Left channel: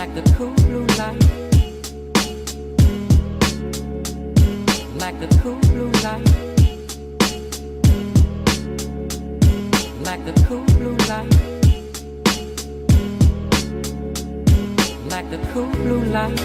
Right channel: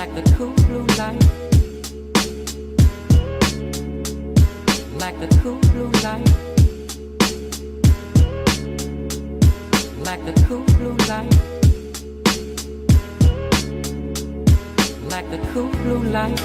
like the cool blue light, like the cool blue light, like the cool blue light, like the cool blue light.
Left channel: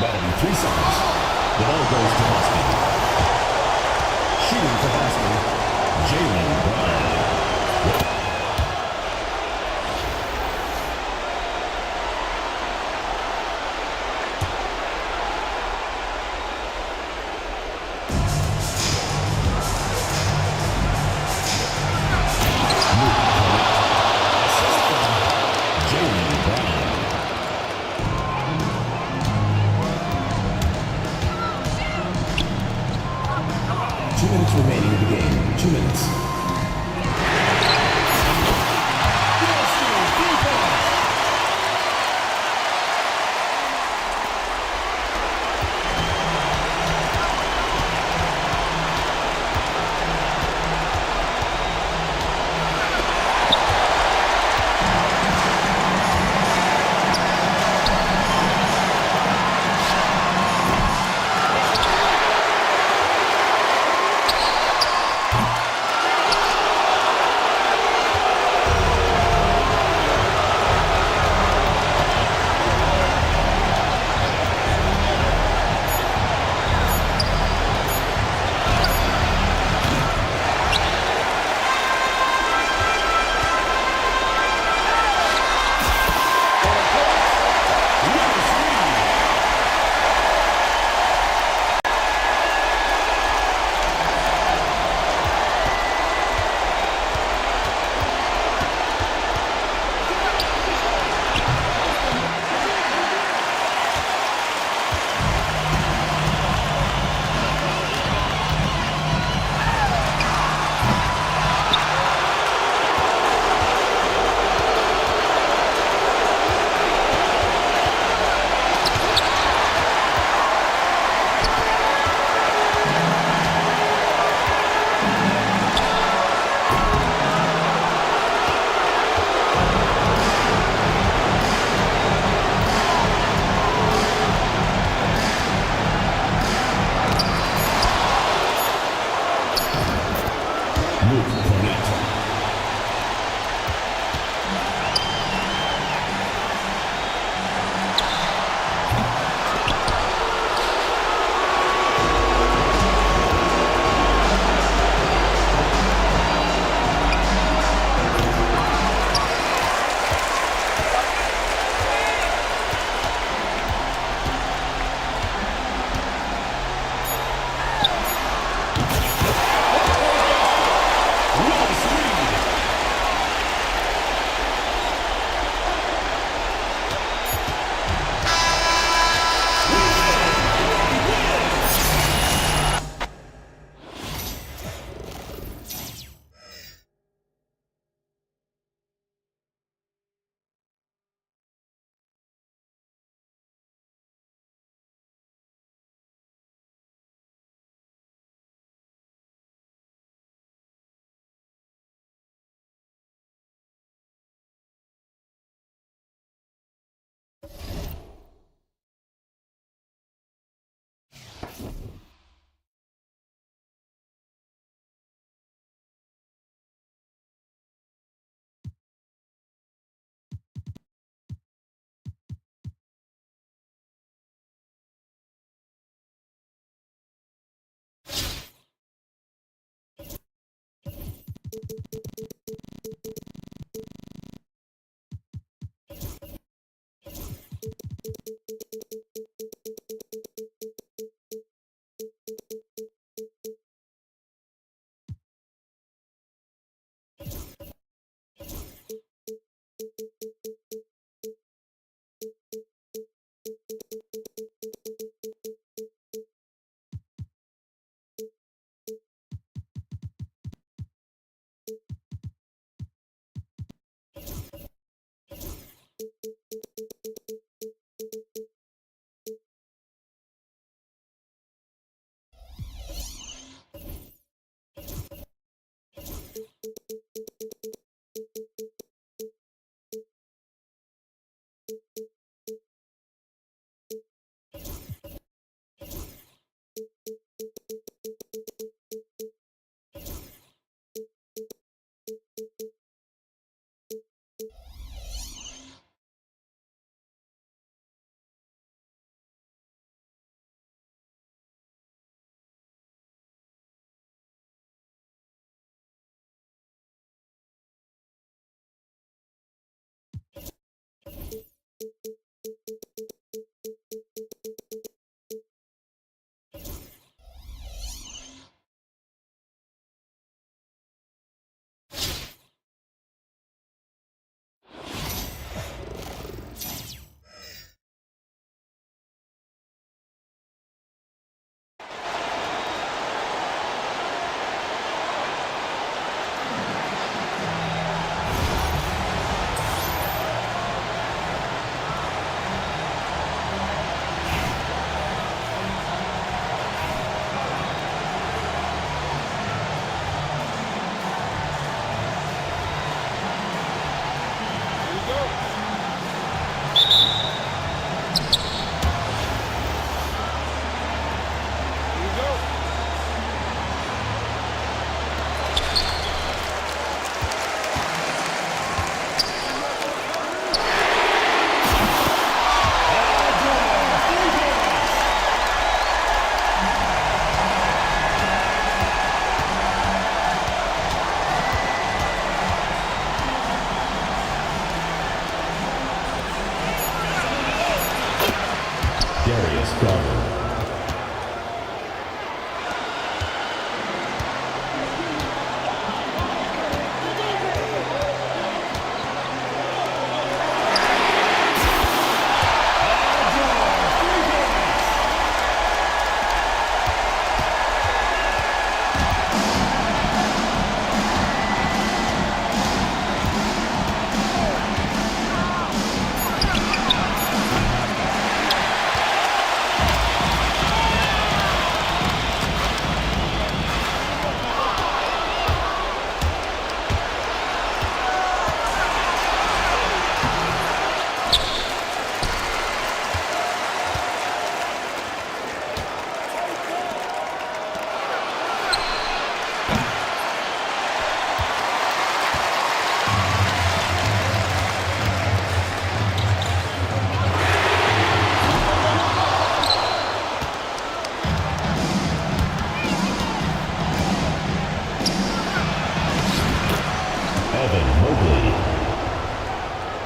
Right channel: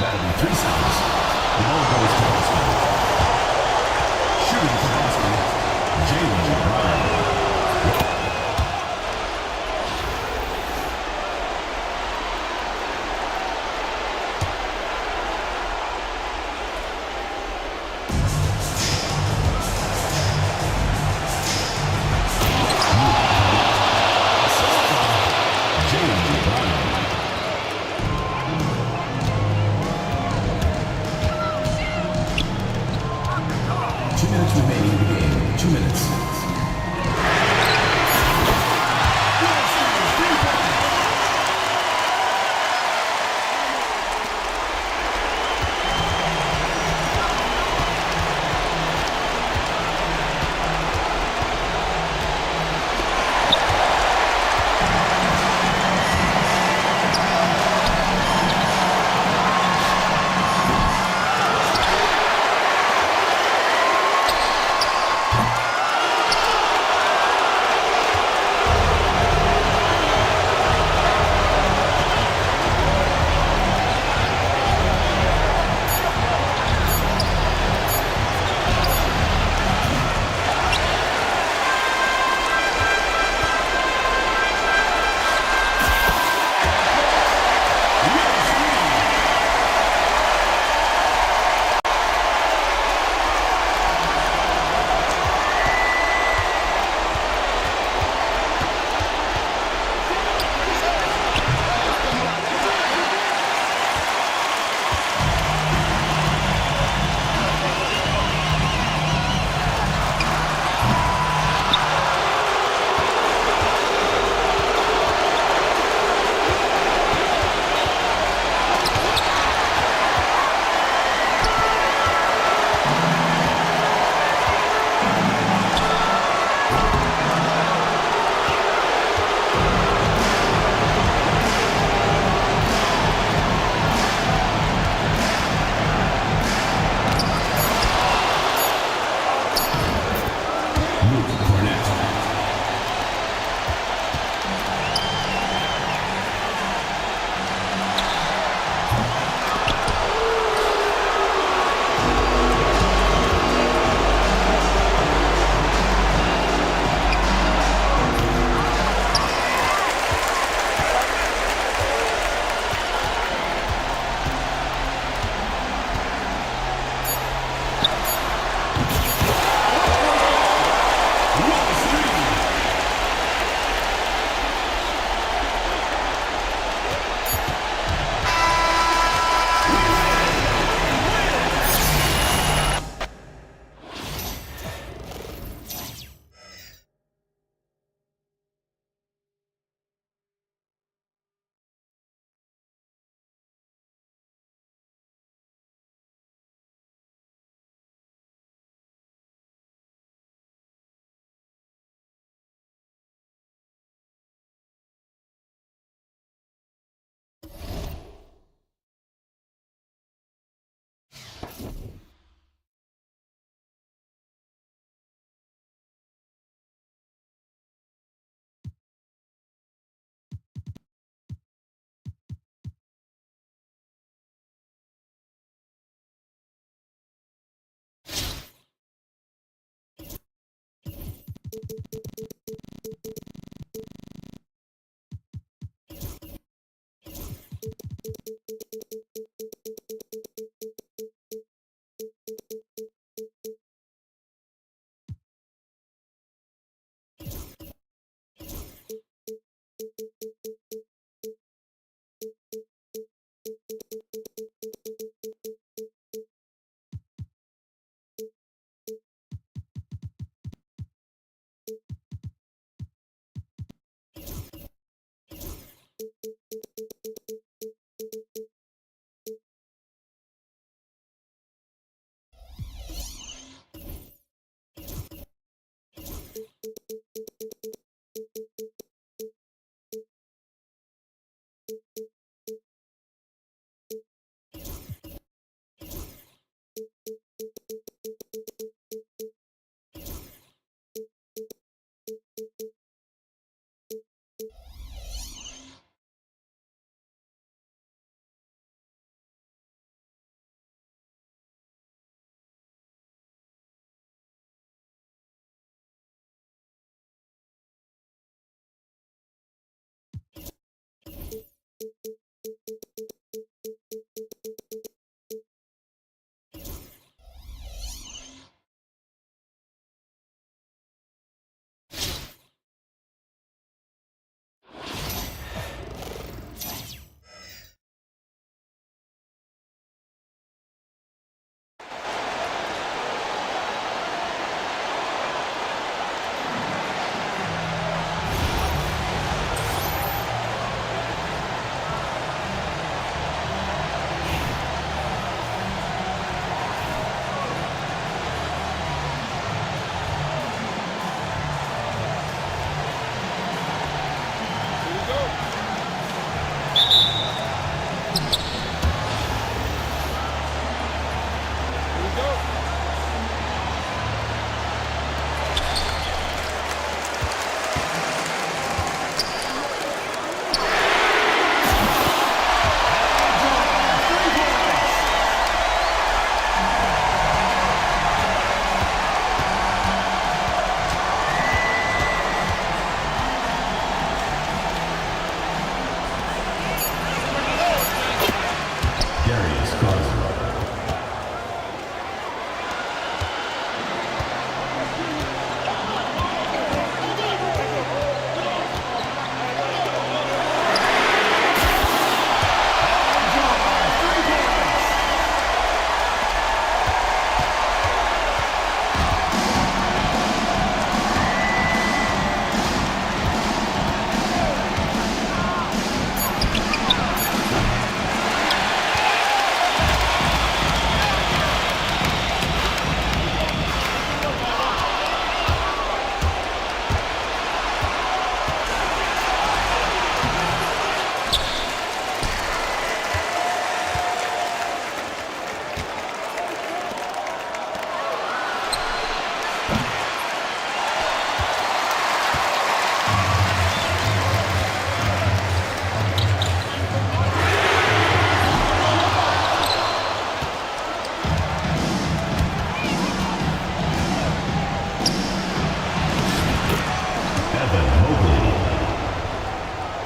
That'll be 3 seconds. The ball goes to Boston. Shooting for Boston, Jaylen Brown. Remaining in the game. 2 minutes.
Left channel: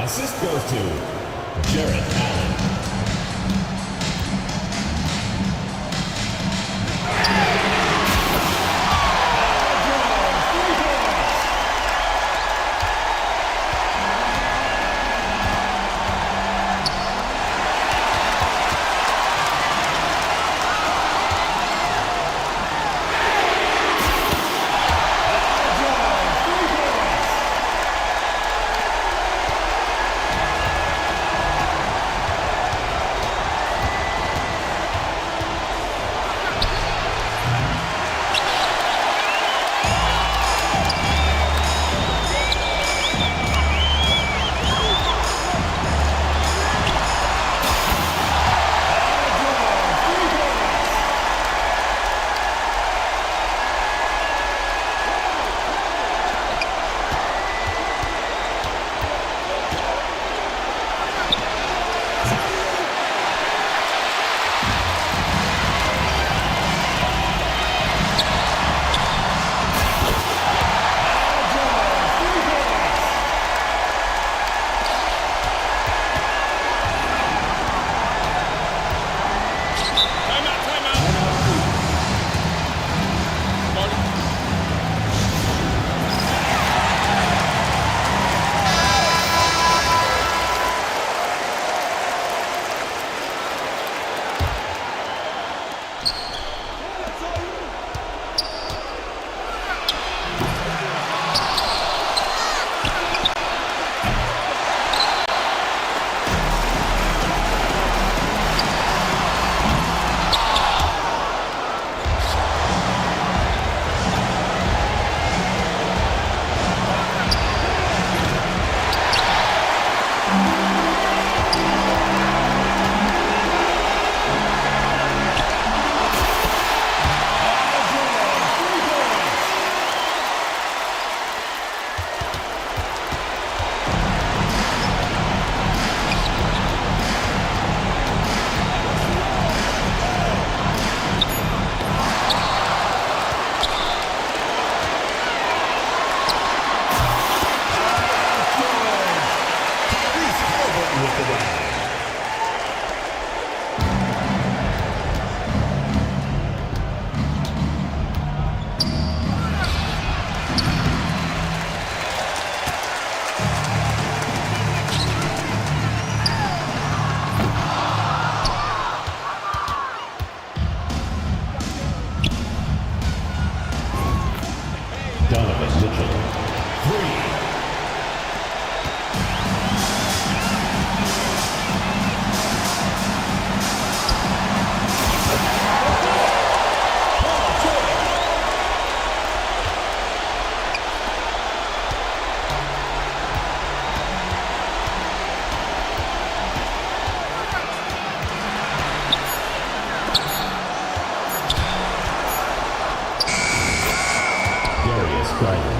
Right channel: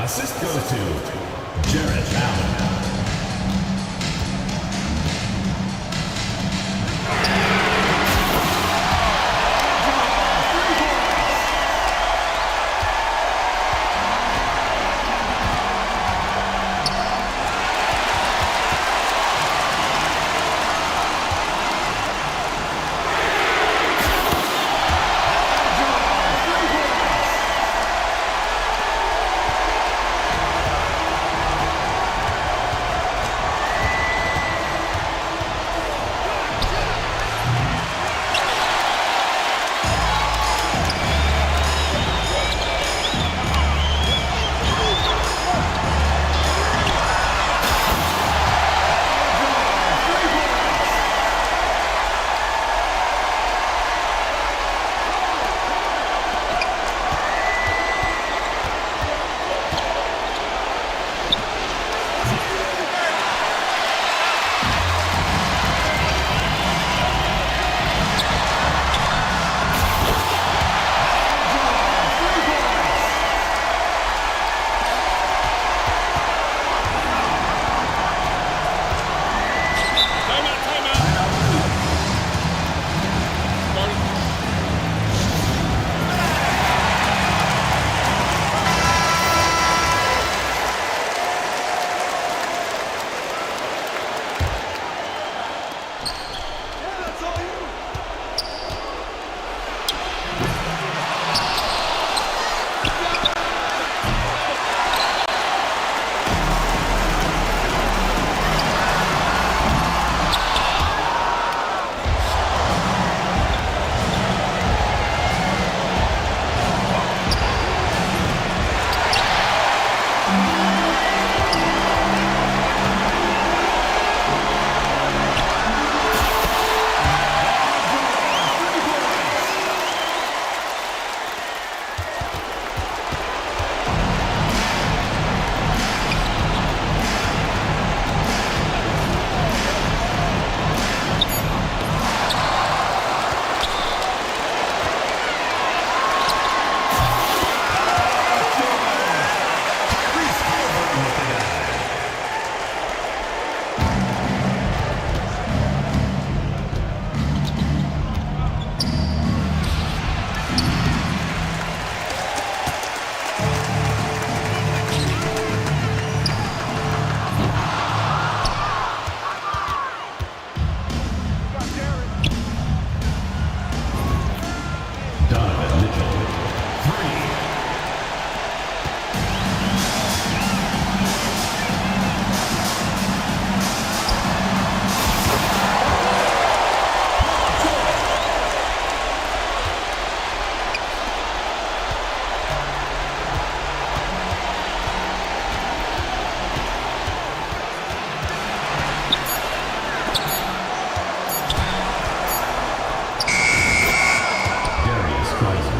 Assist goes to Jarrett Allen. down. Donovan Mitchell, 3. Darius Garland.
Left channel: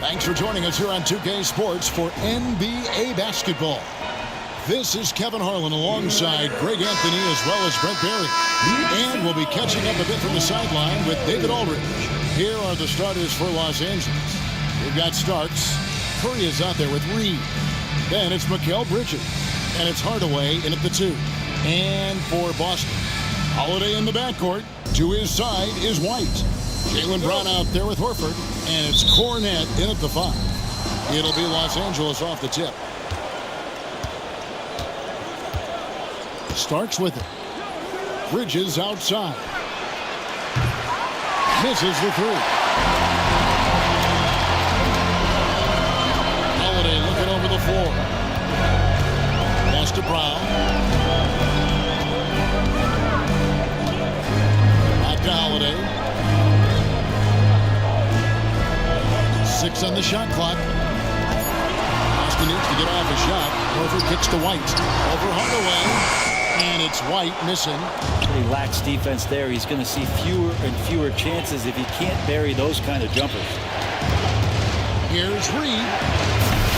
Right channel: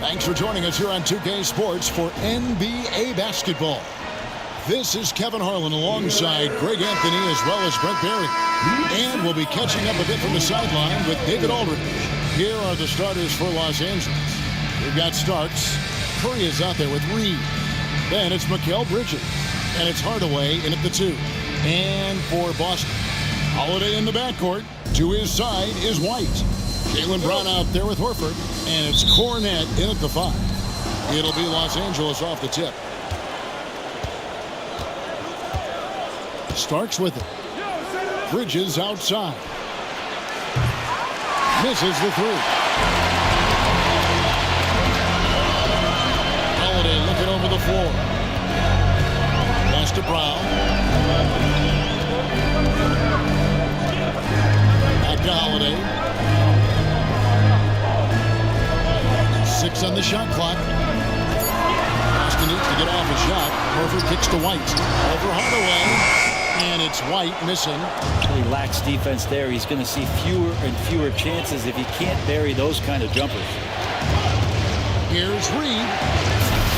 Thanks for joining us here on 2K Sports for NBA basketball. This is Kevin Harlan alongside Greg Anthony as well as Brent Barry. And we'll be catching up a bit from the sideline with David Aldridge. Here are the starters for Los Angeles. We've got Starks. Curry is out there with Reed. Then it's Mikal Bridges. And it's Hardaway in at the 2. And for Boston, Holiday in the backcourt. To his side is White. Jaylen Brown out there with Horford. And it's Cornet in at the 5. It'll be Los Angeles off the tip. Starks with it. Bridges outside. Misses the 3. Holiday looking over the floor. Pass to Brown. Back to Holiday. 6 on the shot clock. Boston needs to get off a shot. Horford kicks to White. Over Hardaway. And it's White missing. He lacks defense there. He's going to see fewer and fewer chances if he can't bury those kind of jumpers. Here's Reed.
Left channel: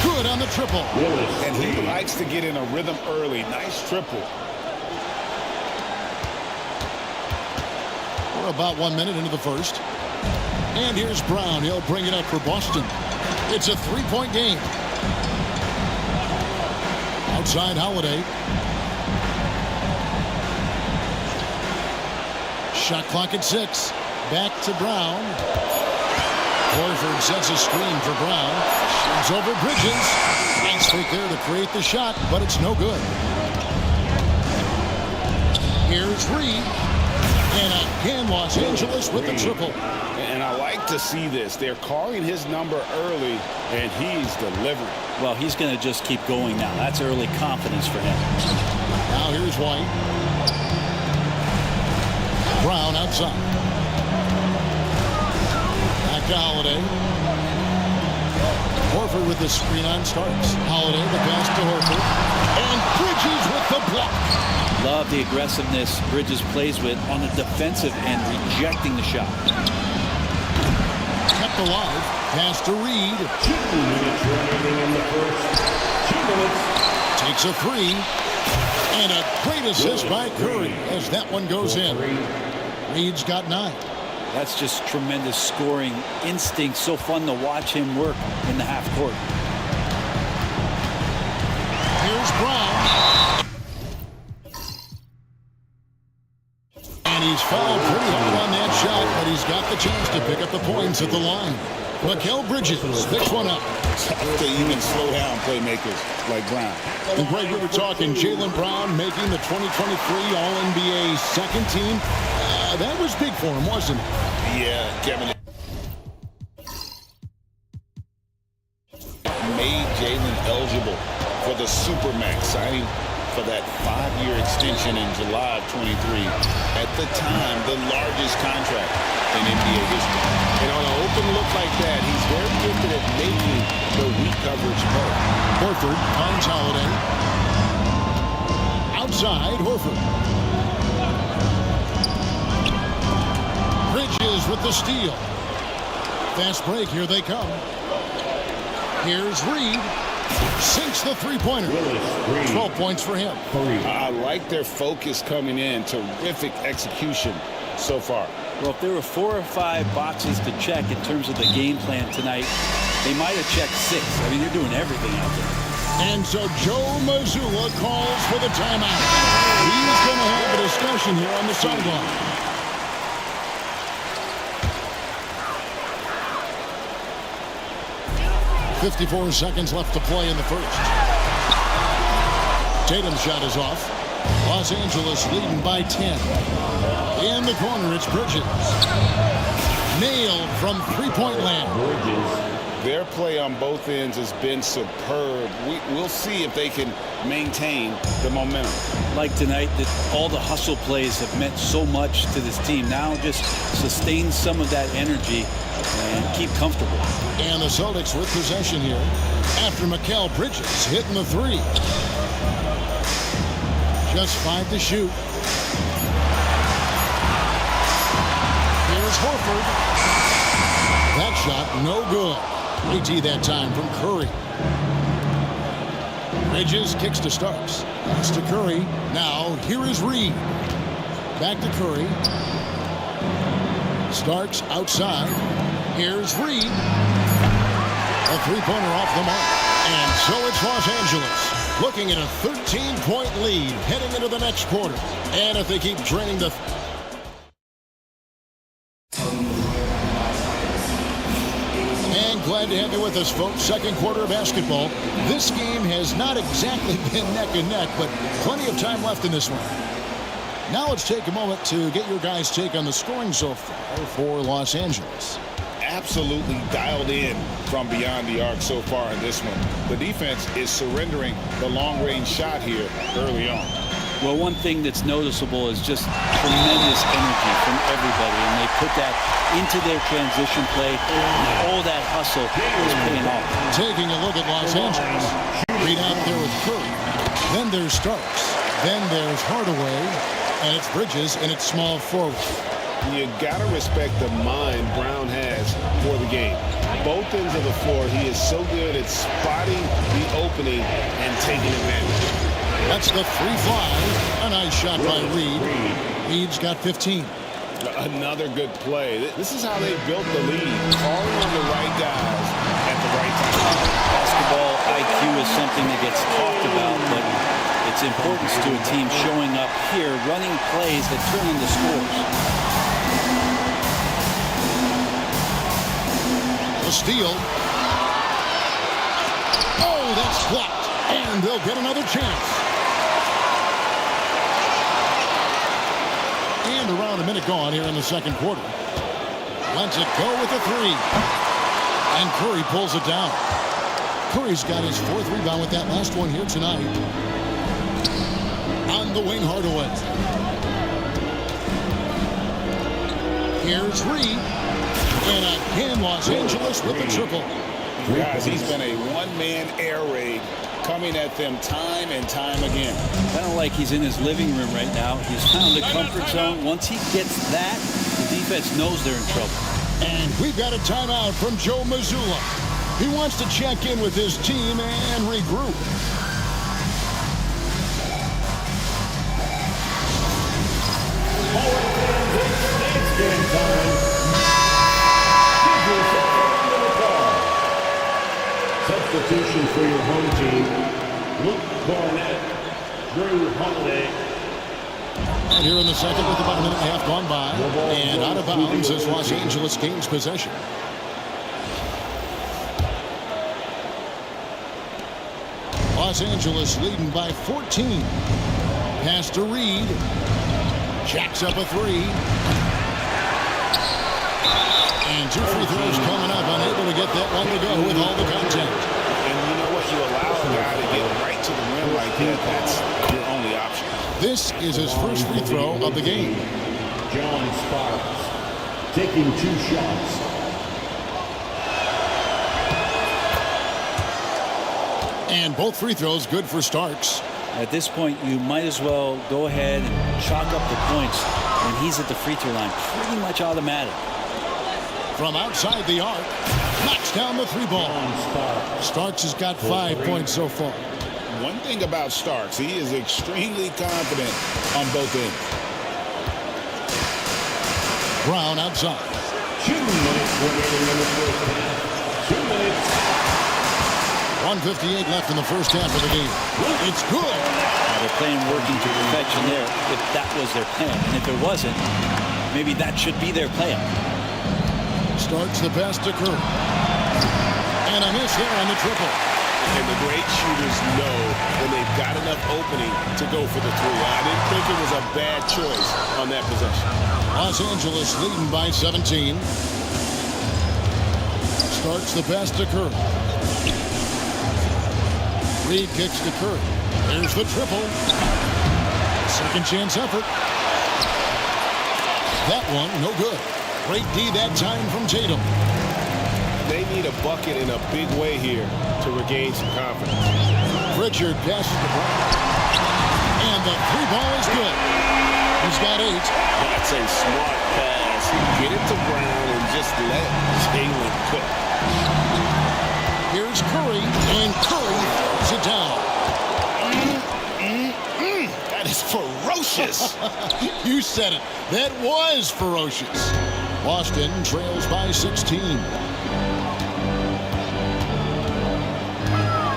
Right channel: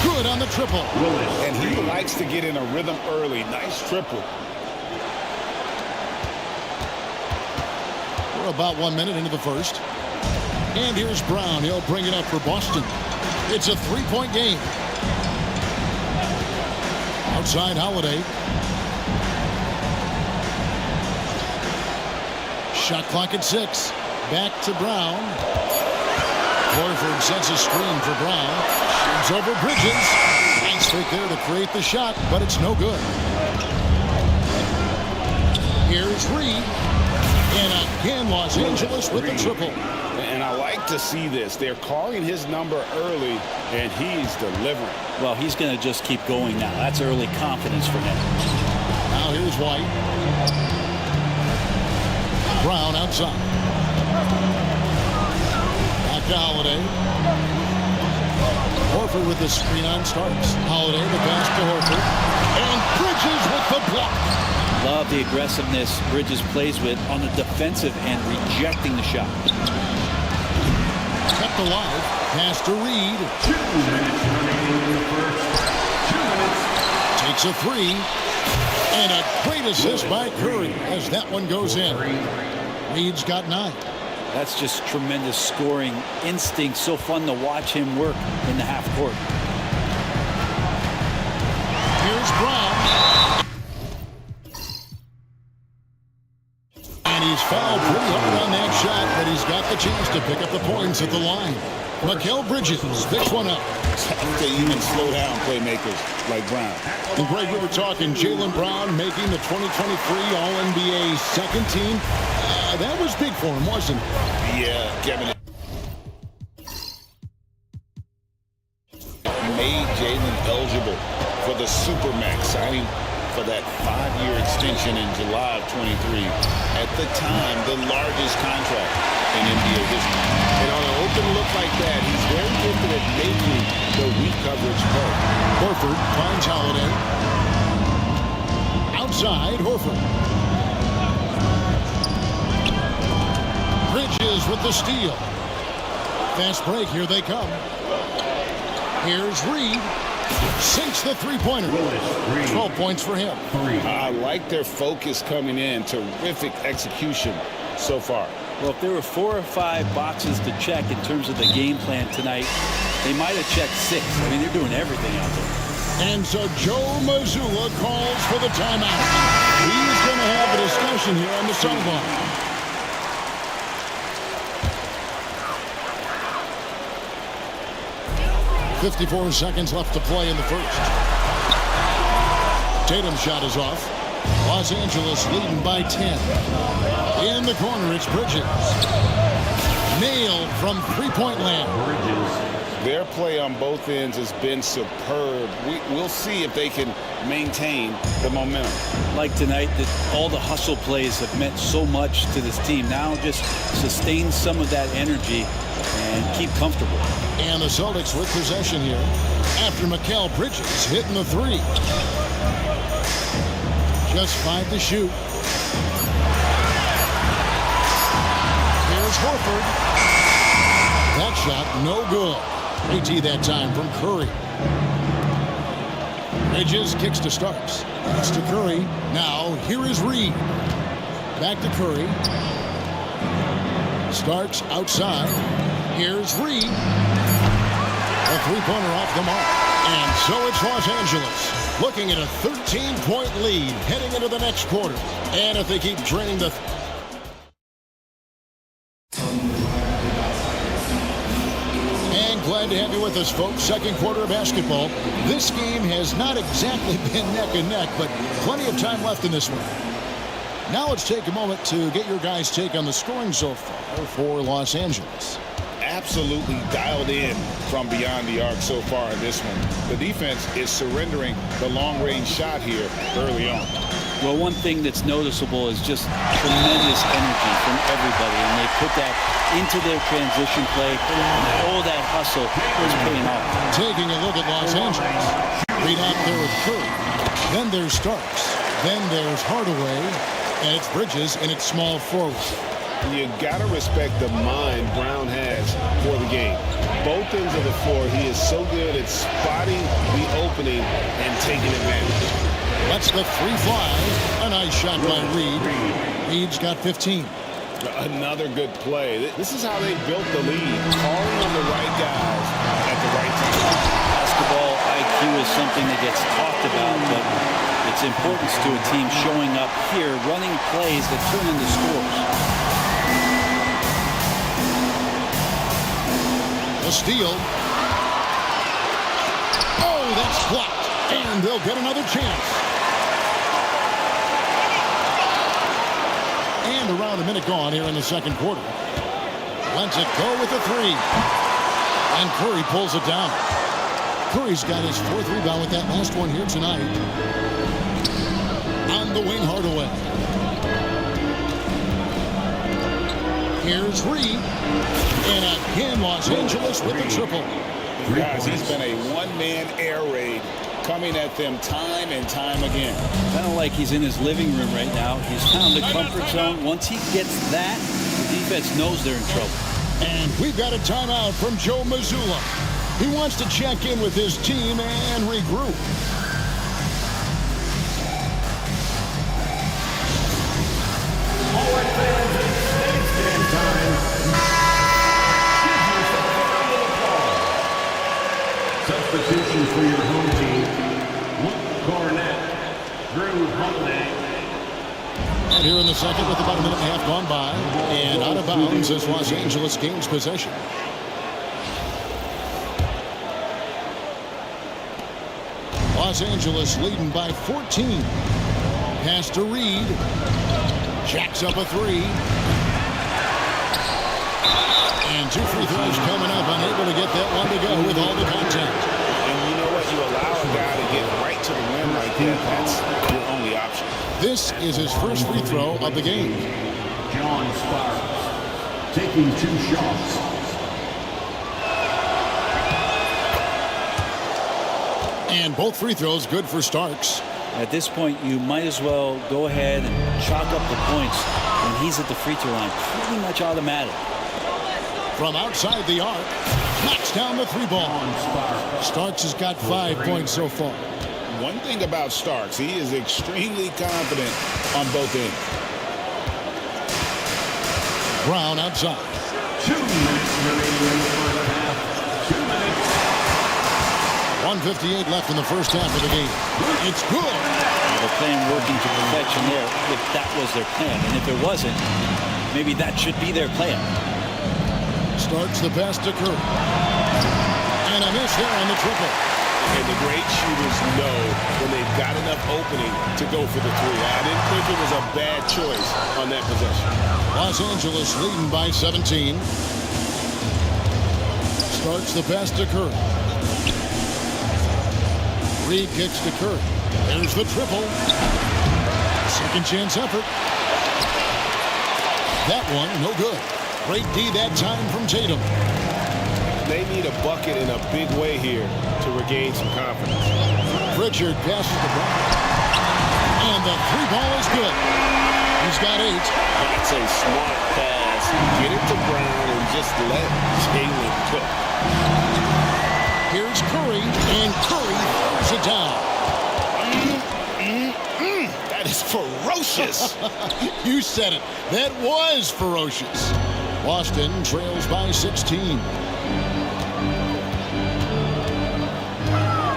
Good on the triple. And he likes to get in a rhythm early. Nice triple. We're about 1 minute into the first. And here's Brown. He'll bring it up for Boston. It's a 3-point game. Outside Holiday. Shot clock at 6. Back to Brown. Horford sets a screen for Brown. Shoots over Bridges. Nice fake there to create the shot, but it's no good. Here's Reed. And again, Los Angeles with the triple. And I like to see this. They're calling his number early, and he's delivering. Well, he's going to just keep going now. That's early confidence for him. Now here's White. Brown outside. Back to Holiday. Horford with the screen on Starks. Holiday, the pass to Horford. And Bridges with the block. Love the aggressiveness Bridges plays with on the defensive end, rejecting the shot. Kept alive. Pass to Reed. 2 minutes remaining in the first. 2 minutes. Takes a 3. And a great assist by Curry as that one goes in. Reed's got 9. That's just tremendous scoring instinct. So fun to watch him work in the half court. Here's Brown. And he's fouled pretty hard on that shot, but he's got the chance to pick up the points at the line. Mikal Bridges picks one up. Tough to even slow down playmakers like Brown. And Greg, we were talking Jaylen Brown making the 2023 All-NBA second team. That was big for him, wasn't it? Yeah, Kevin. Made Jaylen eligible for the Supermax, signing for that 5-year extension in July of 23. At the time, the largest contract in NBA history. And on an open look like that, he's very gifted at making the weak coverage pay. Horford finds Holiday. Outside, Horford. Bridges with the steal. Fast break, here they come. Here's Reed. Sinks the three-pointer. 12 points for him. I like their focus coming in. Terrific execution so far. Well, if there were 4 or 5 boxes to check in terms of the game plan tonight, they might have checked 6. I mean, they're doing everything out there. And so Joe Mazzulla calls for the timeout. He's going to have a discussion here on the sideline. .54 seconds left to play in the first. Tatum's shot is off. Los Angeles leading by 10. In the corner, it's Bridges. Nailed from three-point land. Their play on both ends has been superb. We'll see if they can maintain the momentum. Like tonight, that all the hustle plays have meant so much to this team. Now just sustain some of that energy and keep comfortable. And the Celtics with possession here after Mikal Bridges hitting the 3. Just 5 to shoot. Here's Horford. That shot no good. Great D that time from Curry. Bridges kicks to Starks. Pass to Curry. Now, here is Reed. Back to Curry. Starks outside. Here's Reed. A three-pointer off the mark. And so it's Los Angeles looking at a 13-point lead heading into the next quarter. And if they keep draining the... And glad to have you with us, folks. Second quarter of basketball. This game has not exactly been neck and neck, but plenty of time left in this one. Now let's take a moment to get your guys' take on the scoring so far for Los Angeles. Absolutely dialed in from beyond the arc so far in this one. The defense is surrendering the long-range shot here early on. Well, one thing that's noticeable is just tremendous energy from everybody, and they put that into their transition play. All that hustle is paying off. Taking a look at Los Angeles. Reed out there with Curry. Then there's Starks. Then there's Hardaway. And it's Bridges in its small forward. You got to respect the mind Brown has for the game. Both ends of the floor, he is so good at spotting the opening and taking advantage. That's the three fly. A nice shot by Reed. Reed's got 15. Another good play. This is how they built the lead, calling on the right guys at the right time. Basketball IQ is something that gets talked about, but its importance to a team showing up here, running plays that turn into scores. A steal. Oh, that's blocked. And they'll get another chance. And around a minute gone here in the second quarter. Lets it go with a three. And Curry pulls it down. Curry's got his fourth rebound with that last one here tonight. On the wing, Hardaway. Here's Reed. And again, Los Angeles with the triple. Guys, he's been a one-man air raid coming at them time and time again. Kind of like he's in his living room right now. He's found the comfort zone. Once he gets that, the defense knows they're in trouble. And we've got a timeout from Joe Mazzulla. He wants to check in with his team and regroup. Substitution for your home team, Luke Cornett, Drew Holiday. And here in the second with about a minute and a half gone by. And out of bounds as Los Angeles gains possession. Los Angeles leading by 14. Pass to Reed. Jacks up a three. And two free throws coming up. Unable to get that one to go with all the contact. And you know what? You allow a guy to get right to the rim like that. That's your only option. This is his first free throw of the game. John Sparks taking two shots. And both free throws good for Starks. At this point, you might as well go ahead and chalk up the points when he's at the free throw line. Pretty much automatic. From outside the arc, knocks down the three ball. Starks has got 5 points so far. One thing about Starks, he is extremely confident on both ends. Brown outside. 2 minutes remaining in the first half. 2 minutes. 1:58 left in the first half of the game. It's good. Now they're playing working to perfection there, if that was their plan. And if it wasn't, maybe that should be their plan. Starts the pass to Curry. And a miss there on the triple. And the great shooters know when they've got enough opening to go for the three. I didn't think it was a bad choice on that possession. Los Angeles leading by 17. Starts the pass to Curry. Reed kicks to Curry. There's the triple. Second chance effort. That one, no good. Great D that time from Tatum. They need a bucket in a big way here to regain some confidence. Pritchard passes to Brown. And the three ball is good. He's got 8. That's a smart pass. Get it to Brown and just let Jalen cook. Here's Curry, and Curry throws it down. That is ferocious. You said it. That was ferocious. Boston trails by 16.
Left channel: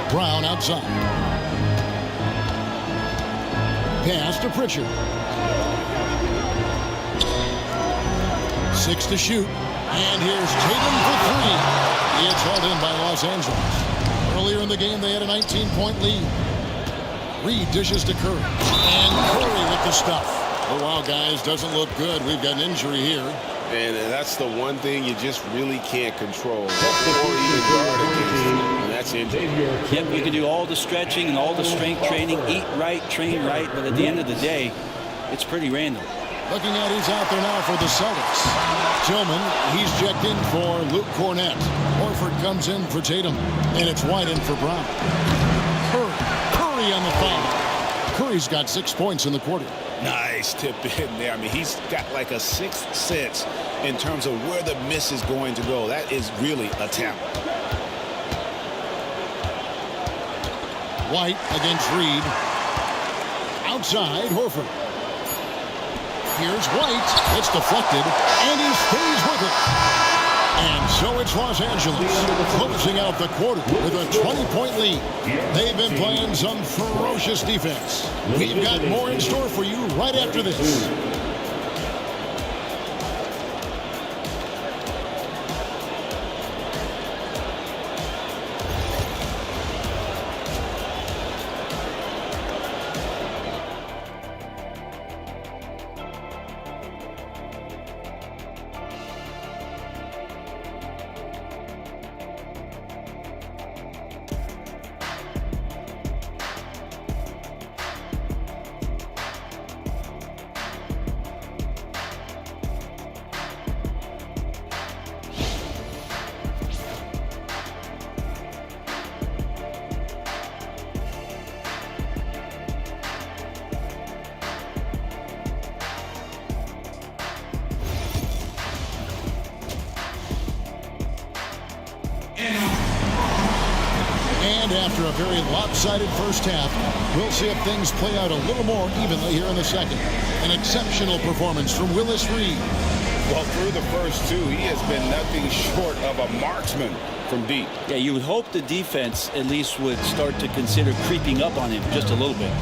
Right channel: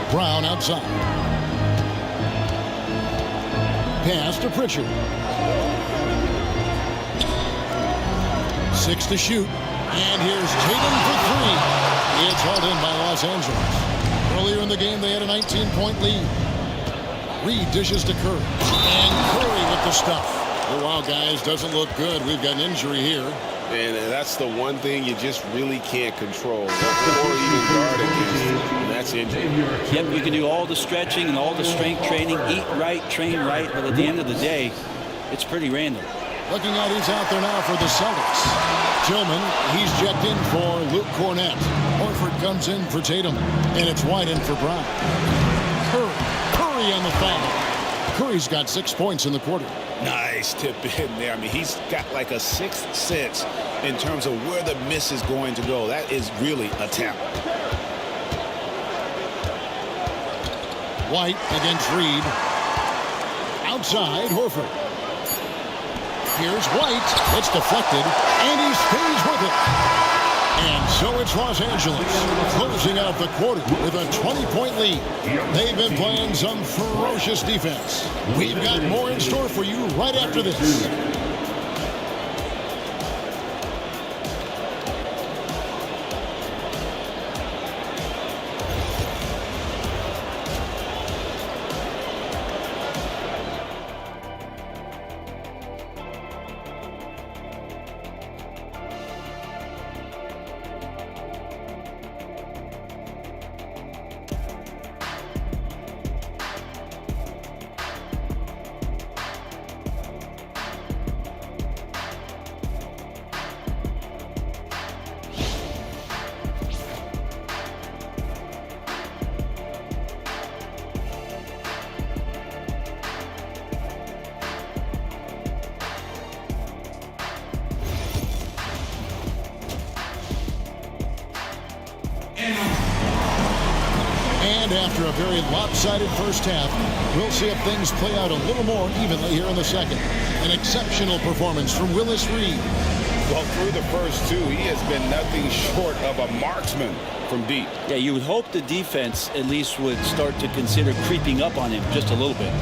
Brown outside. Pass to Pritchard. 6 to shoot. And here's Tatum for 3. It's hauled in by Los Angeles. Earlier in the game, they had a 19-point lead. Reed dishes to Curry. And Curry with the stuff. Oh, wow, guys, doesn't look good. We've got an injury here. And that's the one thing you just really can't control or even guard against, and that's injury. Yep, you can do all the stretching and all the strength training, eat right, train right, but at the end of the day, it's pretty random. Looking at who's out there now for the Celtics. Tillman, he's checked in for Luke Cornett. Horford comes in for Tatum, and it's White in for Brown. Curry on the foul. Curry's got 6 points in the quarter. Nice tip in there. I mean, he's got like a sixth sense in terms of where the miss is going to go. That is really a talent. White against Reed. Outside, Horford. Here's White. It's deflected, and he stays with it. And so it's Los Angeles closing out the quarter with a 20-point lead. They've been playing some ferocious defense. We've got more in store for you right after this. And after a very lopsided first half, we'll see if things play out a little more evenly here in the second. An exceptional performance from Willis Reed. Well, through the first two, he has been nothing short of a marksman from deep. Yeah, you would hope the defense at least would start to consider creeping up on him just a little bit.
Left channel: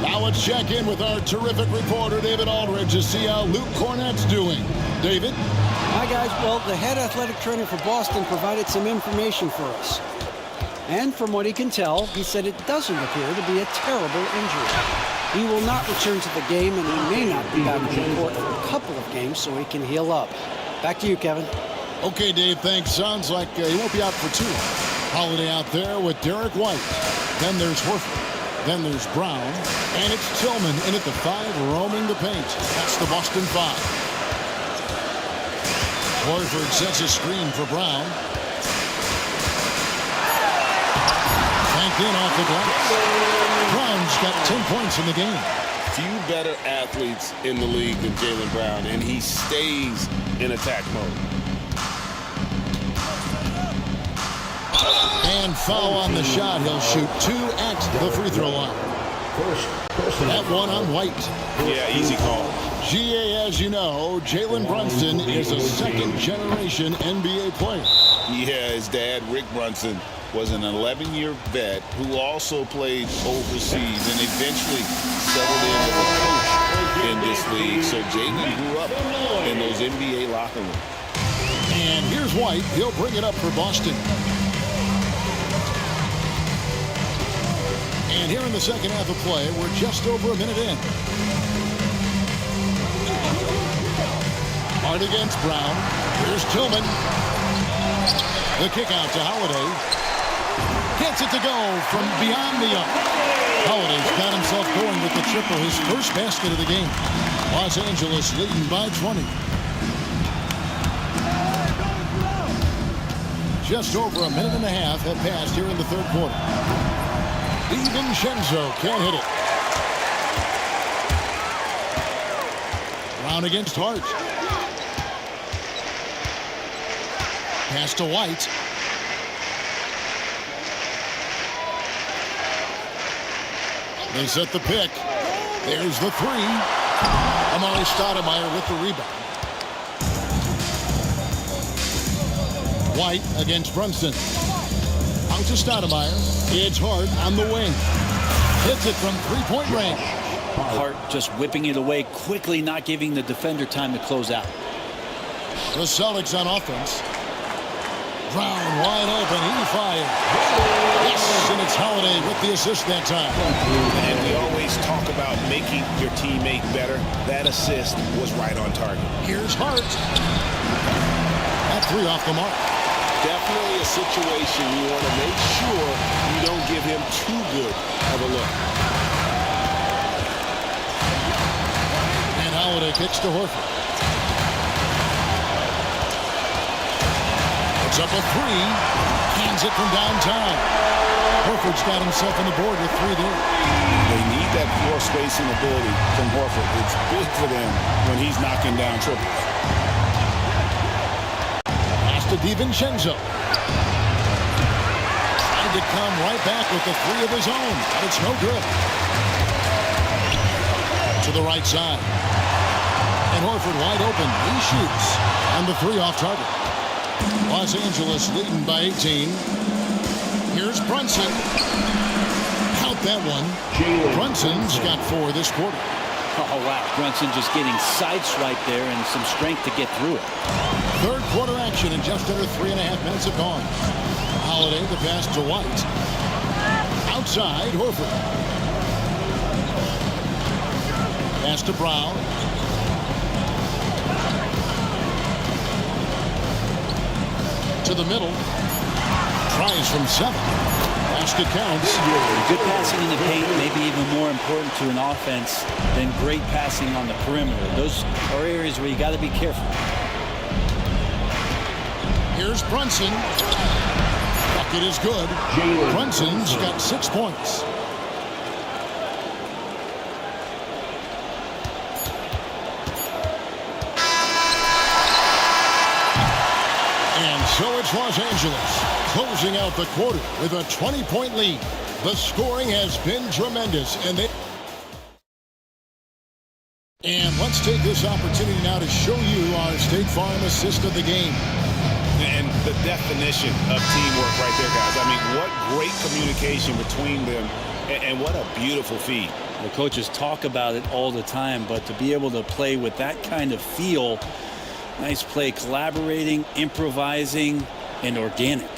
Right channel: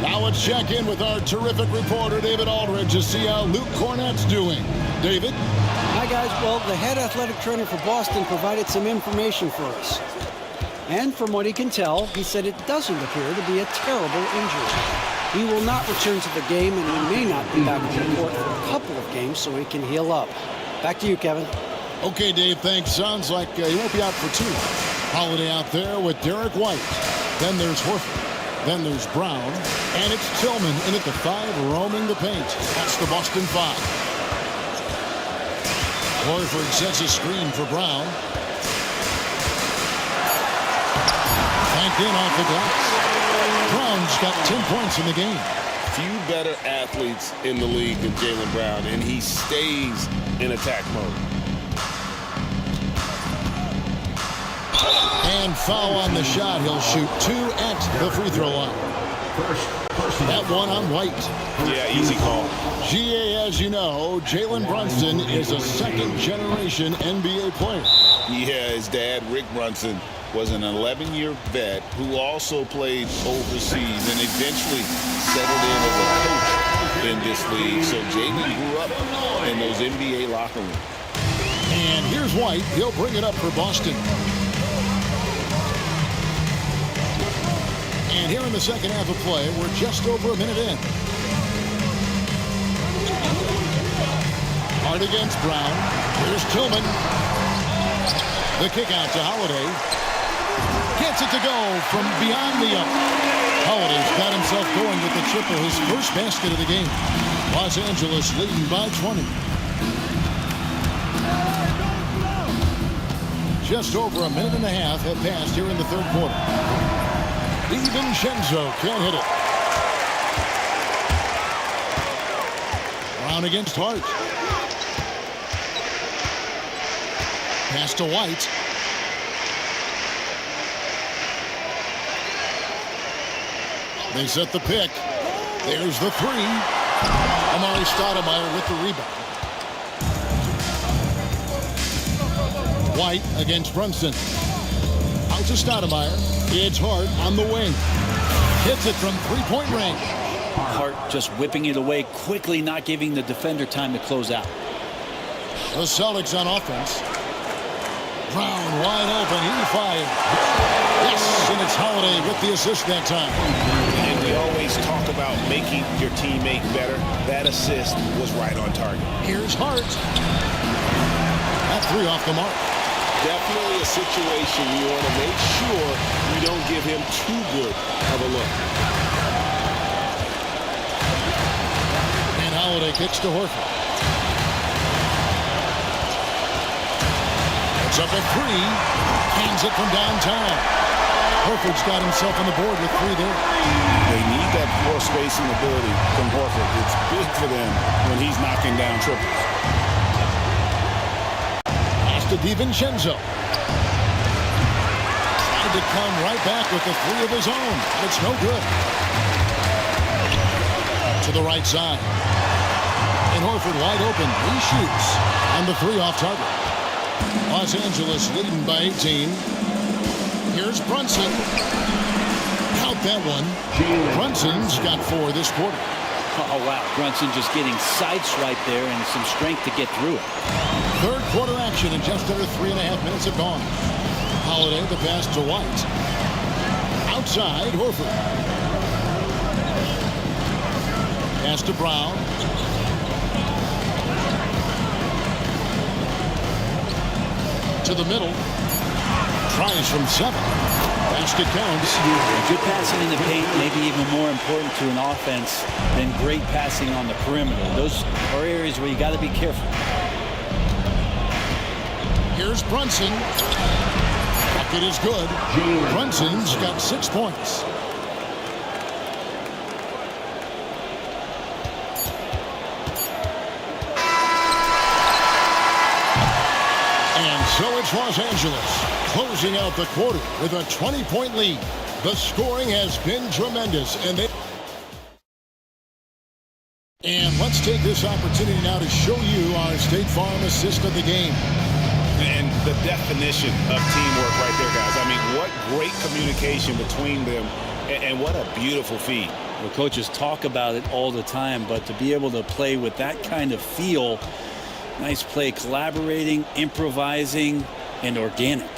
Now let's check in with our terrific reporter, David Aldridge, to see how Luke Cornett's doing. David? Hi, guys. Well, the head athletic trainer for Boston provided some information for us. And from what he can tell, he said it doesn't appear to be a terrible injury. He will not return to the game, and he may not be back on the court for a couple of games so he can heal up. Back to you, Kevin. Okay, Dave, thanks. Sounds like he won't be out for too long. Holiday out there with Derek White. Then there's Horford. Then there's Brown. And it's Tillman in at the 5, roaming the paint. That's the Boston 5. Horford sets a screen for Brown. Banked in off the glass. Brown's got 10 points in the game. Few better athletes in the league than Jaylen Brown, and he stays in attack mode. And foul on the shot. He'll shoot 2 at the free throw line. That one on White. Yeah, easy call. GA, as you know, Jalen Brunson is a second-generation NBA player. Yeah, his dad, Rick Brunson, was an 11-year vet who also played overseas and eventually settled in as a coach in this league. So Jalen grew up in those NBA locker rooms. And here's White. He'll bring it up for Boston. And here in the second half of play, we're just over a minute in. Hard against Brown. Here's Tillman. The kick out to Holiday. Gets it to go from beyond the arc. Holiday's got himself going with the triple, his first basket of the game. Los Angeles leading by 20. Just over a minute and a half have passed here in the third quarter. DiVincenzo can't hit it. Brown against Hart. Pass to White. They set the pick. There's the three. Amari Stoudemire with the rebound. White against Brunson. Out to Stoudemire. It's Hart on the wing. Hits it from three-point range. Hart just whipping it away quickly, not giving the defender time to close out. The Celtics on offense. Brown wide open. He fired. Yes, and it's Holiday with the assist that time. And we always talk about making your teammate better. That assist was right on target. Here's Hart. That three off the mark. Definitely a situation you want to make sure you don't give him too good of a look. And Holiday kicks to Horford. Puts up a three. Cans it from downtown. Horford's got himself on the board with three there. They need that floor spacing ability from Horford. It's big for them when he's knocking down triples. To DiVincenzo. Trying to come right back with the three of his own, but it's no good. To the right side. And Horford wide open. He shoots. And the three off target. Los Angeles leading by 18. Here's Brunson. Count that one. Brunson's got 4 this quarter. Oh, wow. Brunson just getting sideswiped there and some strength to get through it. Third quarter action and just under 3.5 minutes have gone. Holiday the pass to White. Outside, Horford. Pass to Brown. To the middle. Tries from 7. Basket counts. Good passing in the paint may be even more important to an offense than great passing on the perimeter. Those are areas where you got to be careful. Here's Brunson. Bucket is good. Brunson's got 6 points. And so it's Los Angeles closing out the quarter with a 20-point lead. The scoring has been tremendous, and let's take this opportunity now to show you our State Farm assist of the game. And the definition of teamwork right there, guys. I mean, what great communication between them, and what a beautiful feed. Well, coaches talk about it all the time, but to be able to play with that kind of feel, nice play, collaborating, improvising, and organic.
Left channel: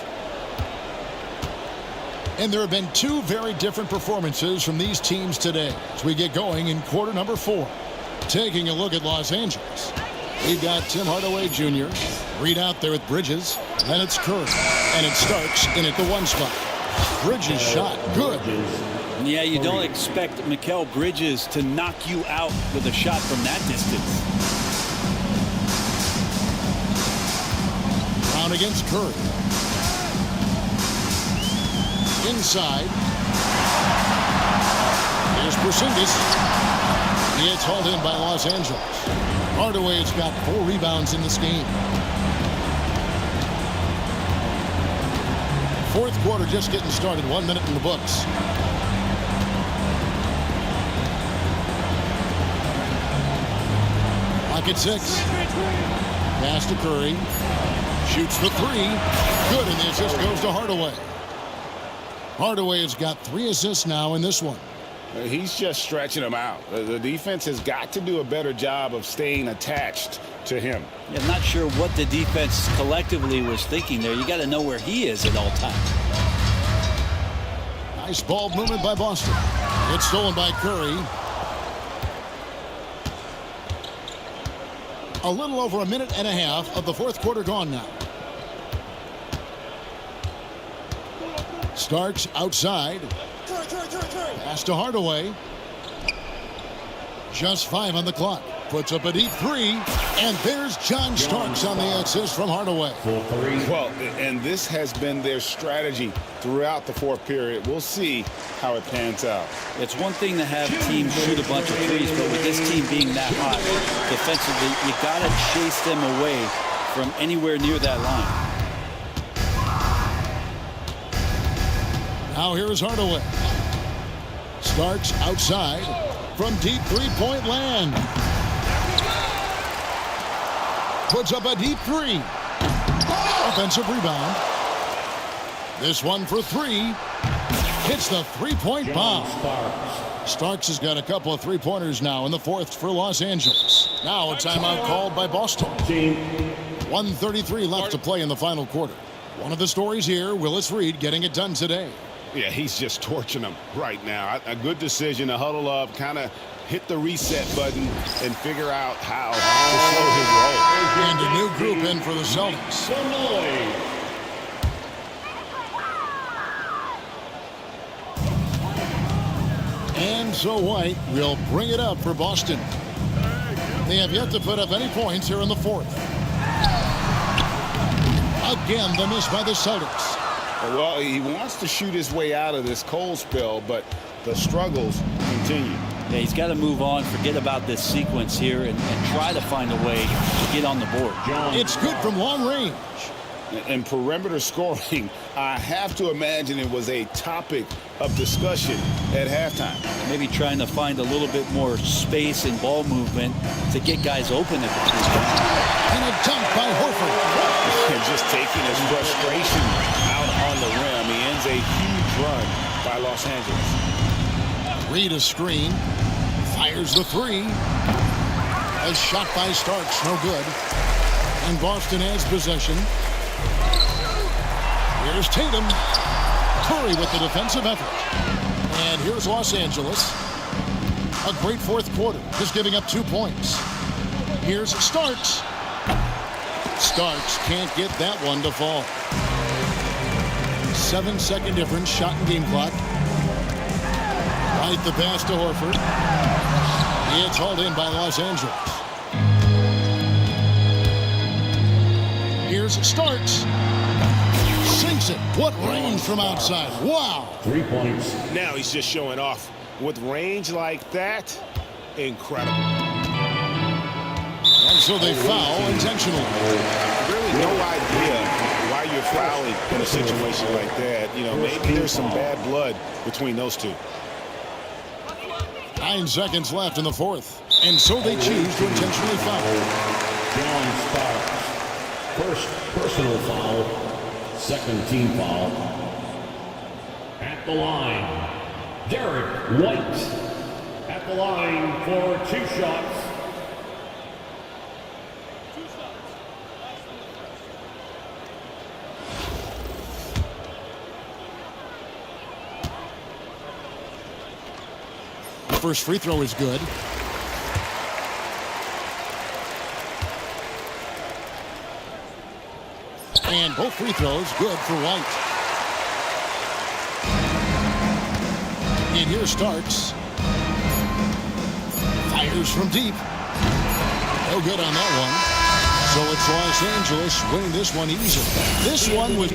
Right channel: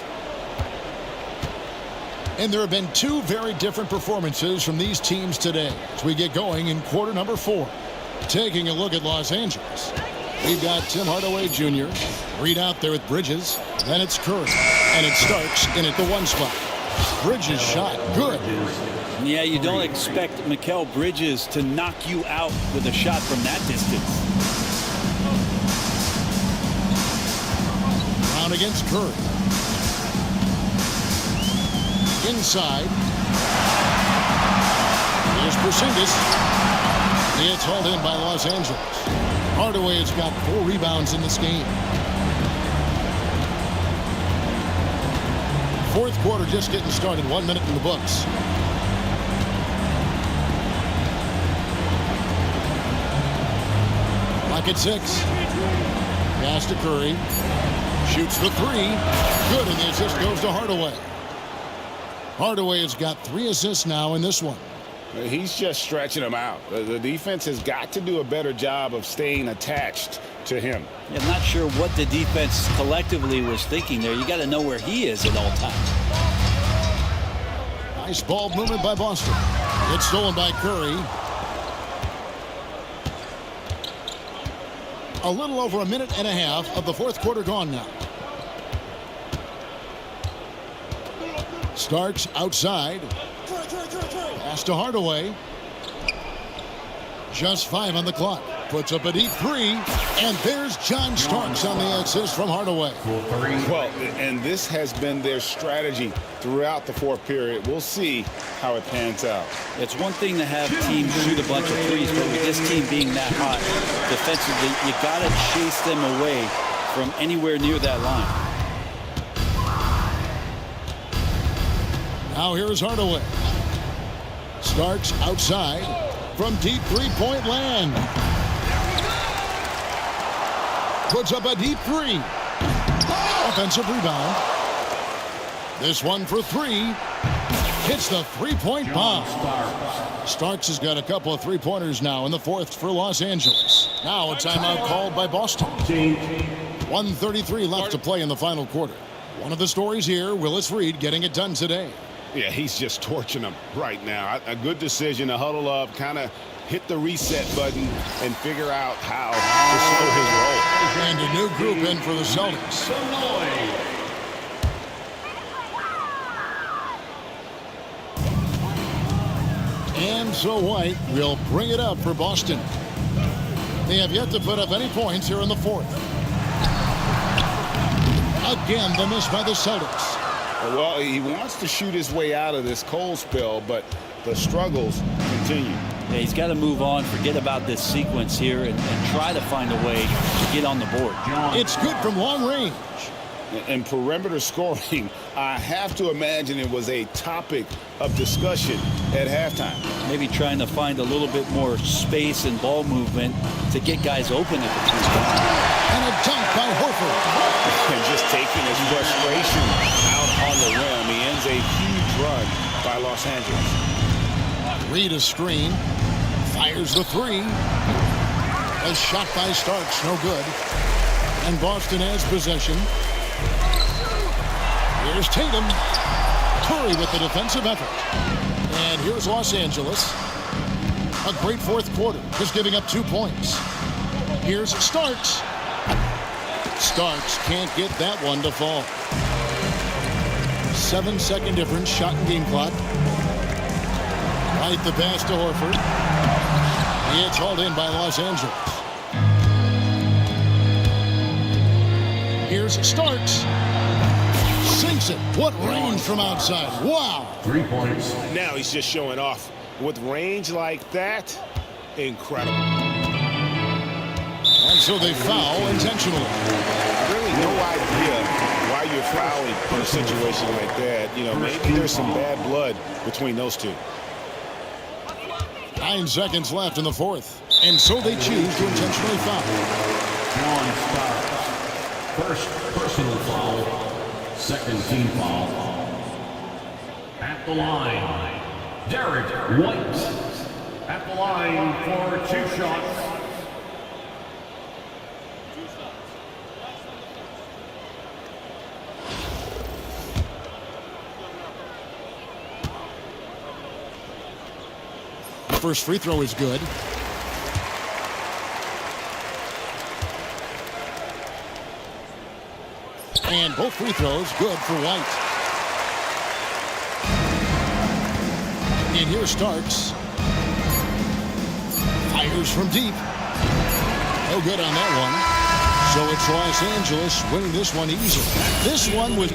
And there have been 2 very different performances from these teams today as we get going in quarter number 4. Taking a look at Los Angeles. We've got Tim Hardaway Jr. Reed out there with Bridges. Then it's Curry. And it's Starks in at the 1 spot. Bridges shot. Good. Yeah, you don't expect Mikal Bridges to knock you out with a shot from that distance. Brown against Curry. Inside. Here's Porzingis. It's hauled in by Los Angeles. Hardaway has got 4 rebounds in this game. Fourth quarter just getting started. 1 minute in the books. Clock at 6. Pass to Curry. Shoots the 3. Good, and the assist goes to Hardaway. Hardaway has got 3 assists now in this one. He's just stretching them out. The defense has got to do a better job of staying attached to him. I'm not sure what the defense collectively was thinking there. You got to know where he is at all times. Nice ball movement by Boston. It's stolen by Curry. A little over 1.5 minutes of the fourth quarter gone now. Starks outside. Pass to Hardaway. Just 5 on the clock. Puts up a deep 3. And there's John Starks on the assist from Hardaway. Well, and this has been their strategy throughout the fourth period. We'll see how it pans out. It's one thing to have teams shoot a bunch of threes, but with this team being that hot defensively, you got to chase them away from anywhere near that line. Now here is Hardaway. Starks outside from deep three-point land. Puts up a deep three. Offensive rebound. This one for three. Hits the three-point bomb. Starks has got a couple of three-pointers now in the fourth for Los Angeles. Now a timeout called by Boston. 1:33 left to play in the final quarter. One of the stories here, Willis Reed getting it done today. Yeah, he's just torching them right now. A good decision to huddle up, kind of hit the reset button and figure out how to slow his roll. And a new group in for the Celtics. And so White will bring it up for Boston. They have yet to put up any points here in the fourth. Again, the miss by the Celtics. Well, he wants to shoot his way out of this cold spell, but the struggles continue. Yeah, he's got to move on, forget about this sequence here, and try to find a way to get on the board. It's good from long range. And perimeter scoring, I have to imagine it was a topic of discussion at halftime. Maybe trying to find a little bit more space and ball movement to get guys open at the three-point. And a dunk by Horford. And just taking his frustration out on the rim. He ends a huge run by Los Angeles. Reed a screen. Fires the three. A shot by Starks, no good. And Boston has possession. Here's Tatum. Curry with the defensive effort. And here's Los Angeles. A great fourth quarter, just giving up 2 points. Here's Starks. Starks can't get that one to fall. 7-second difference, shot and game clock. Right the pass to Horford. It's hauled in by Los Angeles. Here's Starks. Sinks it. What range from outside. Wow. 3 points. Now he's just showing off. With range like that, incredible. And so they foul intentionally. Really no idea why you're fouling in a situation like that. You know, maybe there's some bad blood between those two. 9 seconds left in the fourth. And so they choose to intentionally foul. John Starks. First personal foul. Second team foul. At the line, Derek White. At the line for 2 shots. First free throw is good. And both free throws good for White. And here Starks. Fires from deep. No good on that one. So it's Los Angeles winning this one easily. This one was...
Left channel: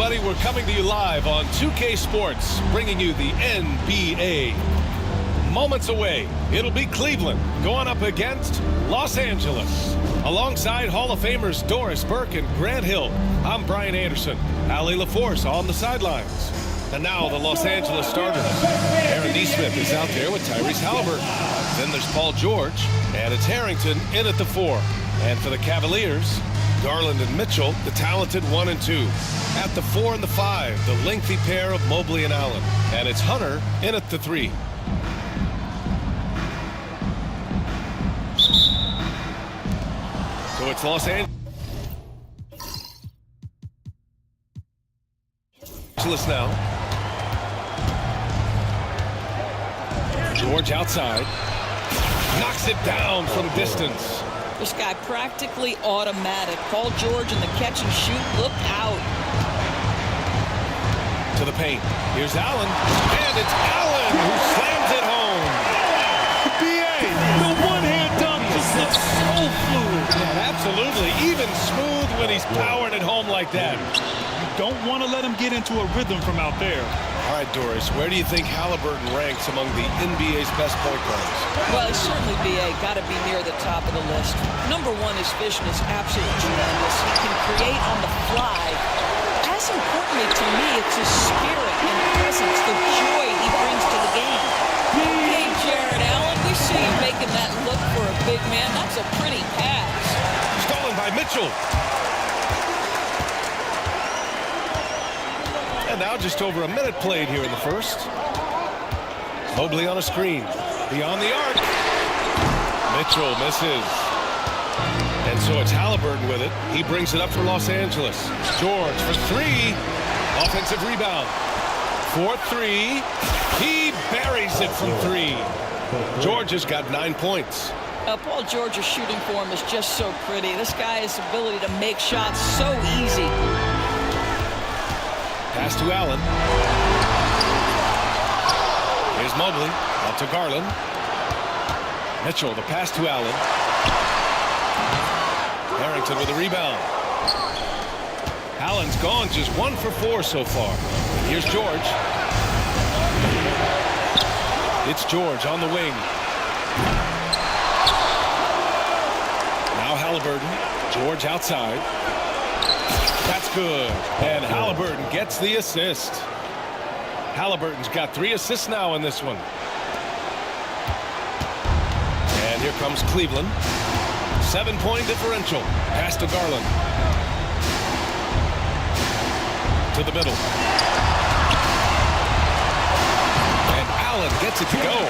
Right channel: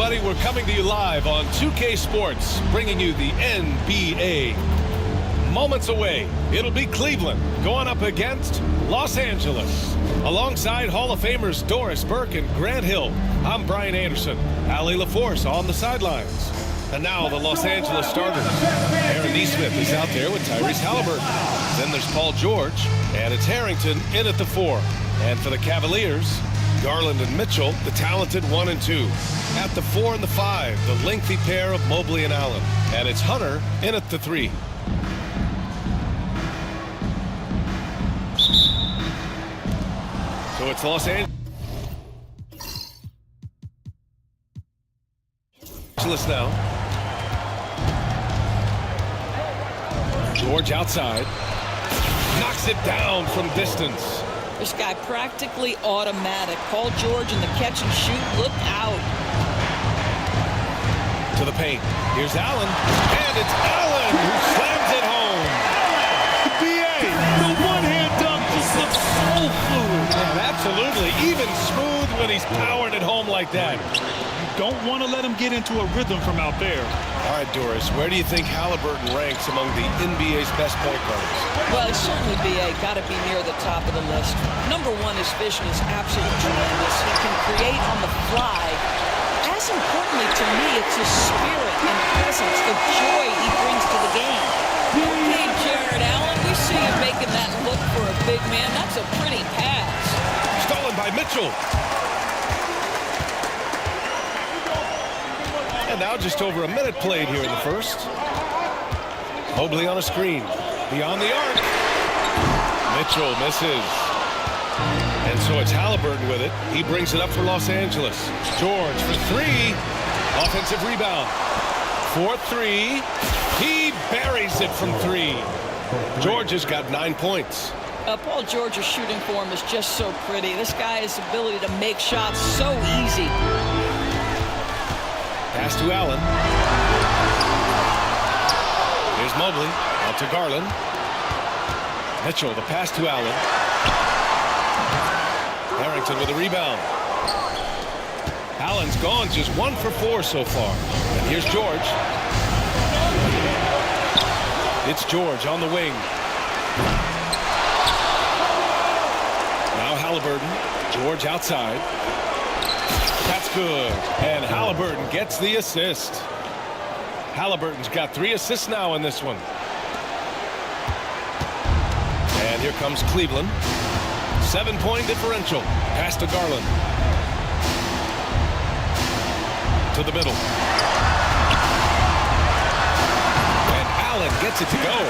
everybody. We're coming to you live on 2K Sports, bringing you the NBA. Moments away, it'll be Cleveland going up against Los Angeles. Alongside Hall of Famers Doris Burke and Grant Hill, I'm Brian Anderson. Allie LaForce on the sidelines. And now the Los Angeles starters. Aaron Nesmith is out there with Tyrese Halliburton. Then there's Paul George, and it's Harrington in at the 4. And for the Cavaliers, Garland and Mitchell, the talented 1 and 2. At the 4 and the 5, the lengthy pair of Mobley and Allen. And it's Hunter in at the 3. So it's Los Angeles now. George outside. Knocks it down from distance. This guy practically automatic. Paul George in the catch and shoot. Look out. To the paint. Here's Allen. And it's Allen who slams it home. B.A. the one-hand dunk just looks so fluid. Yeah, absolutely. Even smooth when he's powering it home like that. You don't want to let him get into a rhythm from out there. All right, Doris, where do you think Halliburton ranks among the NBA's best point guards? Well, it's certainly B.A. got to be near the top of the list. Number one, his vision is absolutely tremendous. He can create on the fly. As importantly to me, it's his spirit and presence, the joy he brings to the game. Okay, Jared Allen, we see you making that look for a big man. That's a pretty pass. Stolen by Mitchell. And now just over a minute played here in the first. Mobley on a screen. Beyond the arc. Mitchell misses. And so it's Halliburton with it. He brings it up for Los Angeles. George for 3. Offensive rebound. 4-3. He buries it from 3. George has got 9 points. Paul George's shooting form is just so pretty. This guy's ability to make shots so easy. Pass to Allen. Here's Mobley. Out to Garland. Mitchell, the pass to Allen. Harrington with a rebound. Allen's gone just 1 for 4 so far. And here's George. It's George on the wing. Now Halliburton. George outside. That's good. And Halliburton gets the assist. Halliburton's got 3 assists now in this one. And here comes Cleveland. 7-point differential. Pass to Garland. To the middle. And Allen gets it to go.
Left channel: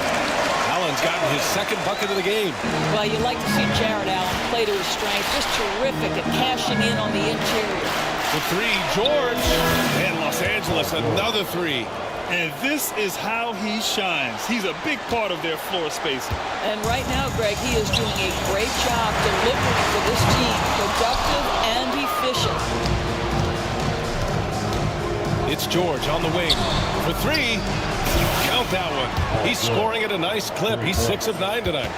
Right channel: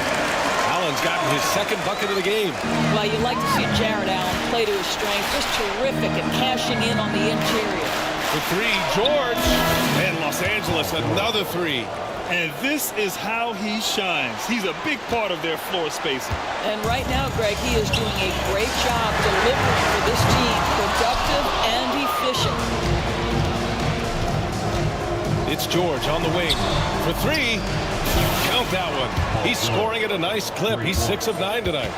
Allen's gotten his 2nd bucket of the game. Well, you like to see Jared Allen play to his strength. Just terrific at cashing in on the interior. For 3, George. And Los Angeles, another 3. And this is how he shines. He's a big part of their floor spacing. And right now, Greg, he is doing a great job delivering for this team. Productive and efficient. It's George on the wing. For 3. Count that one. He's scoring at a nice clip. He's 6 of 9 tonight.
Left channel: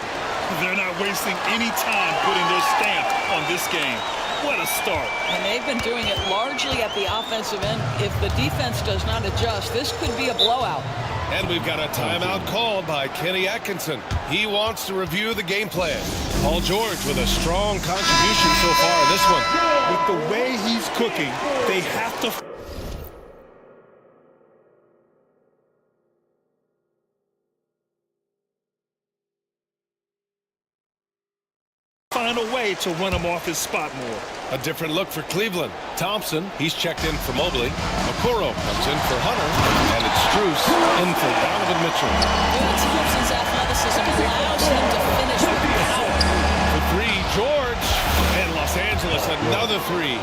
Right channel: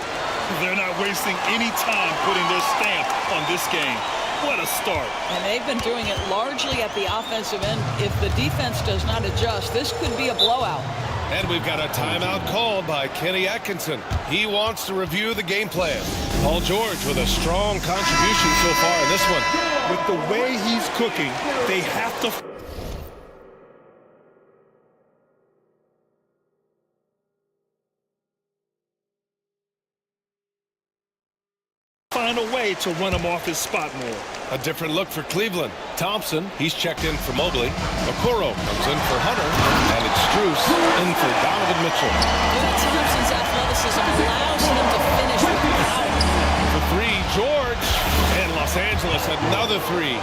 They're not wasting any time putting their stamp on this game. What a start. And they've been doing it largely at the offensive end. If the defense does not adjust, this could be a blowout. And we've got a timeout called by Kenny Atkinson. He wants to review the game plan. Paul George with a strong contribution so far in this one. With the way he's cooking, they have to find a way to run him off his spot more. A different look for Cleveland. Thompson, he's checked in for Mobley. Okoro comes in for Hunter. And it's Strus in for Donovan Mitchell. Well, Thompson's athleticism allows him to finish with power. For 3, George. And Los Angeles, another 3.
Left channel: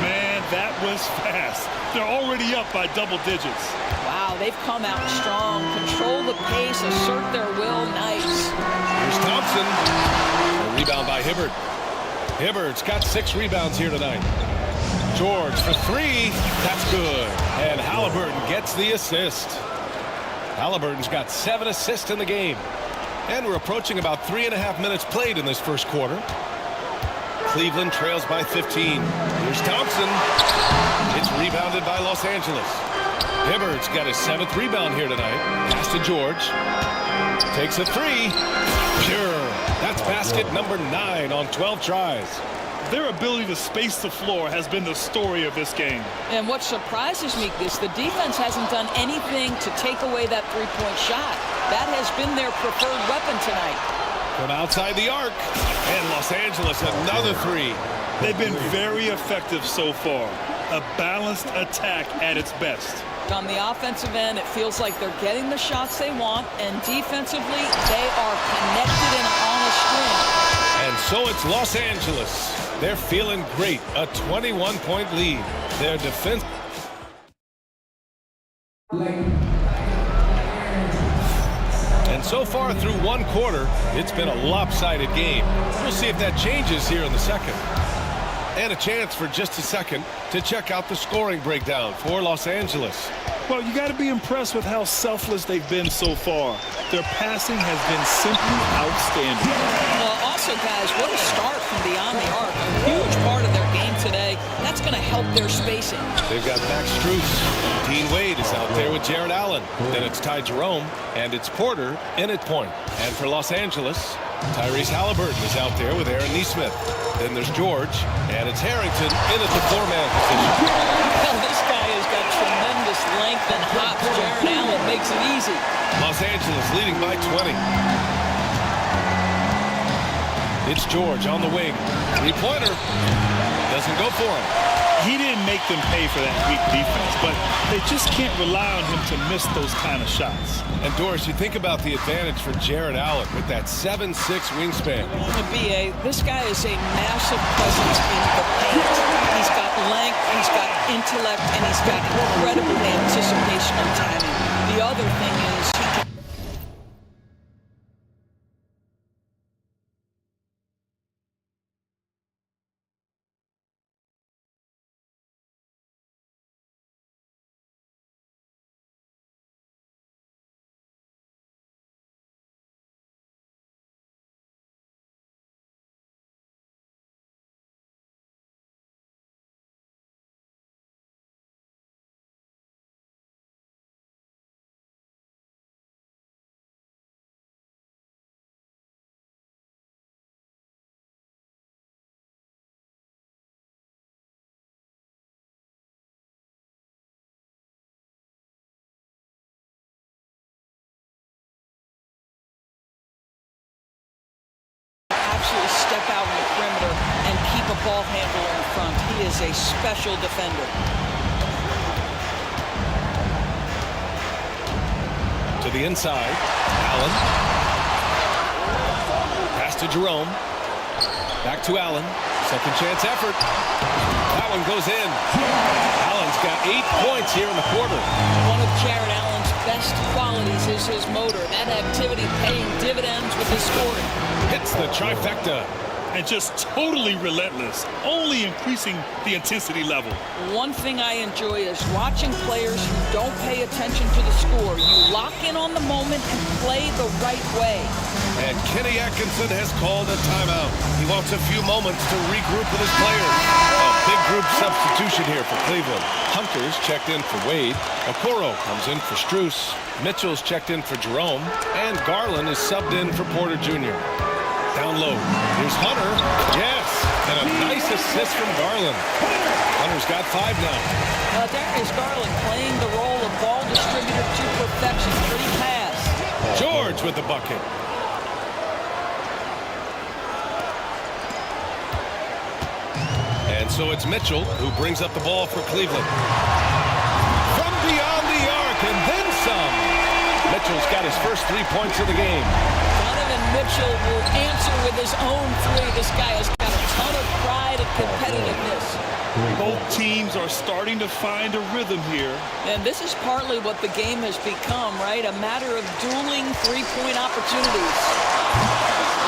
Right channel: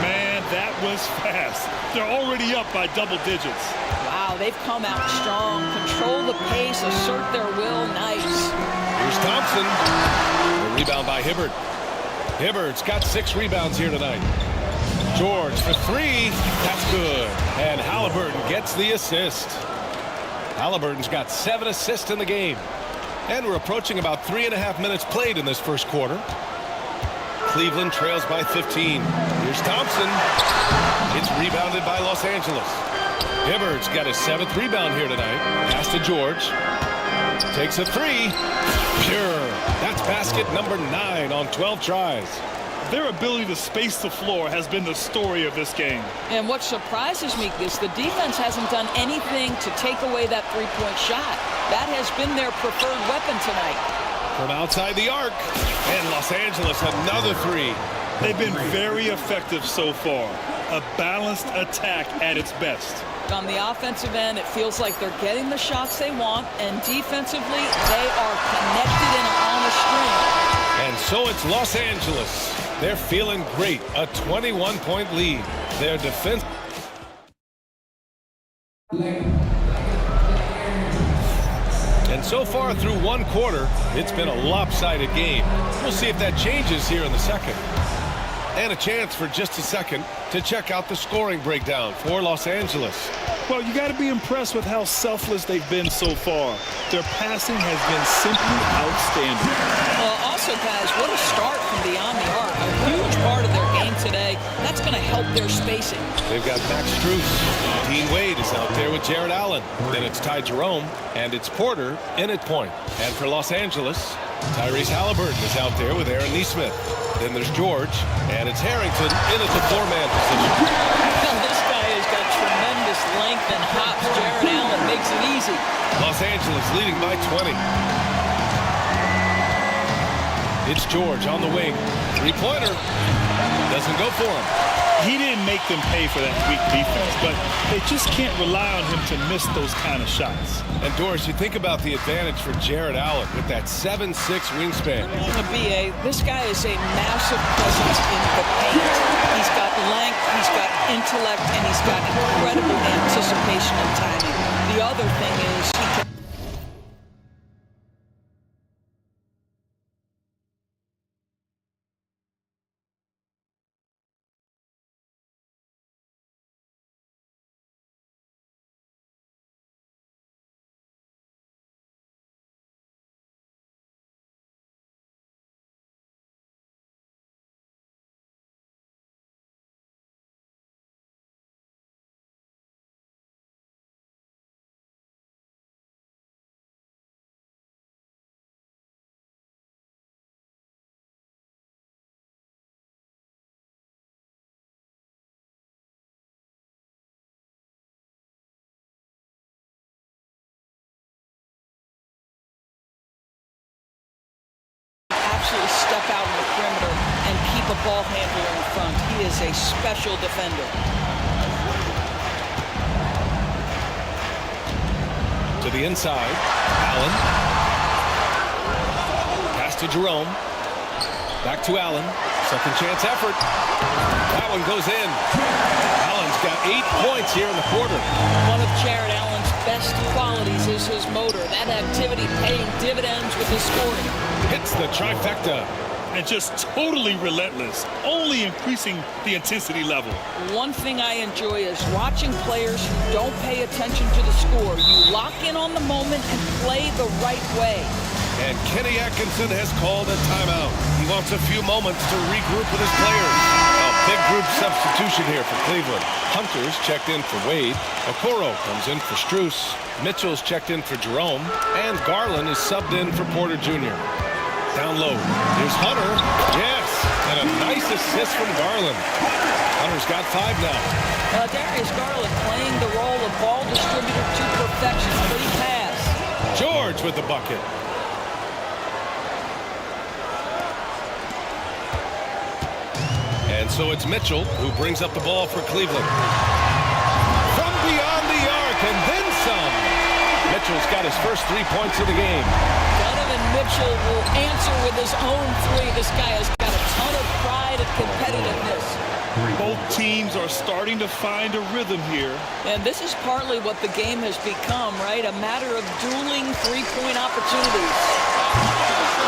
Man, that was fast. They're already up by double digits. Wow, they've come out strong. Control the pace, assert their will. Nice. Here's Thompson. A rebound by Hibbert. Hibbert's got 6 rebounds here tonight. George for 3. That's good. And Halliburton gets the assist. Halliburton's got 7 assists in the game. And we're approaching about 3.5 minutes played in this first quarter. Cleveland trails by 15. Here's Thompson. It's rebounded by Los Angeles. Hibbard's got his 7th rebound here tonight. Pass to George. Takes a 3. Pure. That's basket number 9 on 12 tries. Their ability to space the floor has been the story of this game. And what surprises me is the defense hasn't done anything to take away that three-point shot. That has been their preferred weapon tonight. From outside the arc. And Los Angeles, another 3. They've been very effective so far. A balanced attack at its best. On the offensive end, it feels like they're getting the shots they want, and defensively, they are connected and on a string. And so it's Los Angeles. They're feeling great. A 21-point lead. Their defense. And so far through one quarter, it's been a lopsided game. We'll see if that changes here in the second. And a chance for just a second to check out the scoring breakdown for Los Angeles. Well, you got to be impressed with how selfless they've been so far. Their passing has been simply outstanding. Well, also, guys, what a start from beyond the arc. A huge part of their game today. That's going to help their spacing. They've got Max Strus. Dean Wade is out there with Jared Allen. Then it's Ty Jerome, and it's Porter in at point. And for Los Angeles, Tyrese Halliburton is out there with Aaron Nesmith. Then there's George, and it's Harrington in at the 4-man position. Well, this guy has got tremendous length and hops. Jared Allen makes it easy. Los Angeles leading by 20. It's George on the wing. Three-pointer. Doesn't go for him. He didn't make them pay for that weak defense, but they just can't rely on him to miss those kind of shots. And Doris, you think about the advantage for Jared Allen with that 7'6" wingspan. B.A., this guy is a massive presence in the paint. He's got length, he's got intellect, and he's got incredible anticipation and timing. The other thing is he can... absolutely step out on the perimeter and keep a ball handler in front. He is a special defender. To the inside, Allen. Pass to Jerome. Back to Allen. Second chance effort. That one goes in. Allen's got 8 points here in the quarter. One of Jared Allen's best qualities is his motor. That activity paying dividends with his scoring. Hits the trifecta. And just totally relentless, only increasing the intensity level. One thing I enjoy is watching players who don't pay attention to the score. You lock in on the moment and play the right way. And Kenny Atkinson has called a timeout. He wants a few moments to regroup with his players. A big group substitution here for Cleveland. Hunter's checked in for Wade. Okoro comes in for Strus. Mitchell's checked in for Jerome. And Garland is subbed in for Porter Jr. Down low. Here's Hunter. Yes. And a nice assist from Garland. Hunter's got 5 now. Darius Garland playing the role of ball distributor to perfection. Pretty pass. George with the bucket. And so it's Mitchell who brings up the ball for Cleveland. From beyond the arc and then some. Mitchell's got his first 3 points of the game. Donovan Mitchell will answer with his own 3. This guy has got a ton of pride and competitiveness. Both teams are starting to find a rhythm here. And this is partly what the game has become, right? A matter of dueling three-point opportunities.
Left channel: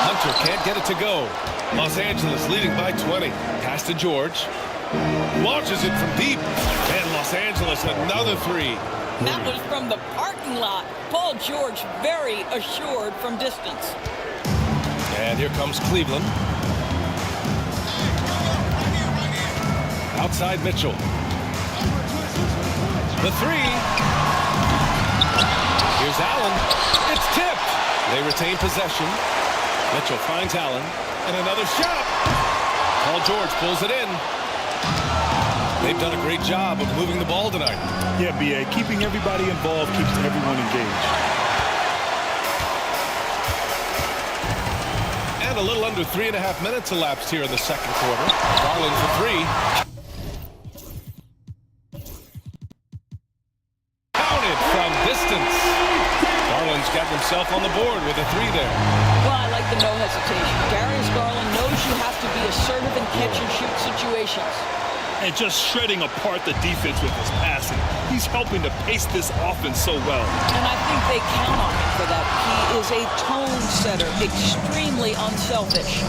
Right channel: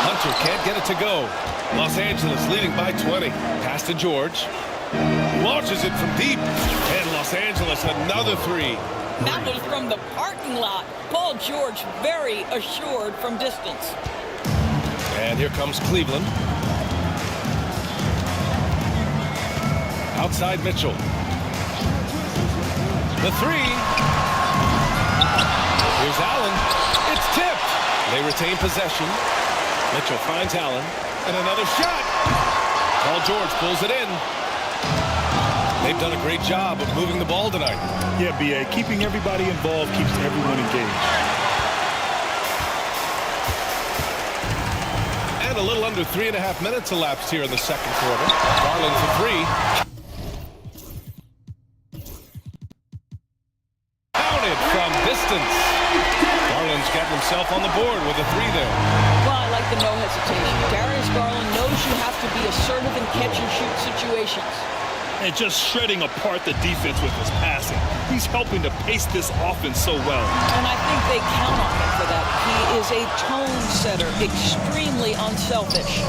Hunter can't get it to go. Los Angeles leading by 20. Pass to George. Launches it from deep. And Los Angeles another 3. That was from the parking lot. Paul George very assured from distance. And here comes Cleveland. Outside Mitchell. The three. Here's Allen. It's tipped. They retain possession. Mitchell finds Allen. And another shot. Paul George pulls it in. They've done a great job of moving the ball tonight. Yeah, B.A. Keeping everybody involved keeps everyone engaged. And a little under 3.5 minutes elapsed here in the second quarter. Garland for three. Counted from distance. Garland's gotten himself on the board with a three there. Well, I like the no hesitation. Darius Garland knows you have to be assertive in catch-and-shoot situations. And just shredding apart the defense with his passing. He's helping to pace this offense so well. And I think they count on him for that. He is a tone setter, extremely unselfish.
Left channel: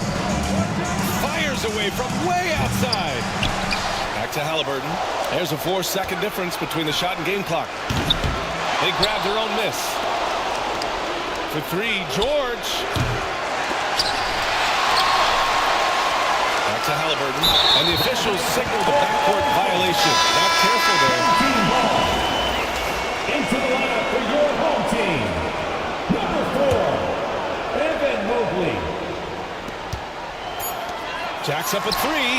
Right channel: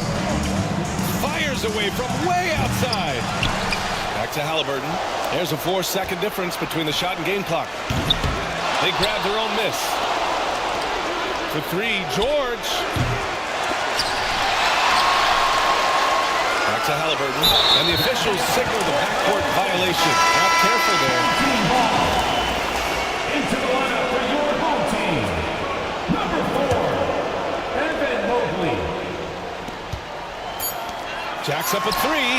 Fires away from way outside. Back to Halliburton. There's a 4-second difference between the shot and game clock. They grab their own miss. For three, George. Back to Halliburton. And the officials signal the backcourt violation. Not careful there. Into the lineup for your home team, number 4, Evan Mobley. Jacks up a three.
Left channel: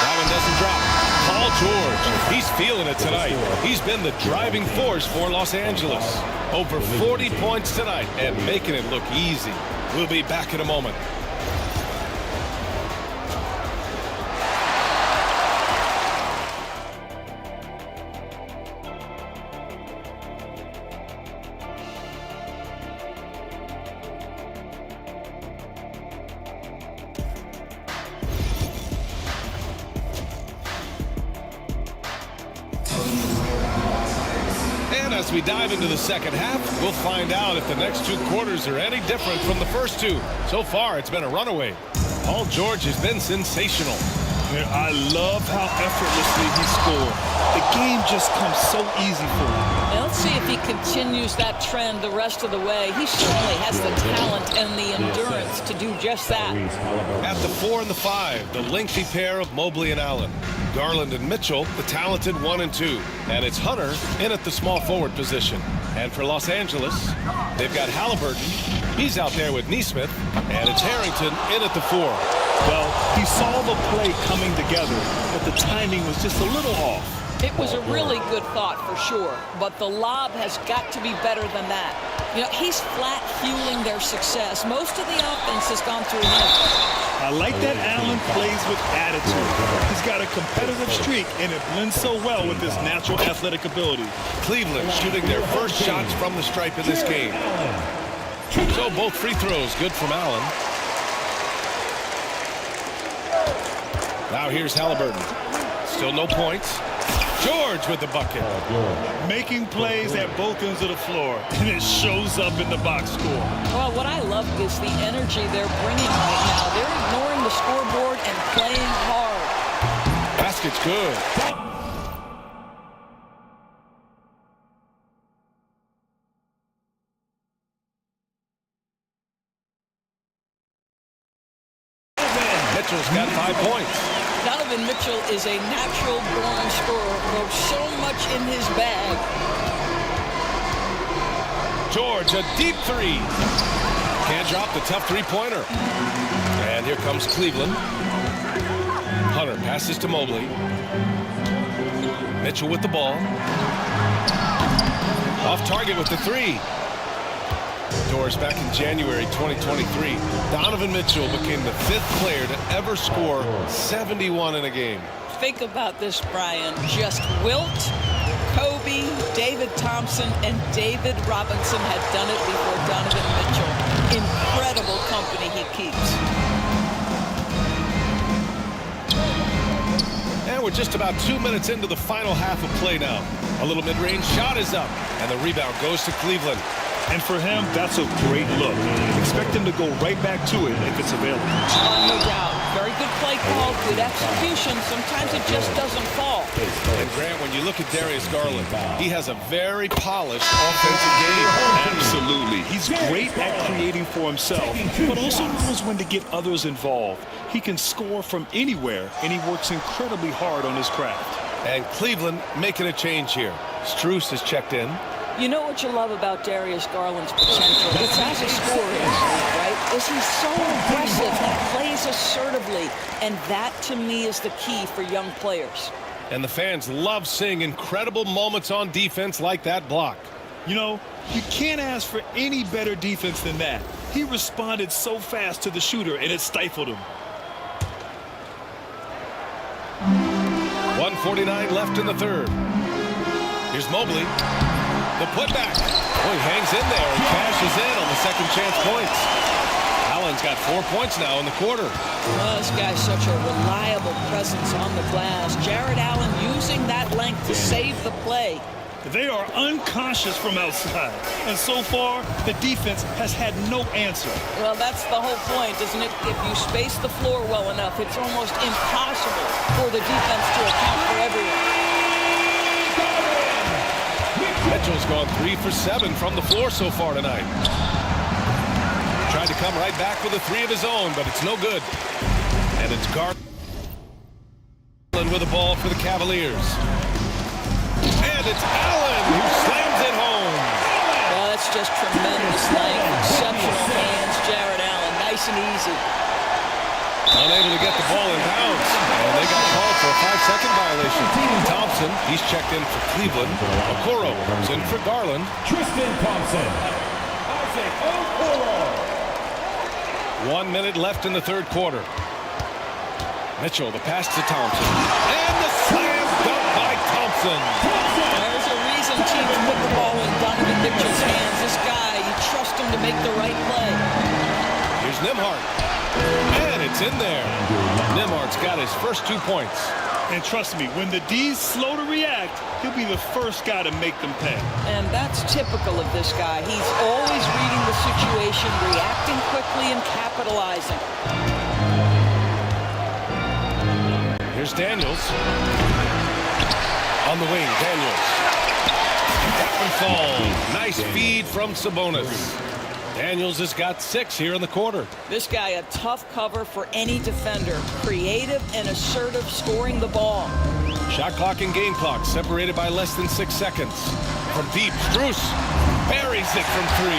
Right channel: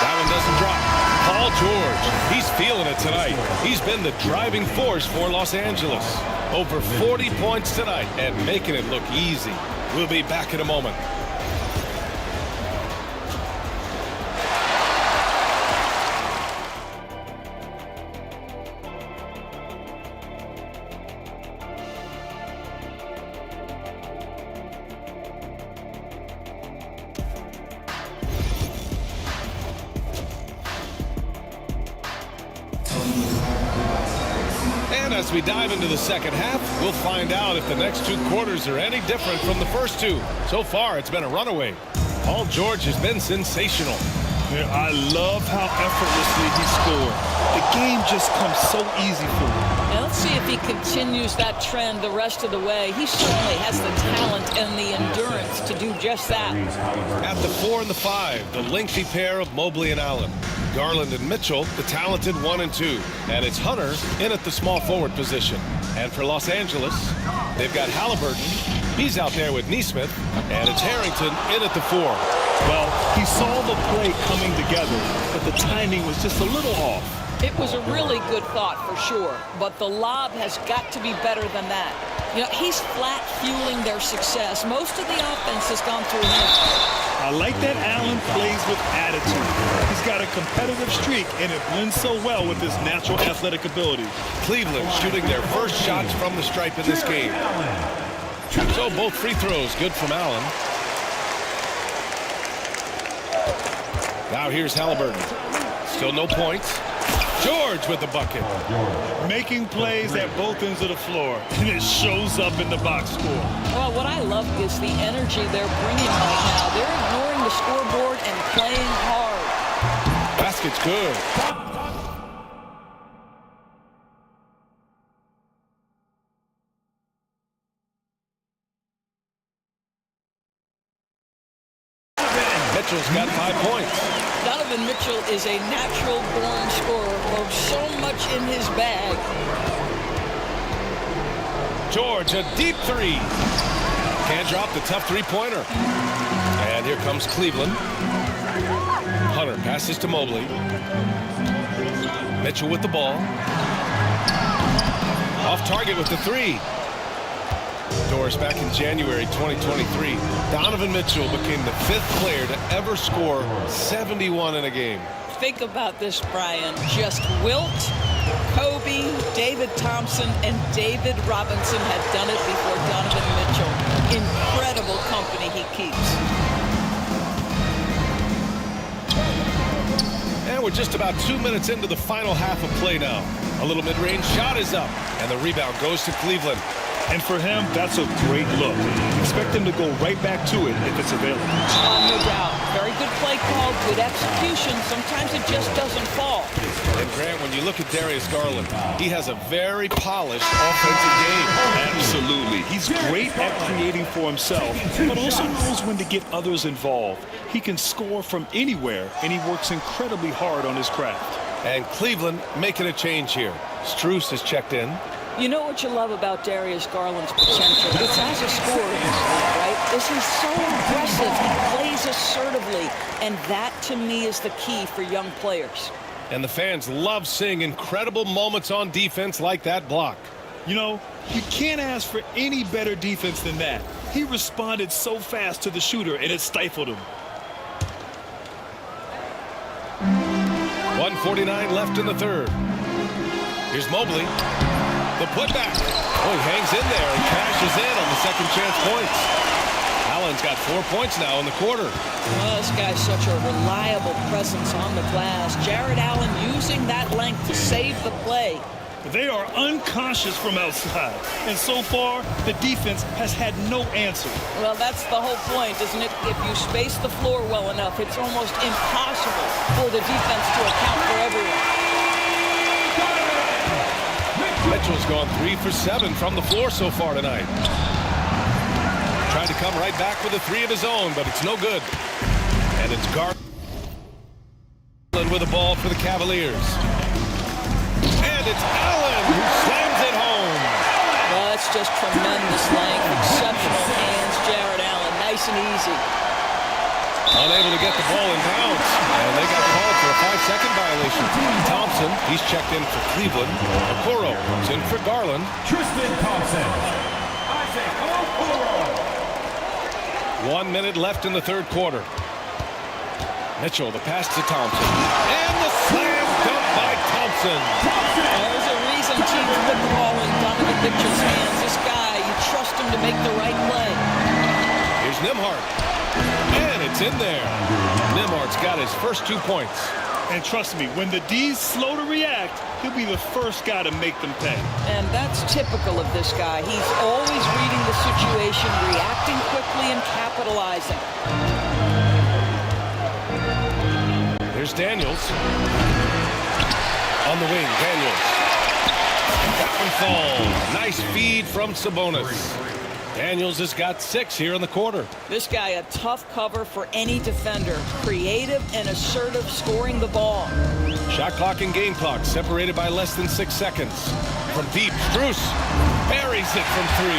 That one doesn't drop. Paul George, he's feeling it tonight. He's been the driving force for Los Angeles. Over 40 points tonight and making it look easy. We'll be back in a moment. And as we dive into the second half, we'll find out if the next two quarters are any different from the first two. So far, it's been a runaway. Paul George has been sensational. Yeah, I love how effortlessly he scored. The game just comes so easy for him. And let's see if he continues that trend the rest of the way. He certainly has the talent and the endurance to do just that. At the 4 and the 5, the lengthy pair of Mobley and Allen. Garland and Mitchell, the talented 1 and 2. And it's Hunter in at the small forward position. And for Los Angeles, they've got Halliburton. He's out there with Neesmith. And it's Harrington in at the 4. Well, he saw the play coming together, but the timing was just a little off. It was a really good thought for sure, but the lob has got to be better than that. You know, he's flat fueling their success. Most of the offense has gone through him. I like that Allen plays with attitude. He's got a competitive streak, and it blends so well with his natural athletic ability. Cleveland shooting their first shots from the stripe in this game. So both free throws good from Allen. Now here's Halliburton. Still no points. George with the bucket. Making plays at both ends of the floor, and it shows up in the box score. Well, what I love is the energy they're bringing right now. They're ignoring the scoreboard and playing hard. Basket's good. Mitchell's got 5 points. Donovan Mitchell is a natural-born scorer, folks. So much in his bag. George, a deep three. Can't drop the tough three-pointer. And here comes Cleveland. Hunter passes to Mobley. Mitchell with the ball. Off target with the three. Doors back in January 2023. Donovan Mitchell became the 5th player to ever score 71 in a game. Think about this, Brian. Just Wilt, Kobe, David Thompson, and David Robinson had done it before Donovan Mitchell. Incredible company he keeps. And we're just about 2 minutes into the final half of play now. A little mid-range shot is up, and the rebound goes to Cleveland. And for him, that's a great look. Expect him to go right back to it if it's available. No doubt. Very good play call, good execution. Sometimes it just doesn't fall. And Grant, when you look at Darius Garland, he has a very polished offensive game. Absolutely. He's great at creating for himself, but also knows when to get others involved. He can score from anywhere, and he works incredibly hard on his craft. And Cleveland making a change here. Strus is checked in. You know what you love about Darius Garland's potential? It's as a scorer in this league, right? He's so aggressive. He plays assertively. And that, to me, is the key for young players. And the fans love seeing incredible moments on defense like that block. You know, you can't ask for any better defense than that. He responded so fast to the shooter, and it stifled him. 1:49 left in the third. Here's Mobley. The putback. Oh, he hangs in there and cashes in on the second chance points. Allen's got 4 points now in the quarter. Well, this guy's such a reliable presence on the glass. Jared Allen using that length to save the play. They are unconscious from outside, and so far, the defense has had no answer. Well, that's the whole point, isn't it? If you space the floor well enough, it's almost impossible for the defense to account for everyone. Mitchell's gone 3 for 7 from the floor so far tonight. Tried to come right back with a 3 of his own, but it's no good. And it's Garland with the ball for the Cavaliers. And it's Allen who slams it home. Well, that's just tremendous length, exceptional hands, Jared Allen, nice and easy. Unable to get the ball in bounds, and they got called for a 5-second violation. Thompson, he's checked in for Cleveland. Okoro comes in for Garland. Tristan Thompson. Isaac Okoro. 1 minute left in the third quarter. Mitchell, the pass to Thompson. And the slam dunk by Thompson. There's a reason teams put the ball in Donovan Mitchell's hands. This guy, you trust him to make the right play. Here's Nembhard. And it's in there. Nembhard's got his first 2 points. And trust me, when the D's slow to react, he'll be the first guy to make them pay. And that's typical of this guy. He's always reading the situation, reacting quickly and capitalizing. Here's Daniels. On the wing, Daniels. And that one falls. Nice feed from Sabonis. Daniels has got 6 here in the quarter. This guy, a tough cover for any defender. Creative and assertive scoring the ball. Shot clock and game clock separated by less than 6 seconds. From deep, Strus buries it from 3.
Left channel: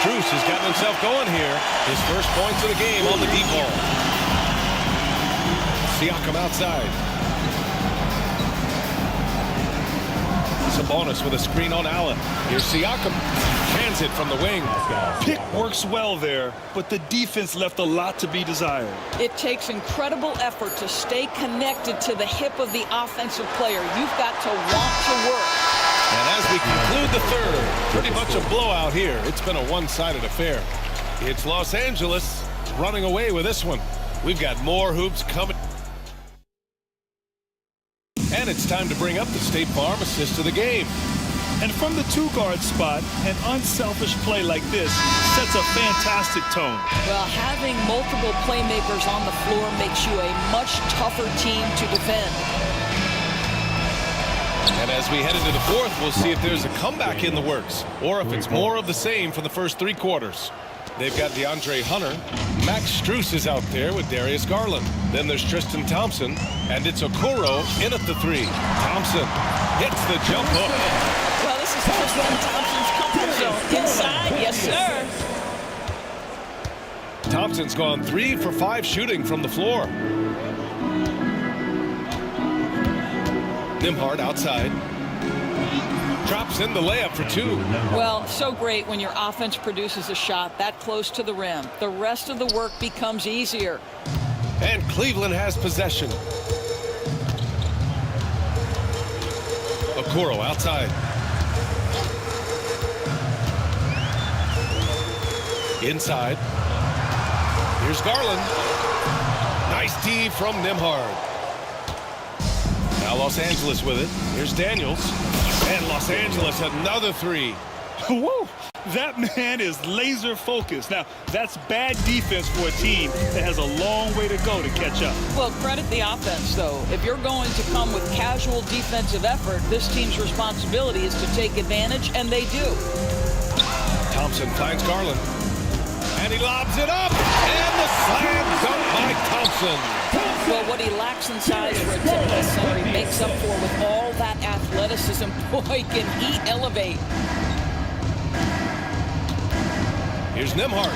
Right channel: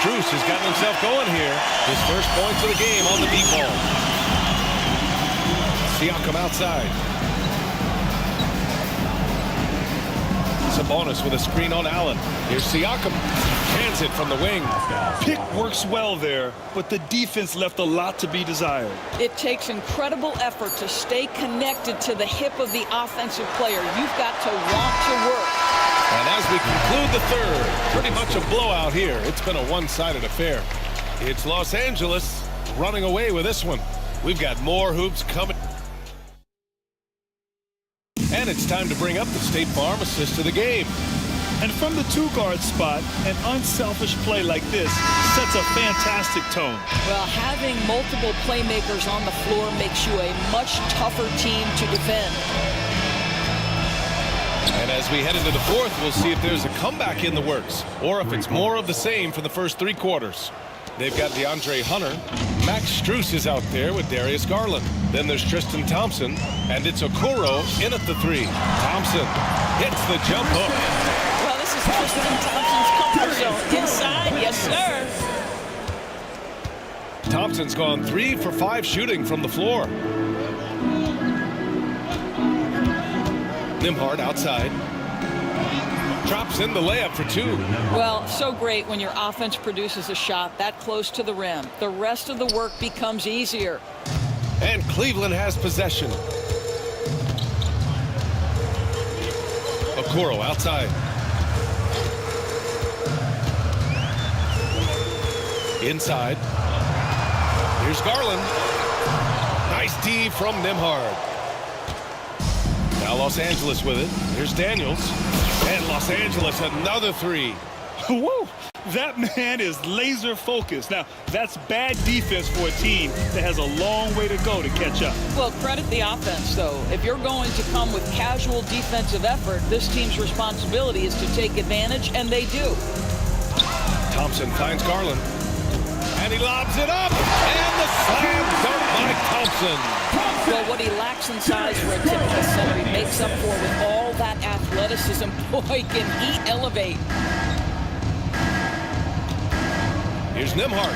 Strus has gotten himself going here. His first points of the game on the deep ball. Siakam outside. Sabonis with a screen on Allen. Here's Siakam. Hands it from the wing. Pick works well there, but the defense left a lot to be desired. It takes incredible effort to stay connected to the hip of the offensive player. You've got to want to work. And as we conclude the third, pretty much a blowout here. It's been a one-sided affair. It's Los Angeles running away with this one. We've got more hoops coming. And it's time to bring up the State Farm assist of the game. And from the 2-guard spot, an unselfish play like this sets a fantastic tone. Well, having multiple playmakers on the floor makes you a much tougher team to defend. And as we head into the fourth, we'll see if there's a comeback in the works or if it's more of the same for the first 3 quarters. They've got DeAndre Hunter. Max Strus is out there with Darius Garland. Then there's Tristan Thompson, and it's Okoro in at the 3. Thompson hits the jump hook. Well, this is Tristan Thompson's comfort zone. Inside, yes, sir. Thompson's gone 3 for 5 shooting from the floor. Nembhard outside. Drops in the layup for 2. Well, so great when your offense produces a shot that close to the rim. The rest of the work becomes easier. And Cleveland has possession. Okoro outside. Inside. Here's Garland. Nice D from Nembhard. Now Los Angeles with it. Here's Daniels. And Los Angeles another 3. Whoa, that man is laser focused. Now, that's bad defense for a team that has a long way to go to catch up. Well, credit the offense, though. If you're going to come with casual defensive effort, this team's responsibility is to take advantage, and they do. Thompson finds Garland. And he lobs it up. And the slam dunk by Thompson. Well, what he lacks in size for a typical center, he makes up for with all that athleticism. Boy, can he elevate. Here's Nembhard.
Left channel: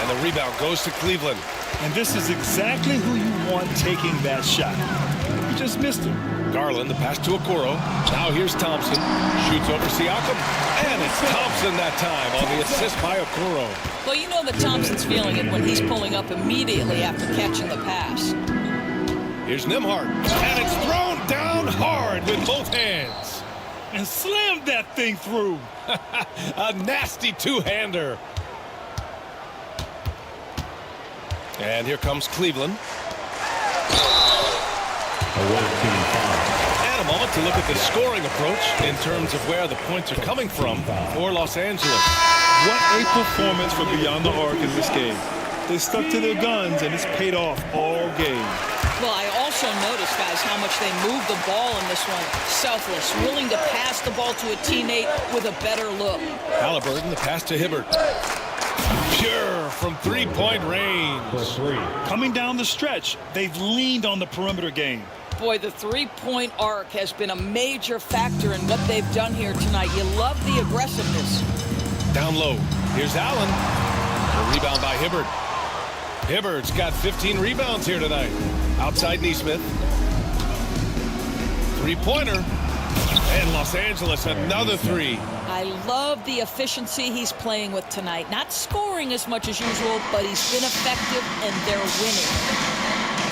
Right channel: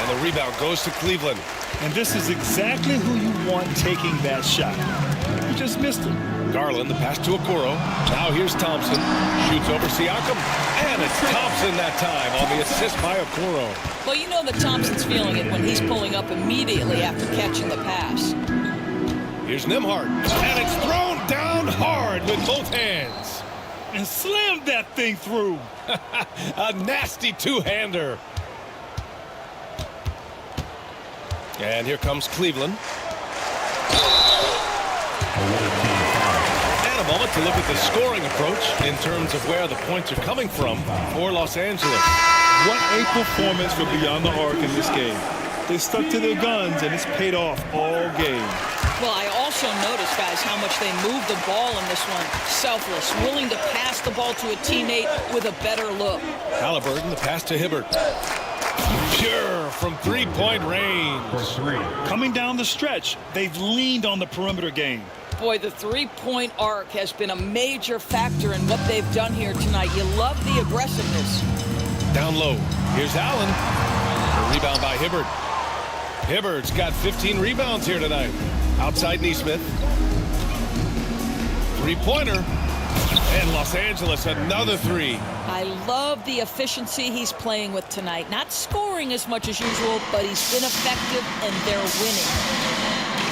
And the rebound goes to Cleveland. And this is exactly who you want taking that shot. He just missed him. Garland, the pass to Okoro. Now here's Thompson. Shoots over Siakam. And it's Thompson that time on the assist by Okoro. Well, you know that Thompson's feeling it when he's pulling up immediately after catching the pass. Here's Nembhard. And it's thrown down hard with both hands. And slammed that thing through. A nasty two-hander. And here comes Cleveland. And a moment to look at the scoring approach in terms of where the points are coming from for Los Angeles. What a performance for Beyond the Arc in this game. They stuck to their guns, and it's paid off all game. Well, I also noticed, guys, how much they moved the ball in this one. Selfless, willing to pass the ball to a teammate with a better look. Halliburton, the pass to Hibbert. Pure from three-point range. Coming down the stretch, they've leaned on the perimeter game. Boy, the three-point arc has been a major factor in what they've done here tonight. You love the aggressiveness. Down low. Here's Allen. The rebound by Hibbert. Hibbert's got 15 rebounds here tonight. Outside Neesmith. Three-pointer. And Los Angeles, another three. I love the efficiency he's playing with tonight. Not scoring as much as usual, but he's been effective, and they're winning.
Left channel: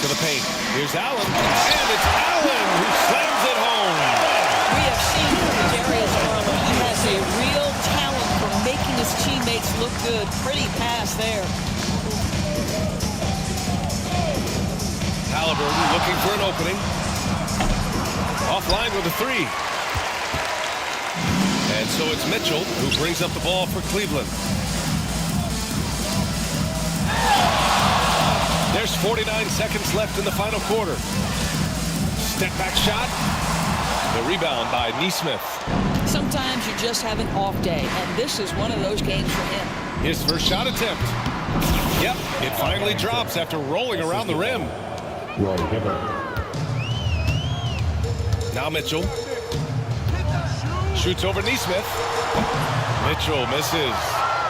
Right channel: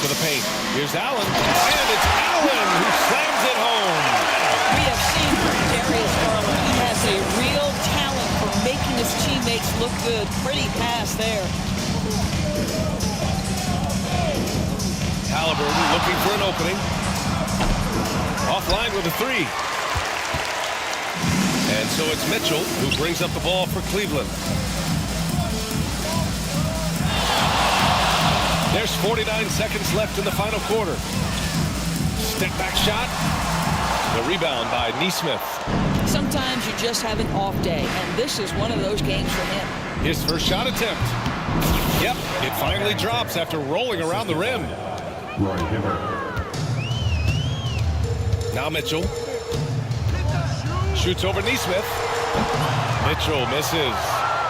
To the paint. Here's Allen. And it's Allen who slams it home. We have seen from Darius Garland, he has a real talent for making his teammates look good. Pretty pass there. Halliburton looking for an opening. Offline with a three. And so it's Mitchell who brings up the ball for Cleveland. There's 49 seconds left in the final quarter. Step back shot. The rebound by Neesmith. Sometimes you just have an off day, and this is one of those games for him. His first shot attempt. Yep, it finally drops after rolling around the rim. Now Mitchell. Shoots over Neesmith. Mitchell misses.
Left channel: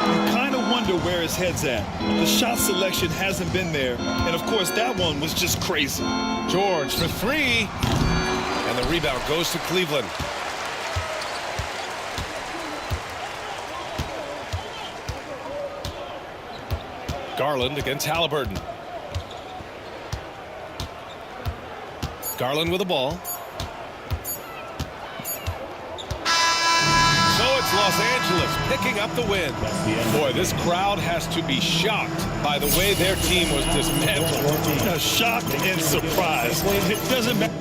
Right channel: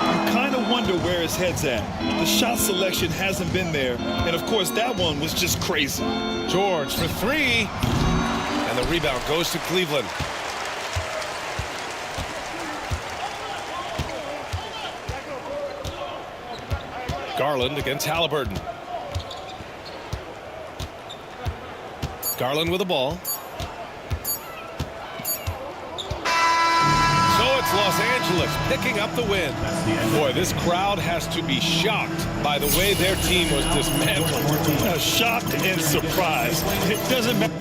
You kind of wonder where his head's at. The shot selection hasn't been there. And, of course, that one was just crazy. George for three. And the rebound goes to Cleveland. Garland against Halliburton. Garland with the ball. So it's Los Angeles picking up the win. Boy, this crowd has to be shocked by the way their team was dismantled. Shocked and surprised. It doesn't matter.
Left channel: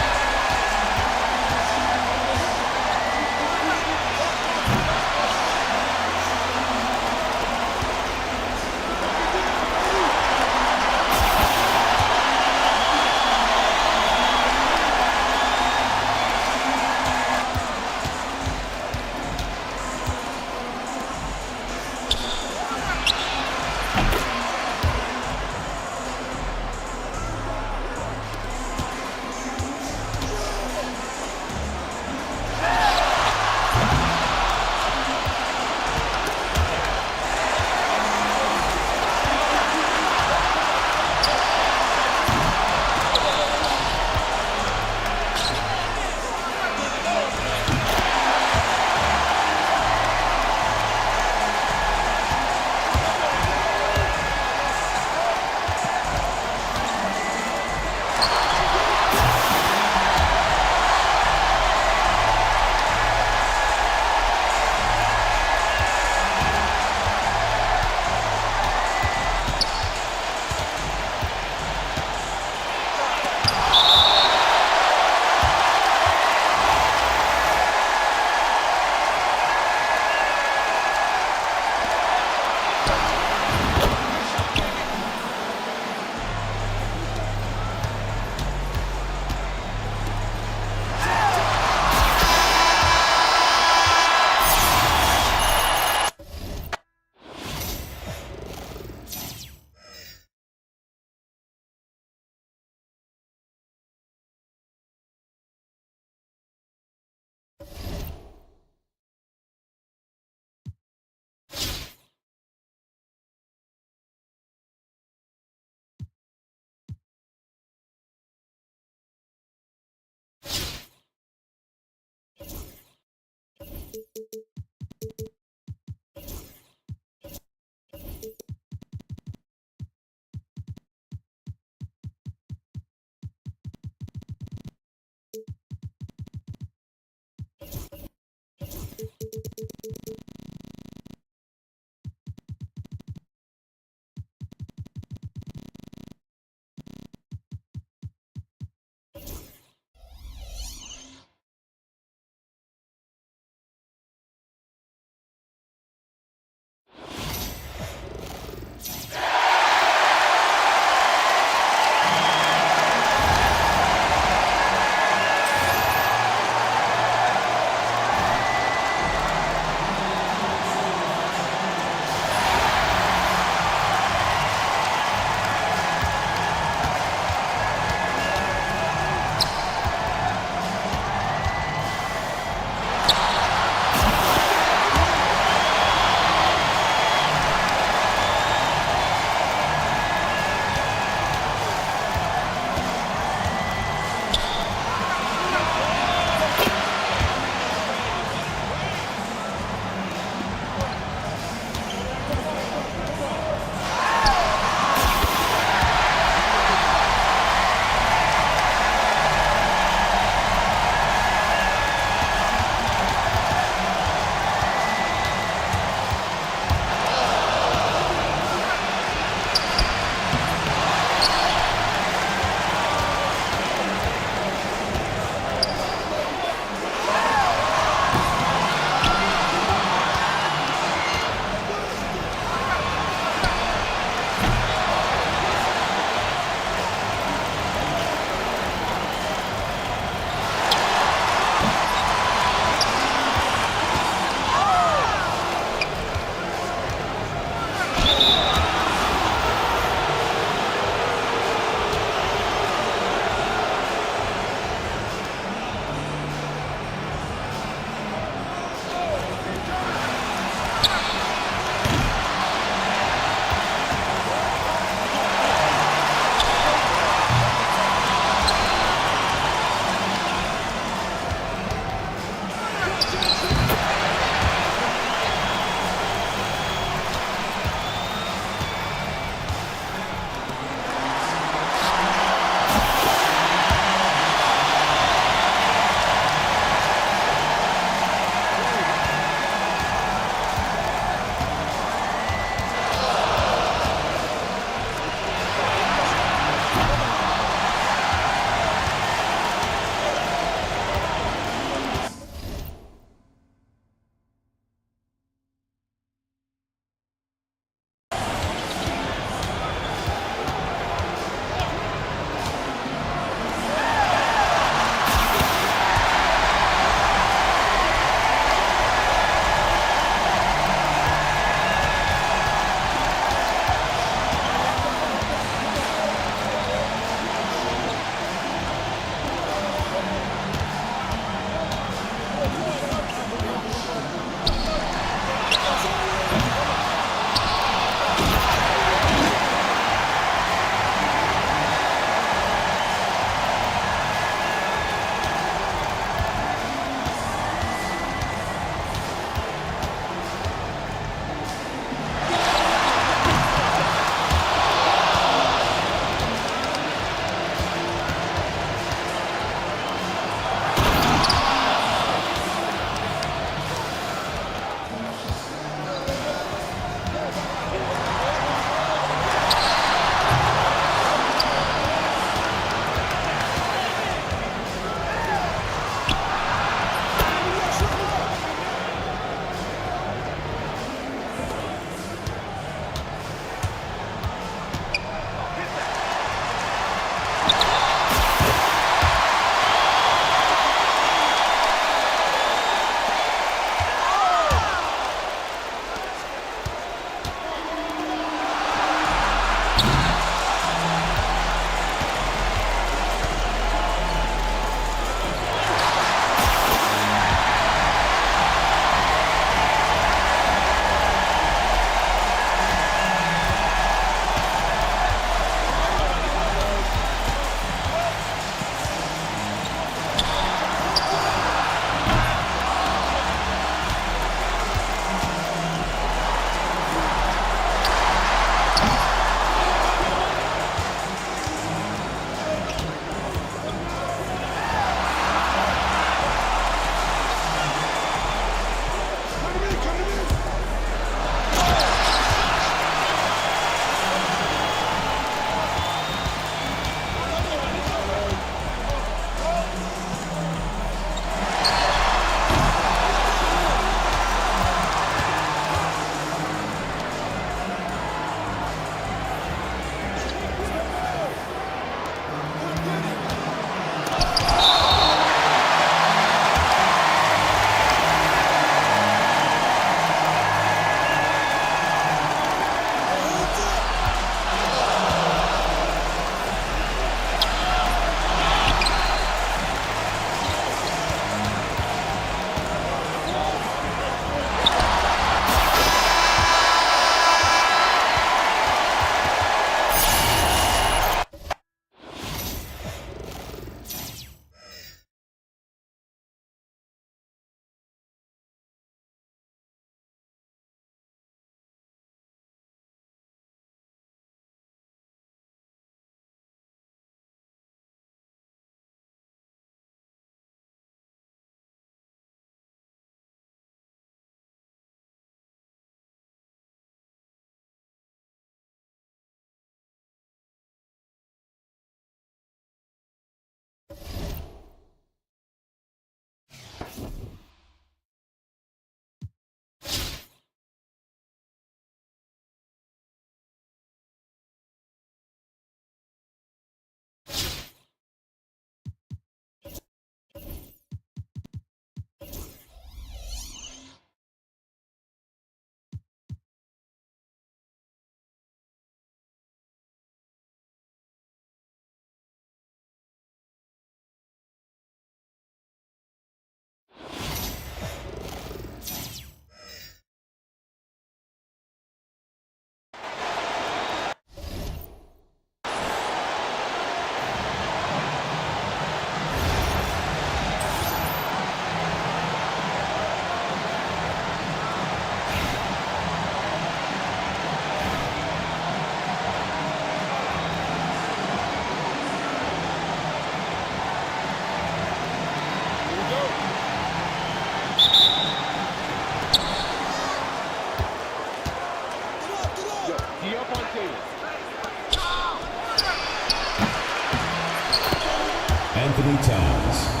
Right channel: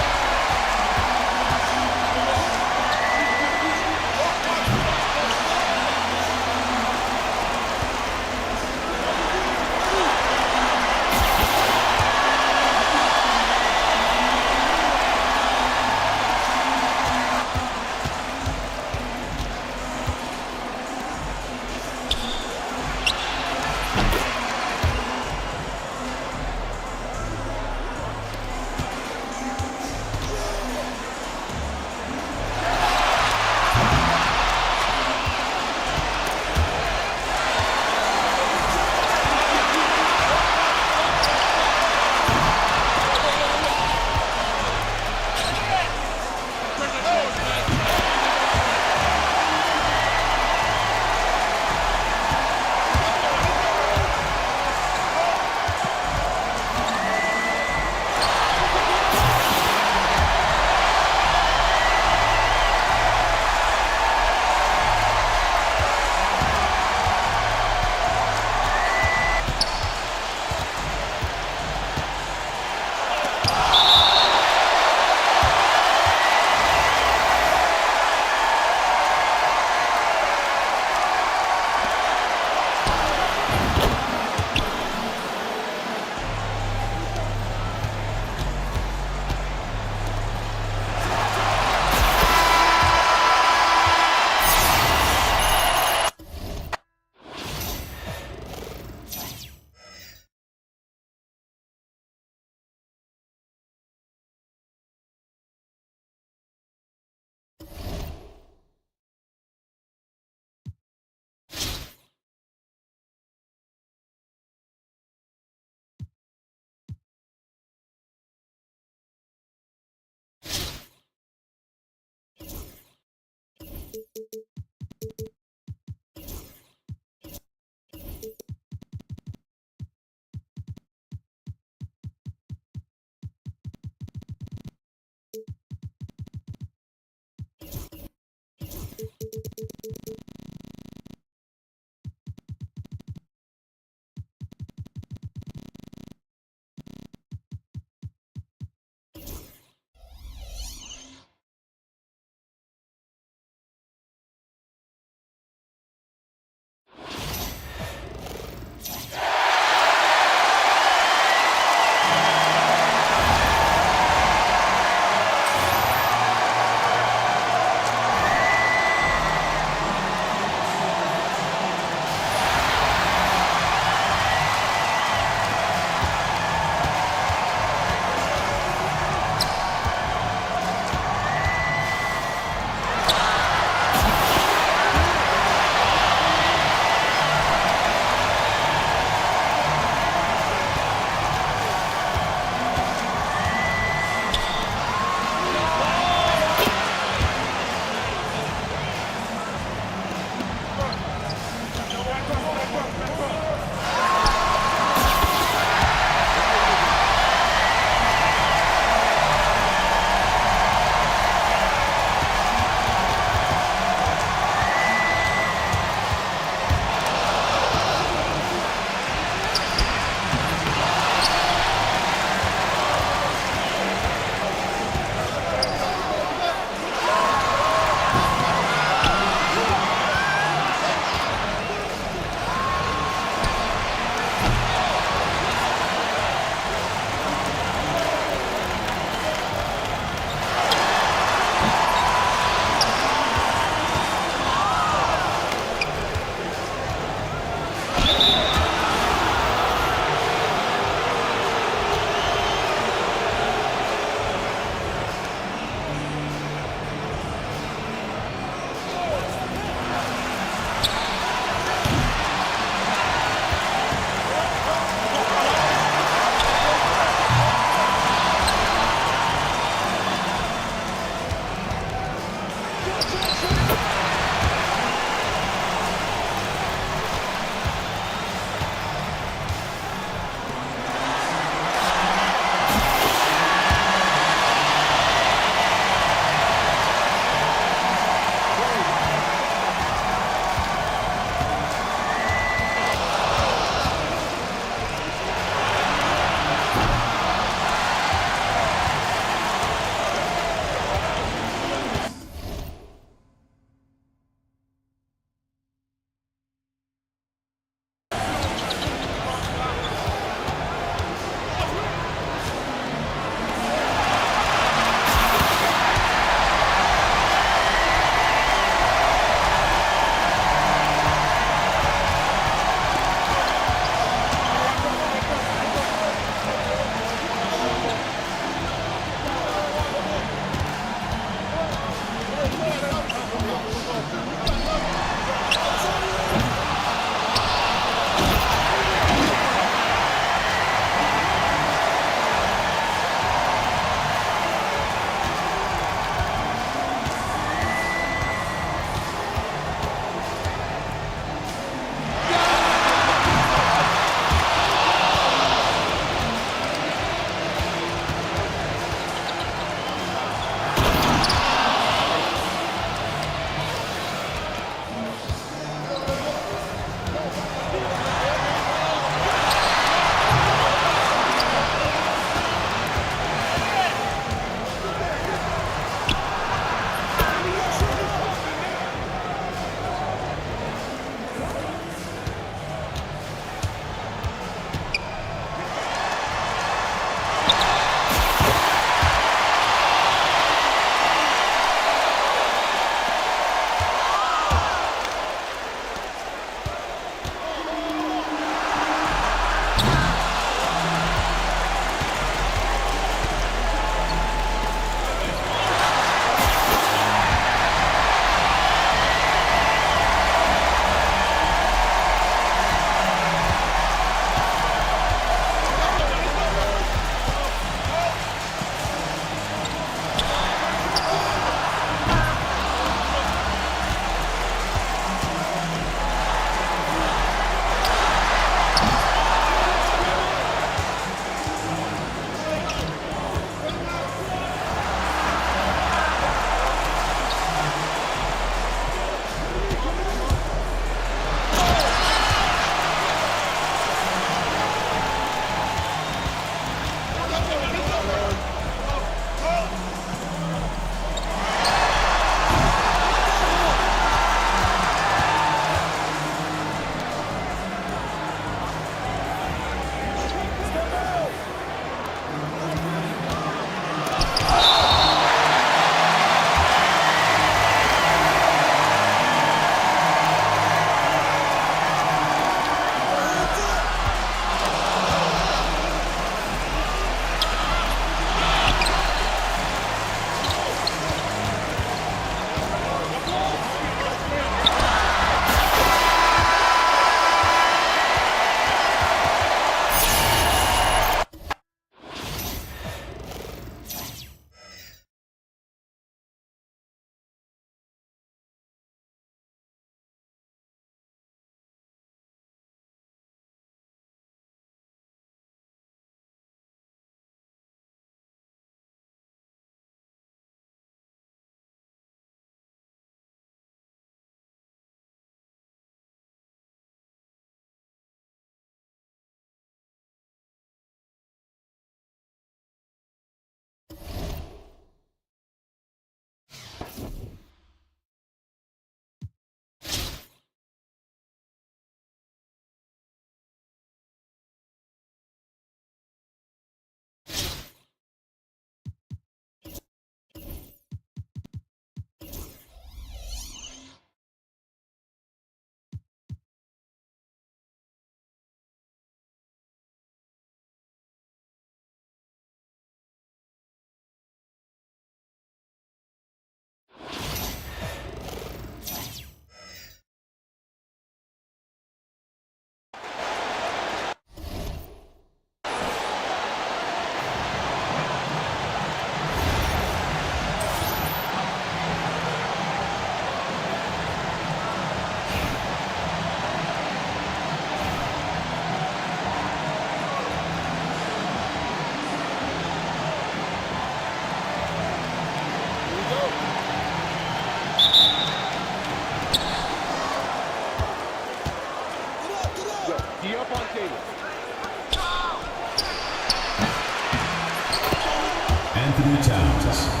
Anthony Towns.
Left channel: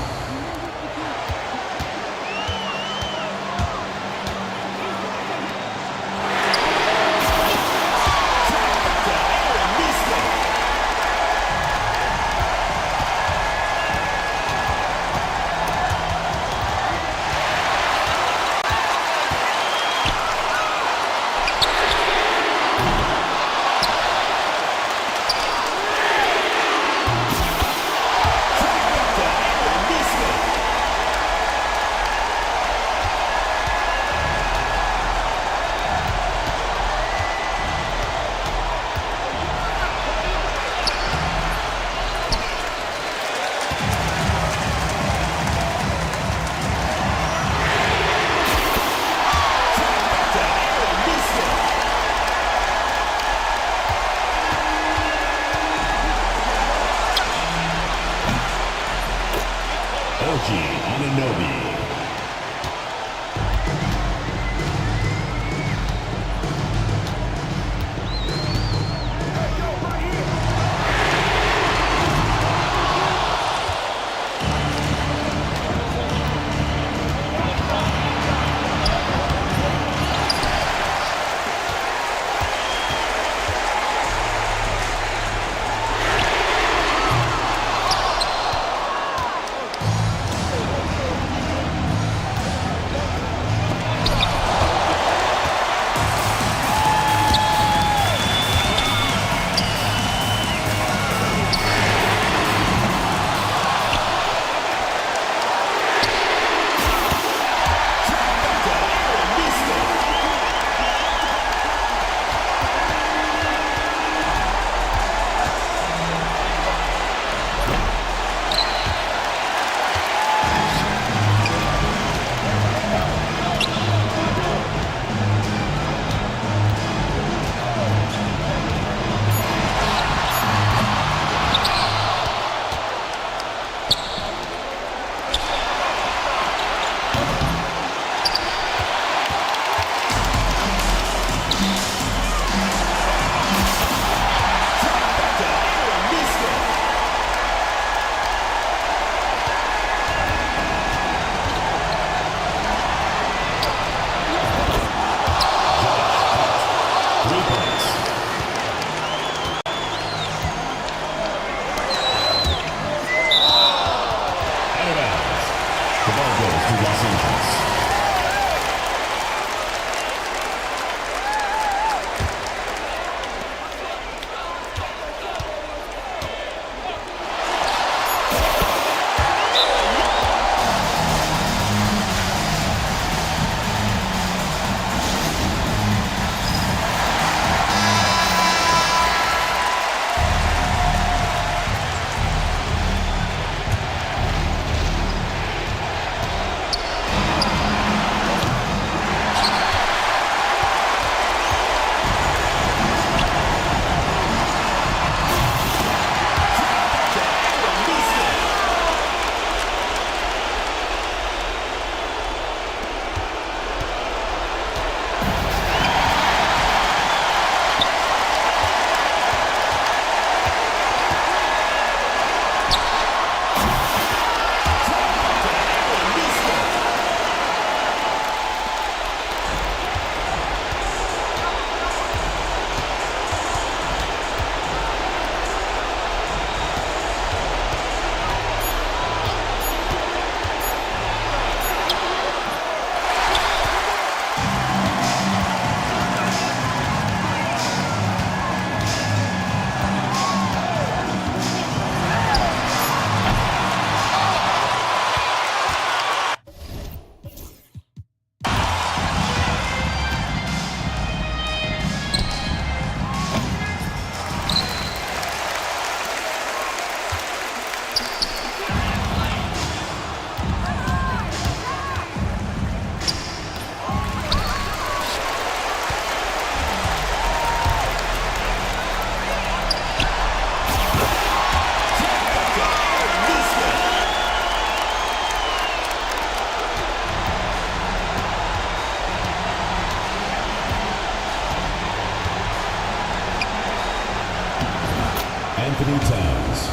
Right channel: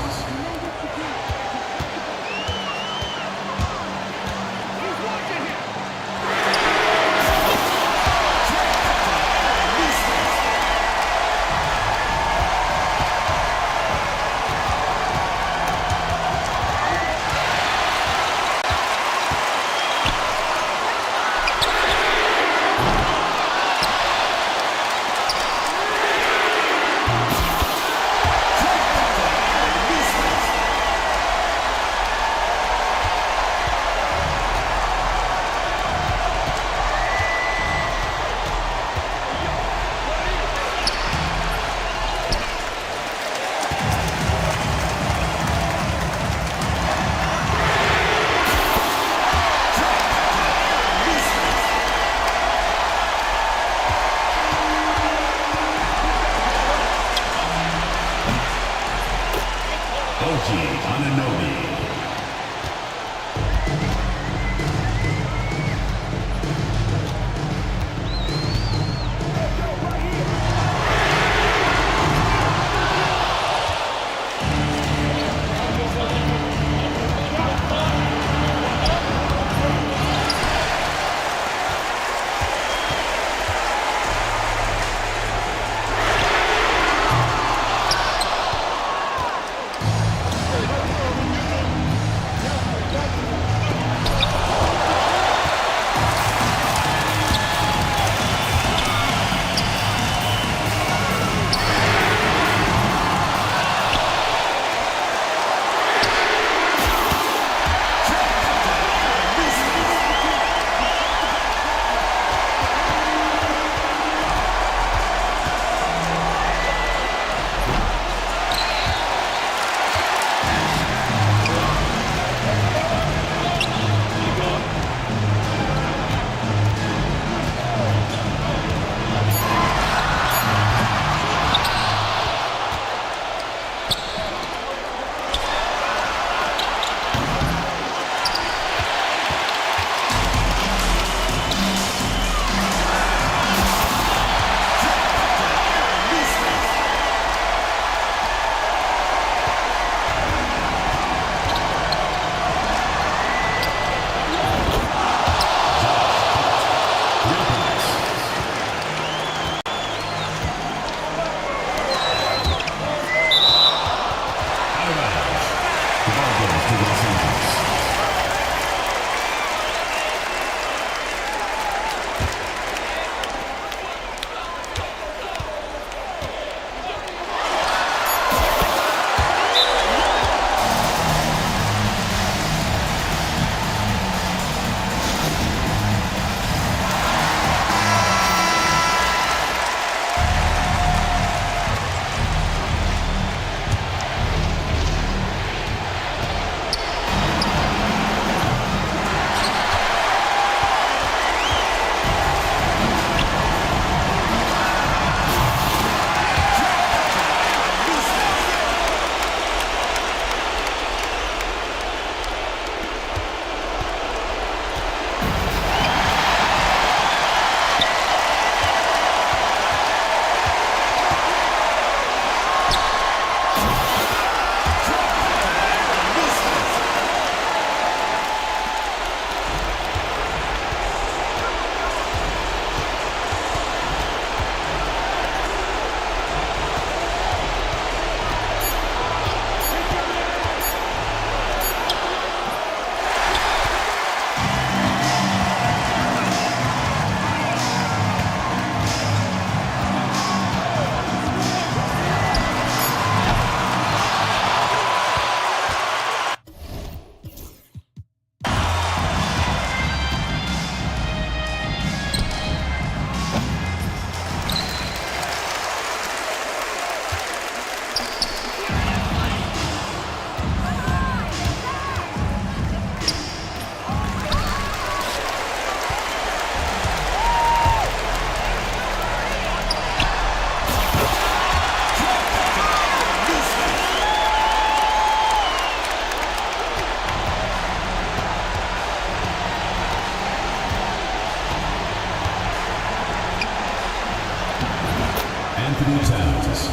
Anthony Towns.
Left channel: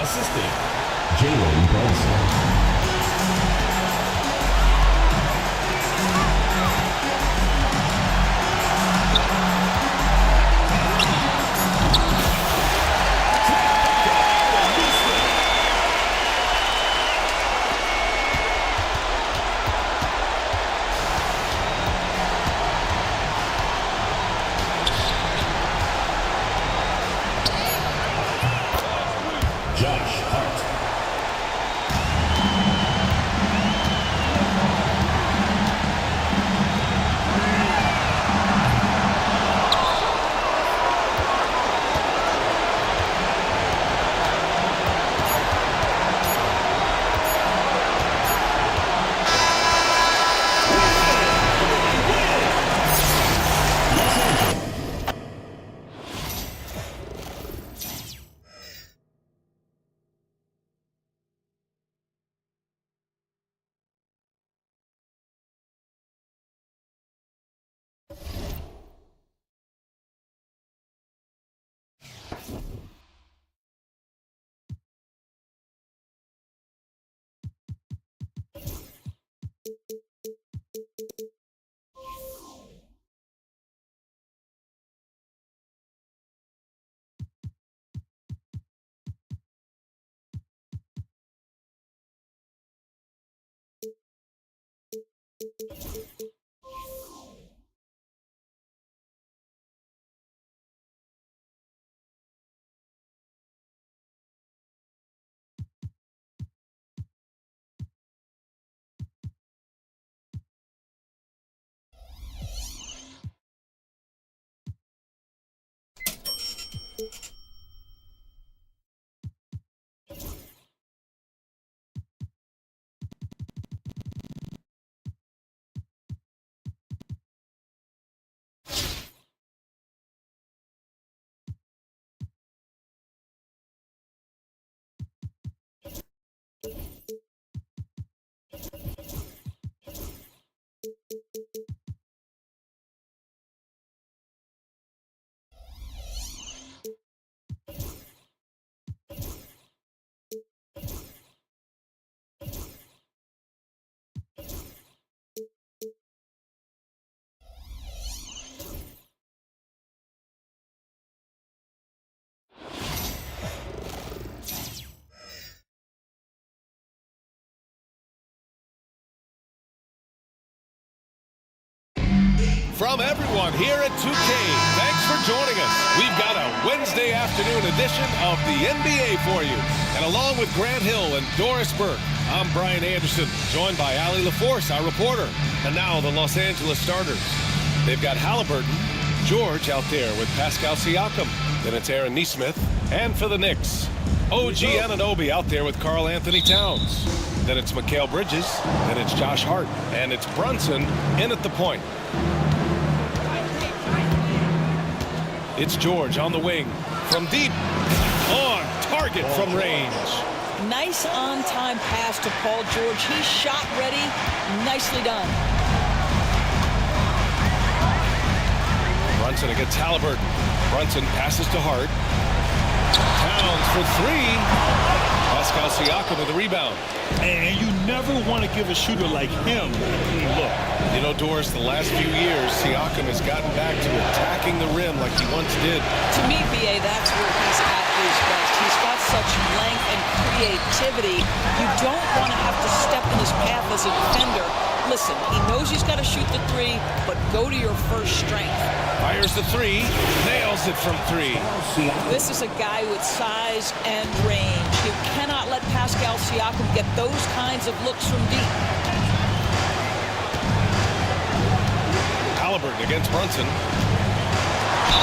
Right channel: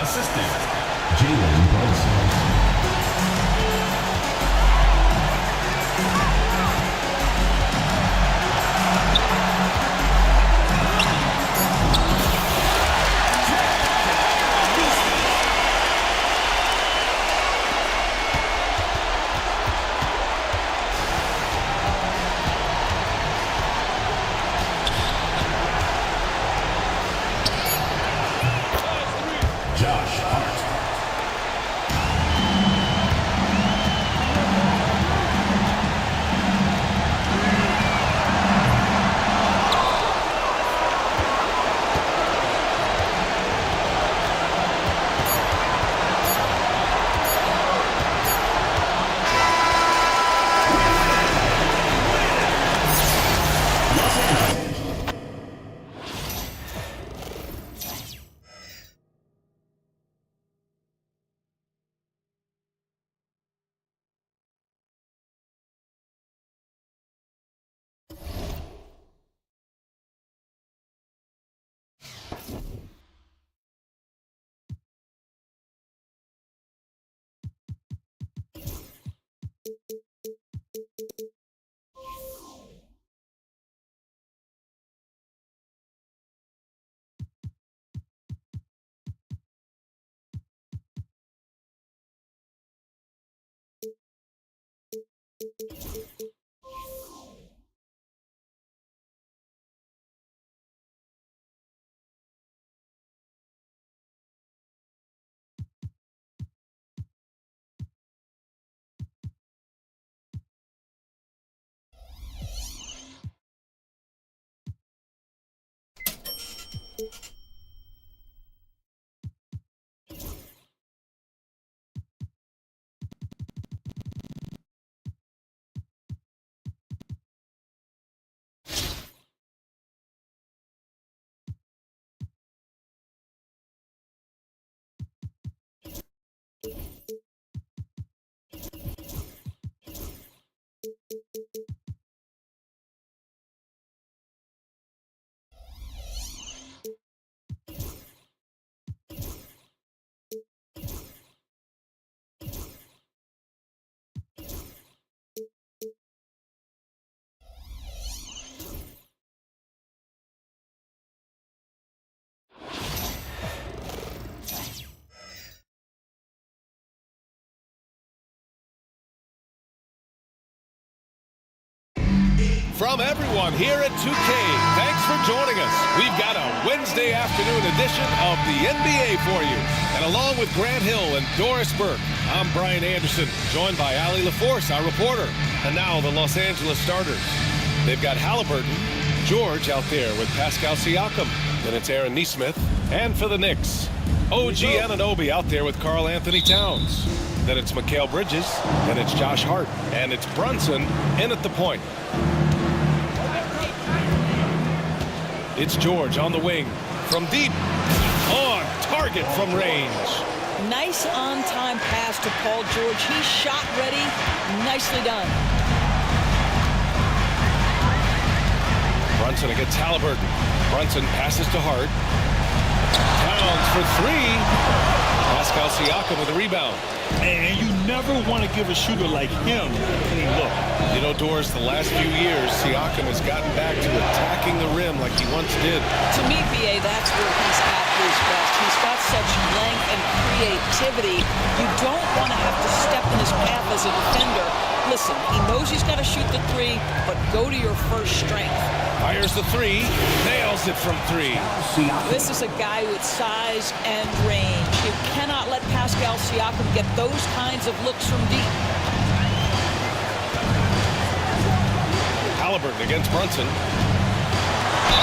Assistant, Jalen Brunson. From everyone here at 2K, thanks for joining us. We've got a Wednesday afternoon edition of the NBA for you. And along with Grant Hill and Doris Burke, I'm Brian Anderson, joined by Allie LaForce, our reporter. And now the Los Angeles starters. They've got Halliburton, George out there with Pascal Siakam. Then it's Aaron Nesmith. And for the Knicks, OG Anunoby out there with Karl Anthony Towns. Then it's Mikal Bridges. Then it's Josh Hart. And it's Brunson in at the point. It's George on the wing from deep, on target from range. Nice on-time pass to Paul George. He's shot ready. Nicely done. Brunson against Halliburton. Brunson passes to Hart. Towns for three. Pascal Siakam with a rebound. And you never want to give a shooter like him a clean look. You know, Doris, the last few years, Siakam has gotten back to attacking the rim like he once did. To me, B.A., that's where he's at his best. He's got such length and creativity. You don't want to have to step in his path as a defender. Listen, he knows he's got to shoot the three, but go to your first strength. Fires the three, nails it from three. This is a guy with size and range. You cannot let Pascal Siakam get those kinds of looks from deep. Halliburton against Brunson.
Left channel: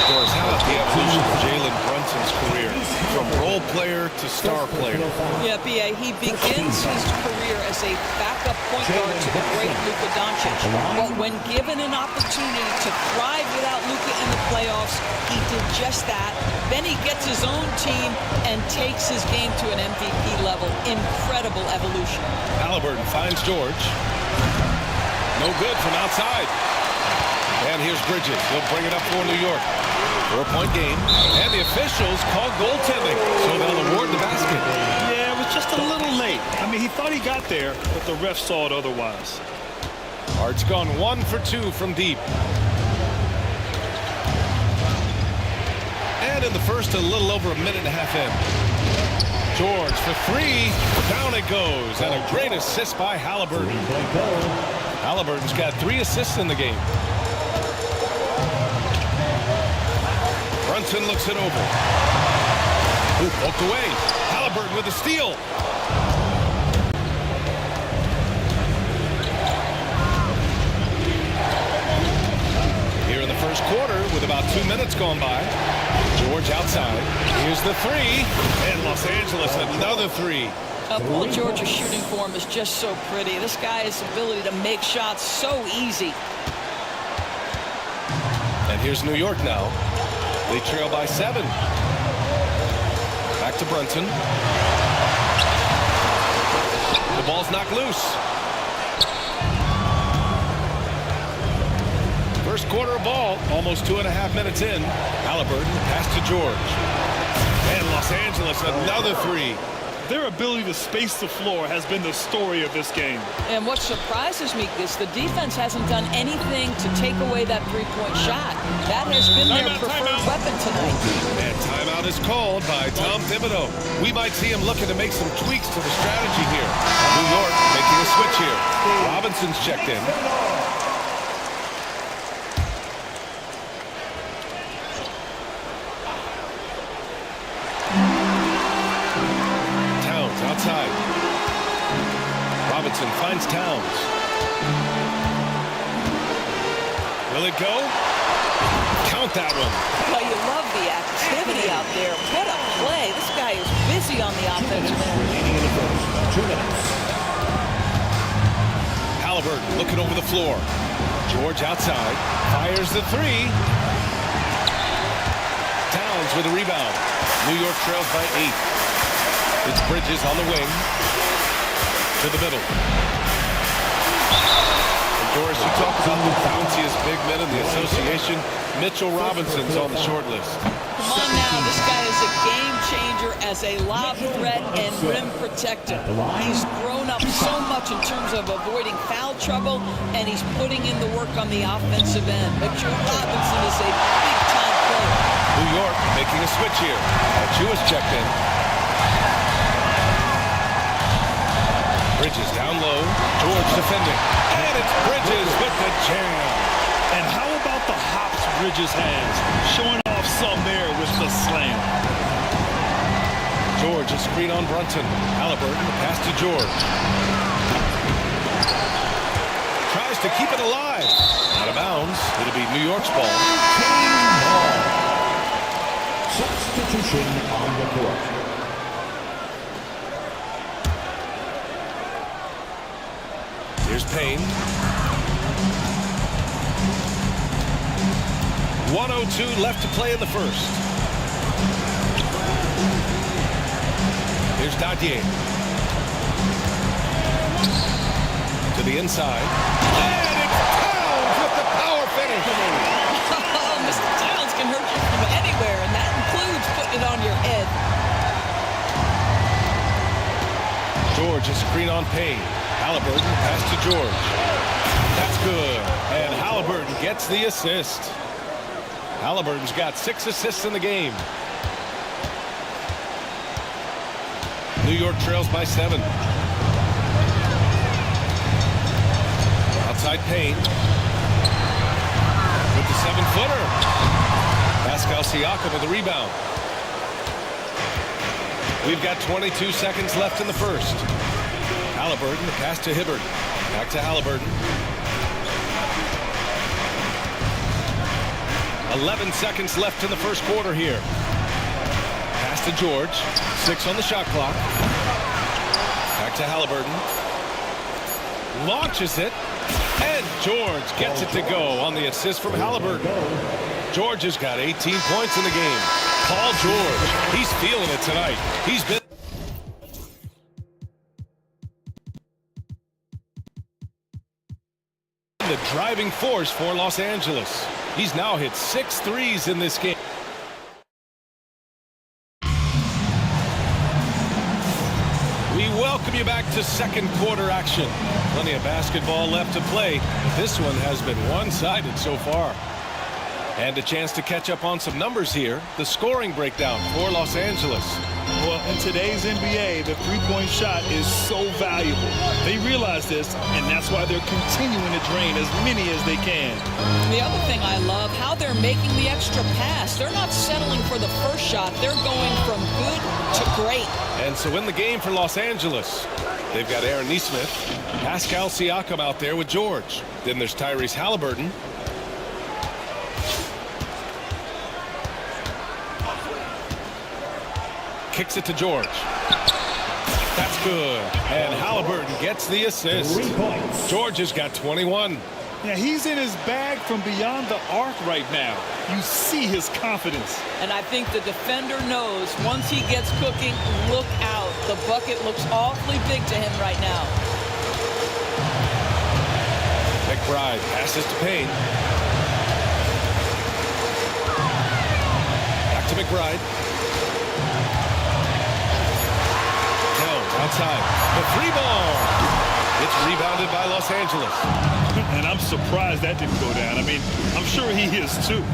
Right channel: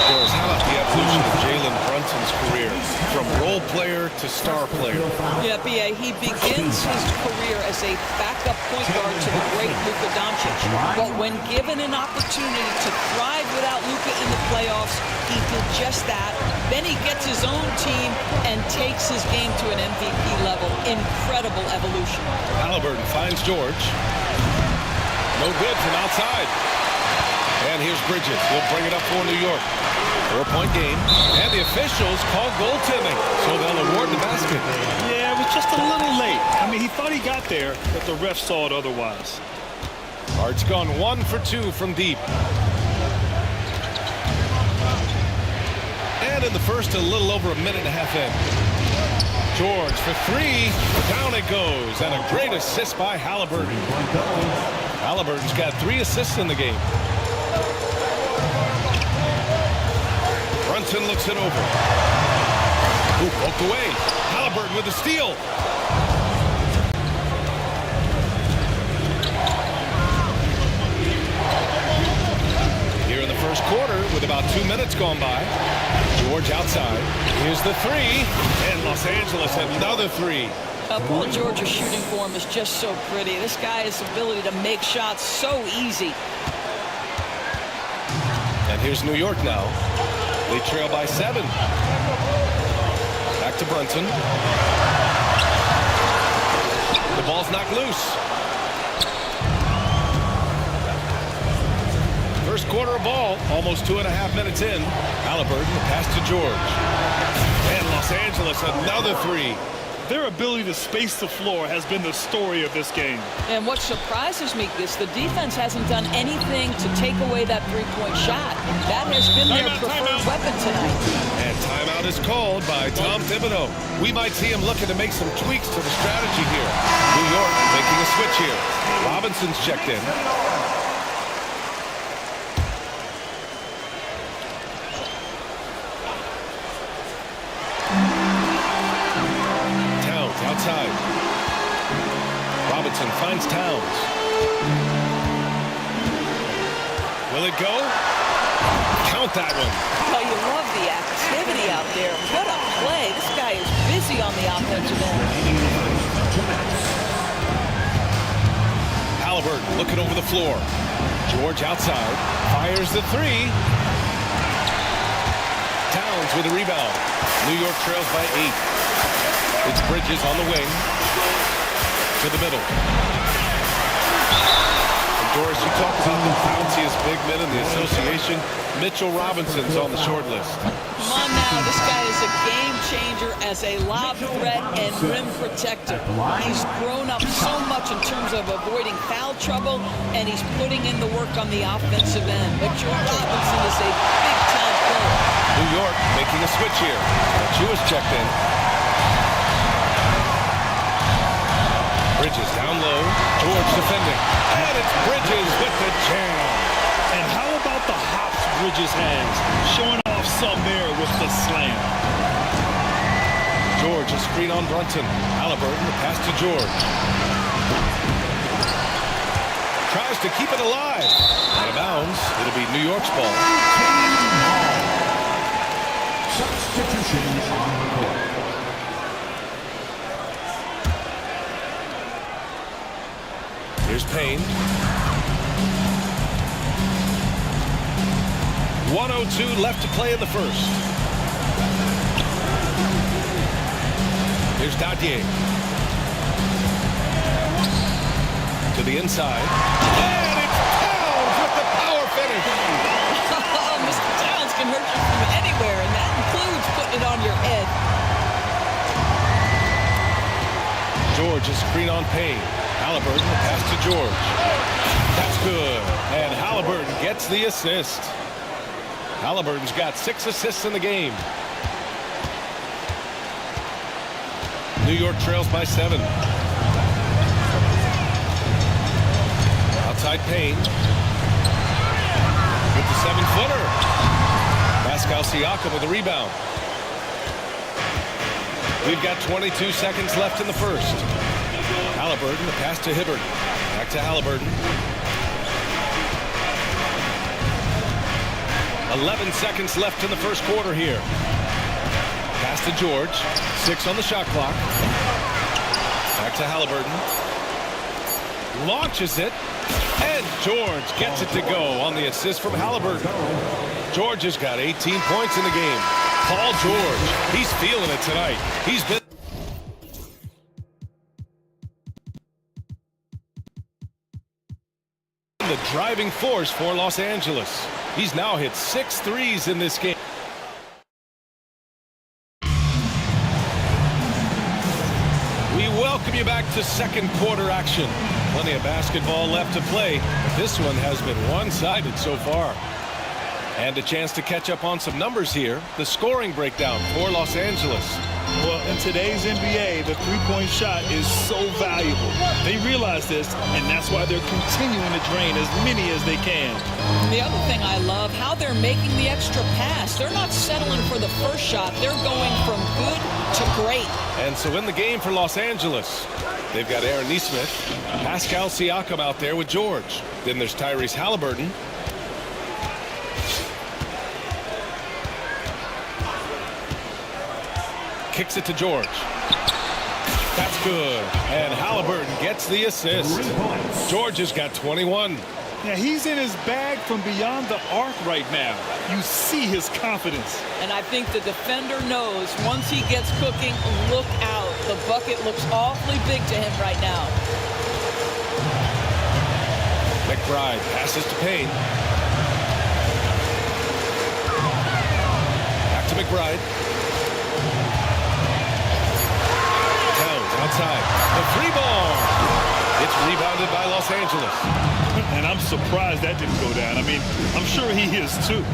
Doris, how about the evolution of Jalen Brunson's career from role player to star player? Yeah, B.A., he begins his career as a backup point guard to the great Luka Doncic. But when given an opportunity to thrive without Luka in the playoffs, he did just that. Then he gets his own team and takes his game to an MVP level. Incredible evolution. Halliburton finds George. No good from outside. And here's Bridges. He'll bring it up for New York. 4-point game, and the officials call goaltending, so they'll award the basket. Yeah, it was just a little late. I mean, he thought he got there, but the ref saw it otherwise. Hart's gone 1 for 2 from deep. And in the first, a little over a minute and a half in. George for 3. Down it goes. And a great assist by Halliburton. Halliburton's got 3 assists in the game. Brunson looks it over. Ooh, poked away. Halliburton with the steal. Here in the first quarter with about 2 minutes gone by. George outside. Here's the 3. And Los Angeles another 3. Paul George's shooting form is just so pretty. This guy's ability to make shots so easy. And here's New York now. They trail by 7. Back to Brunson. The ball's knocked loose. First quarter of ball, almost 2.5 minutes in. Halliburton, the pass to George. And Los Angeles, another 3. Their ability to space the floor has been the story of this game. And what surprises me is the defense hasn't done anything to take away that three-point shot. That has been their preferred weapon tonight. And timeout is called by Tom Thibodeau. We might see him looking to make some tweaks to the strategy here. New York making a switch here. Robinson's checked in. Outside. Robinson finds Towns. Will it go? Count that one. Well, you love the activity out there. What a play. This guy is busy on the offensive end. Halliburton looking over the floor. George outside. Fires the 3. Towns with a rebound. New York trails by 8. It's Bridges on the wing to the middle. And Doris, you talk about the bounciest big men in the association. Mitchell Robinson's on the short list. Come on now, this guy is a game changer as a lob threat and rim protector. He's grown up so much in terms of avoiding foul trouble, and he's putting in the work on the offensive end. Mitchell Robinson is a big-time player. New York making a switch here. Jewish checked in. Bridges down low. George defending. And it's Bridges with the jam. And how about the hops Bridges has? Showing off some there with the slam. George, a screen on Brunson. Halliburton, the pass to George. Tries to keep it alive. Out of bounds. It'll be New York's ball. Substitution on the court. Here's Payne. 1:02 left to play in the first. Here's Dadier. To the inside. And it's Towns with the power finish. Oh, Mr. Towns can hurt you from anywhere, and that includes putting it on your head. George, a screen on Payne. Halliburton, the pass to George. That's good. And Halliburton gets the assist. Halliburton's got 6 assists in the game. New York trails by 7. Outside Payne. With the 7-footer. Pascal Siakam with the rebound. We've got 22 seconds left in the first. Halliburton, the pass to Hibbert. Back to Halliburton. 11 seconds left in the first quarter here. Pass to George. 6 on the shot clock. Back to Halliburton. Launches it. And George gets it to go on the assist from Halliburton. George has got 18 points in the game. Paul George, he's feeling it tonight. He's been the driving force for Los Angeles. He's now hit 6 threes in this game. We welcome you back to second quarter action. Plenty of basketball left to play, but this one has been one-sided so far. And a chance to catch up on some numbers here. The scoring breakdown for Los Angeles. Well, in today's NBA, the three-point shot is so valuable. They realize this, and that's why they're continuing to drain as many as they can. The other thing I love, how they're making the extra pass. They're not settling for the first shot. They're going from good to great. And so in the game for Los Angeles, they've got Aaron Nesmith, Pascal Siakam out there with George. Then there's Tyrese Halliburton. Kicks it to George. That's good. And Halliburton gets the assist. George has got 21. Yeah, he's in his bag from beyond the arc right now. You see his confidence. And I think the defender knows once he gets cooking, look out. The bucket looks awfully big to him right now. McBride passes to Payne. Back to McBride. Towns outside. The free ball. It's rebounded by Los Angeles. And I'm surprised that didn't go down. I mean, I'm sure he is too.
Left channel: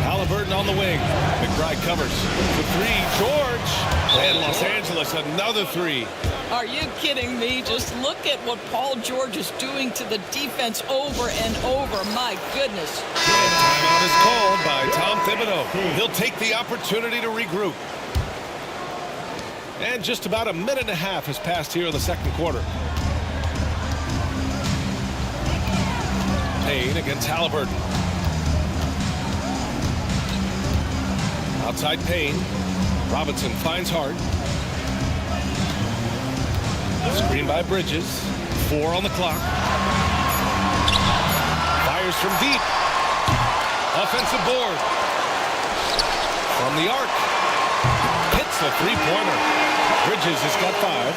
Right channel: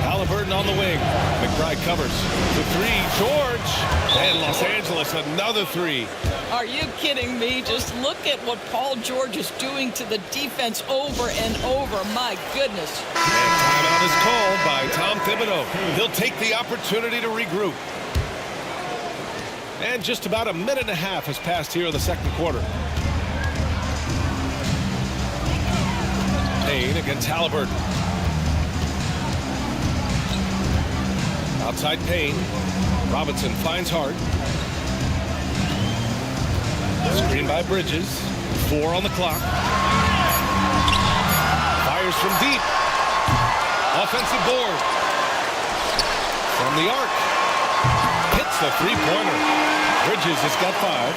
Halliburton on the wing. McBride covers. The three. George. And Los Angeles another three. Are you kidding me? Just look at what Paul George is doing to the defense over and over. My goodness. And timeout is called by Tom Thibodeau. He'll take the opportunity to regroup. And just about a minute and a half has passed here in the second quarter. Payne against Halliburton. Outside Payne. Robinson finds Hart. Screen by Bridges. 4 on the clock. Fires from deep. Offensive board. From the arc. Hits the three-pointer. Bridges has got 5.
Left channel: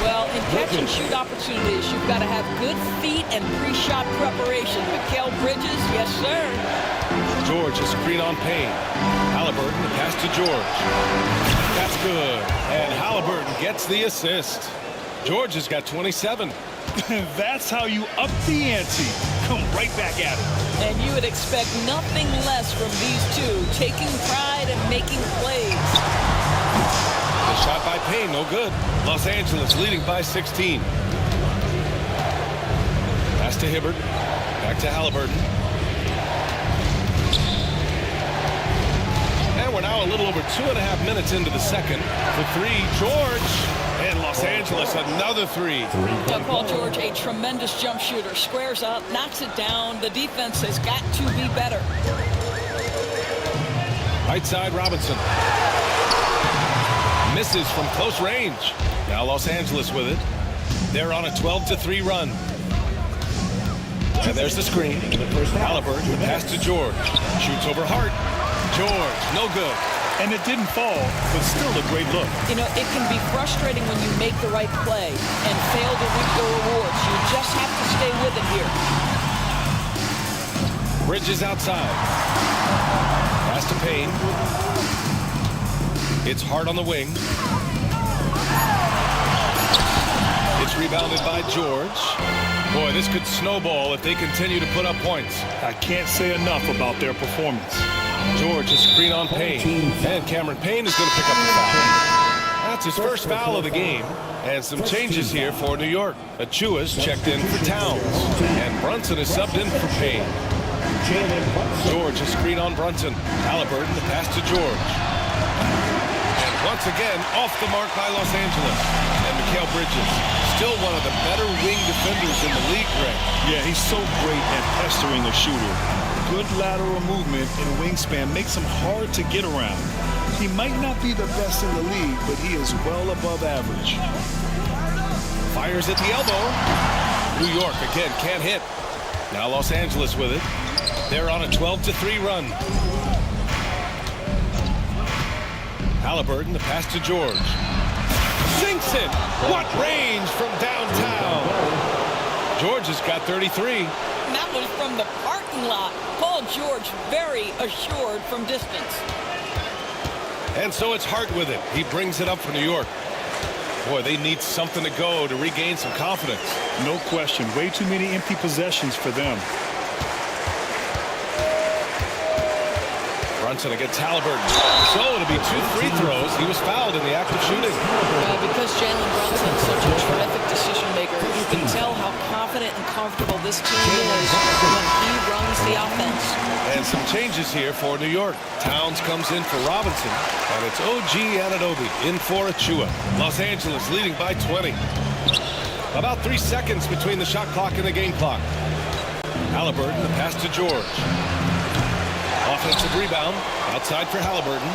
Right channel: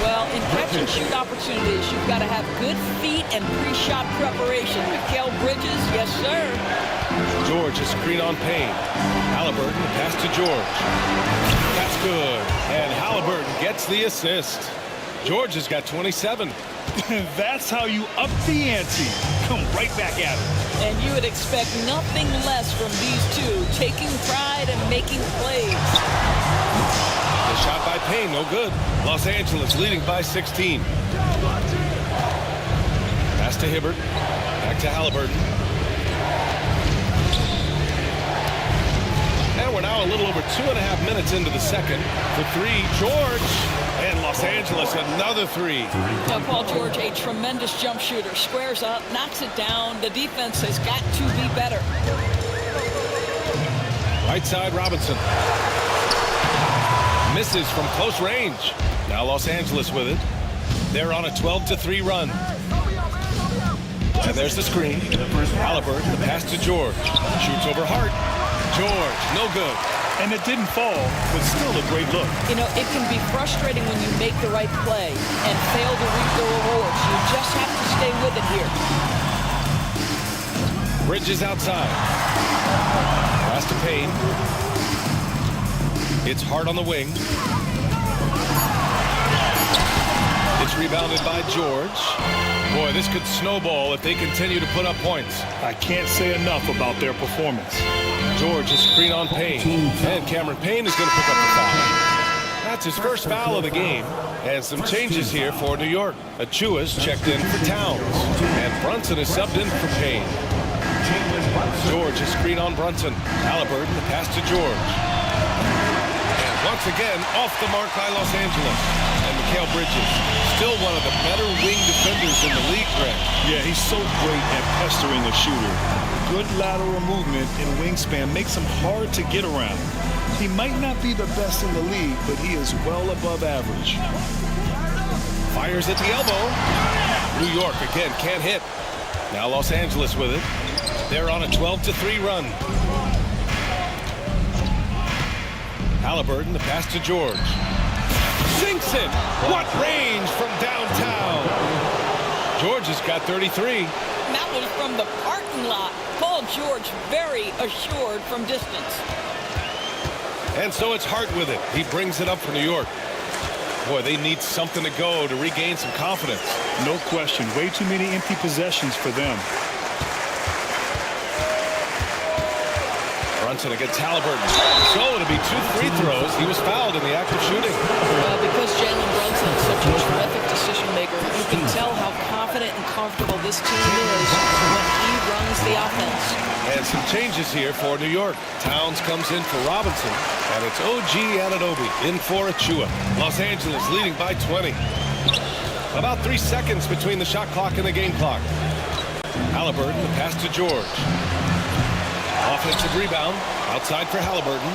Well, in catch-and-shoot opportunities, you've got to have good feet and pre-shot preparation. Mikal Bridges, yes, sir. George, a screen on Payne. Halliburton, the pass to George. That's good. And Halliburton gets the assist. George has got 27. That's how you up the ante. Come right back at it. And you would expect nothing less from these two, taking pride and making plays. The shot by Payne, no good. Los Angeles leading by 16. Pass to Hibbert. Back to Halliburton. And we're now a little over 2.5 minutes into the second. For 3, George. And Los Angeles another 3. Now, Paul George, a tremendous jump shooter. Squares up, knocks it down. The defense has got to be better. Right side, Robinson. Misses from close range. Now Los Angeles with it. They're on a 12-3 run. And there's the screen. Halliburton, the pass to George. Shoots over Hart. George, no good. And it didn't fall, but still a great look. You know, it can be frustrating when you make the right play and fail to reap the rewards. You just have to stay with it here. Bridges outside. Pass to Payne. It's Hart on the wing. It's rebounded by George. Boy, this could snowball if they continue to put up points. I can't say enough about their performance. George, a screen on Payne. And Cameron Payne is going to pick up the foul. That's his first foul of the game. And some changes here for New York. Achua's checked in for Towns. And Brunson is subbed in for Payne. George, a screen on Brunson. Halliburton, the pass to George. And once again, off the mark by Los Angeles. And Mikal Bridges, still one of the better wing defenders in the league, Greg. Yeah, he's so great at pestering a shooter. Good lateral movement and wingspan makes him hard to get around. He might not be the best in the league, but he is well above average. Fires at the elbow. New York, again, can't hit. Now Los Angeles with it. They're on a 12-3 run. Halliburton, the pass to George. Sinks it. What range from downtown. George has got 33. That was from the parking lot. Paul George very assured from distance. And so it's Hart with it. He brings it up for New York. Boy, they need something to go to regain some confidence. No question. Way too many empty possessions for them. Brunson against Halliburton. So it'll be 2 free throws. He was fouled in the act of shooting. Well, because Jalen Brunson is such a terrific decision maker, you can tell how confident and comfortable this team is when he runs the offense. And some changes here for New York. Towns comes in for Robinson, and it's OG Anunoby in for Achua. Los Angeles leading by 20. About 3 seconds between the shot clock and the game clock. Halliburton, the pass to George. Offensive rebound outside for Halliburton.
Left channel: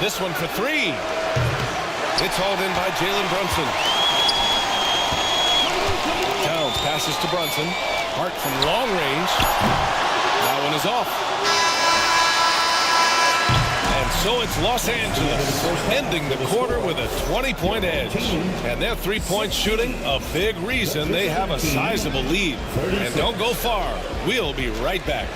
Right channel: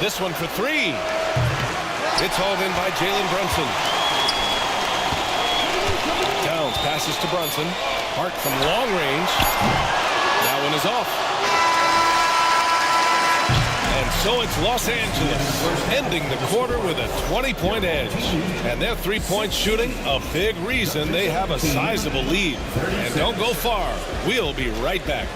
This one for 3. It's hauled in by Jalen Brunson. Towns passes to Brunson. Hart from long range. That one is off. And so it's Los Angeles ending the quarter with a 20-point edge. And their three-point shooting, a big reason they have a sizable lead. And don't go far. We'll be right back.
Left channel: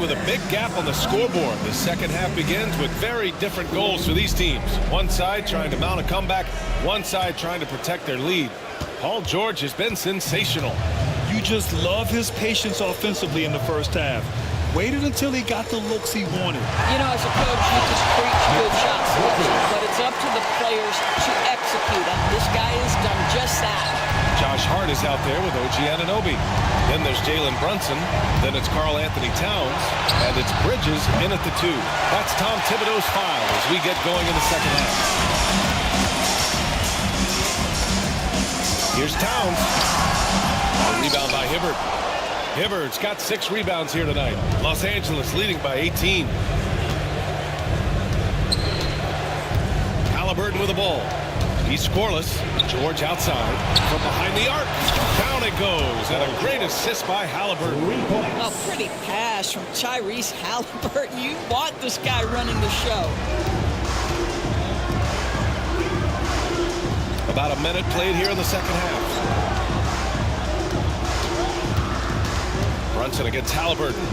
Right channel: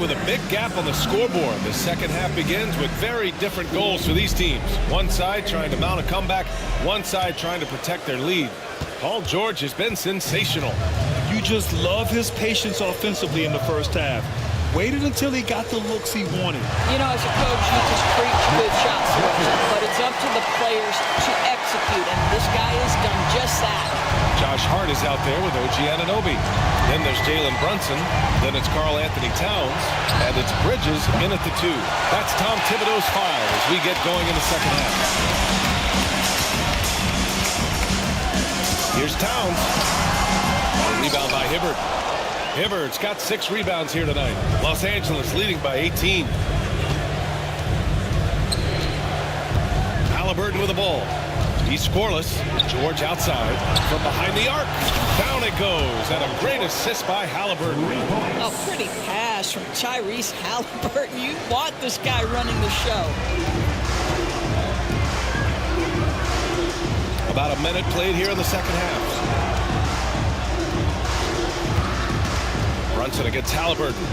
With a big gap on the scoreboard, the second half begins with very different goals for these teams. One side trying to mount a comeback, one side trying to protect their lead. Paul George has been sensational. You just love his patience offensively in the first half. Waited until he got the looks he wanted. You know, as a coach, you just preach good shot selection, but it's up to the players to execute, and this guy has done just that. Josh Hart is out there with OG Anunoby. Then there's Jalen Brunson. Then it's Karl Anthony Towns. And it's Bridges in at the 2. That's Tom Thibodeau's file as we get going in the second half. Here's Towns. A rebound by Hibbert. Hibbert's got 6 rebounds here tonight. Los Angeles leading by 18. Halliburton with the ball. He's scoreless. George outside from behind the arc. Down it goes, and a great assist by Halliburton. A pretty pass from Tyrese Halliburton. You want this guy running the show. About a minute played here in the second half. Brunson against Halliburton.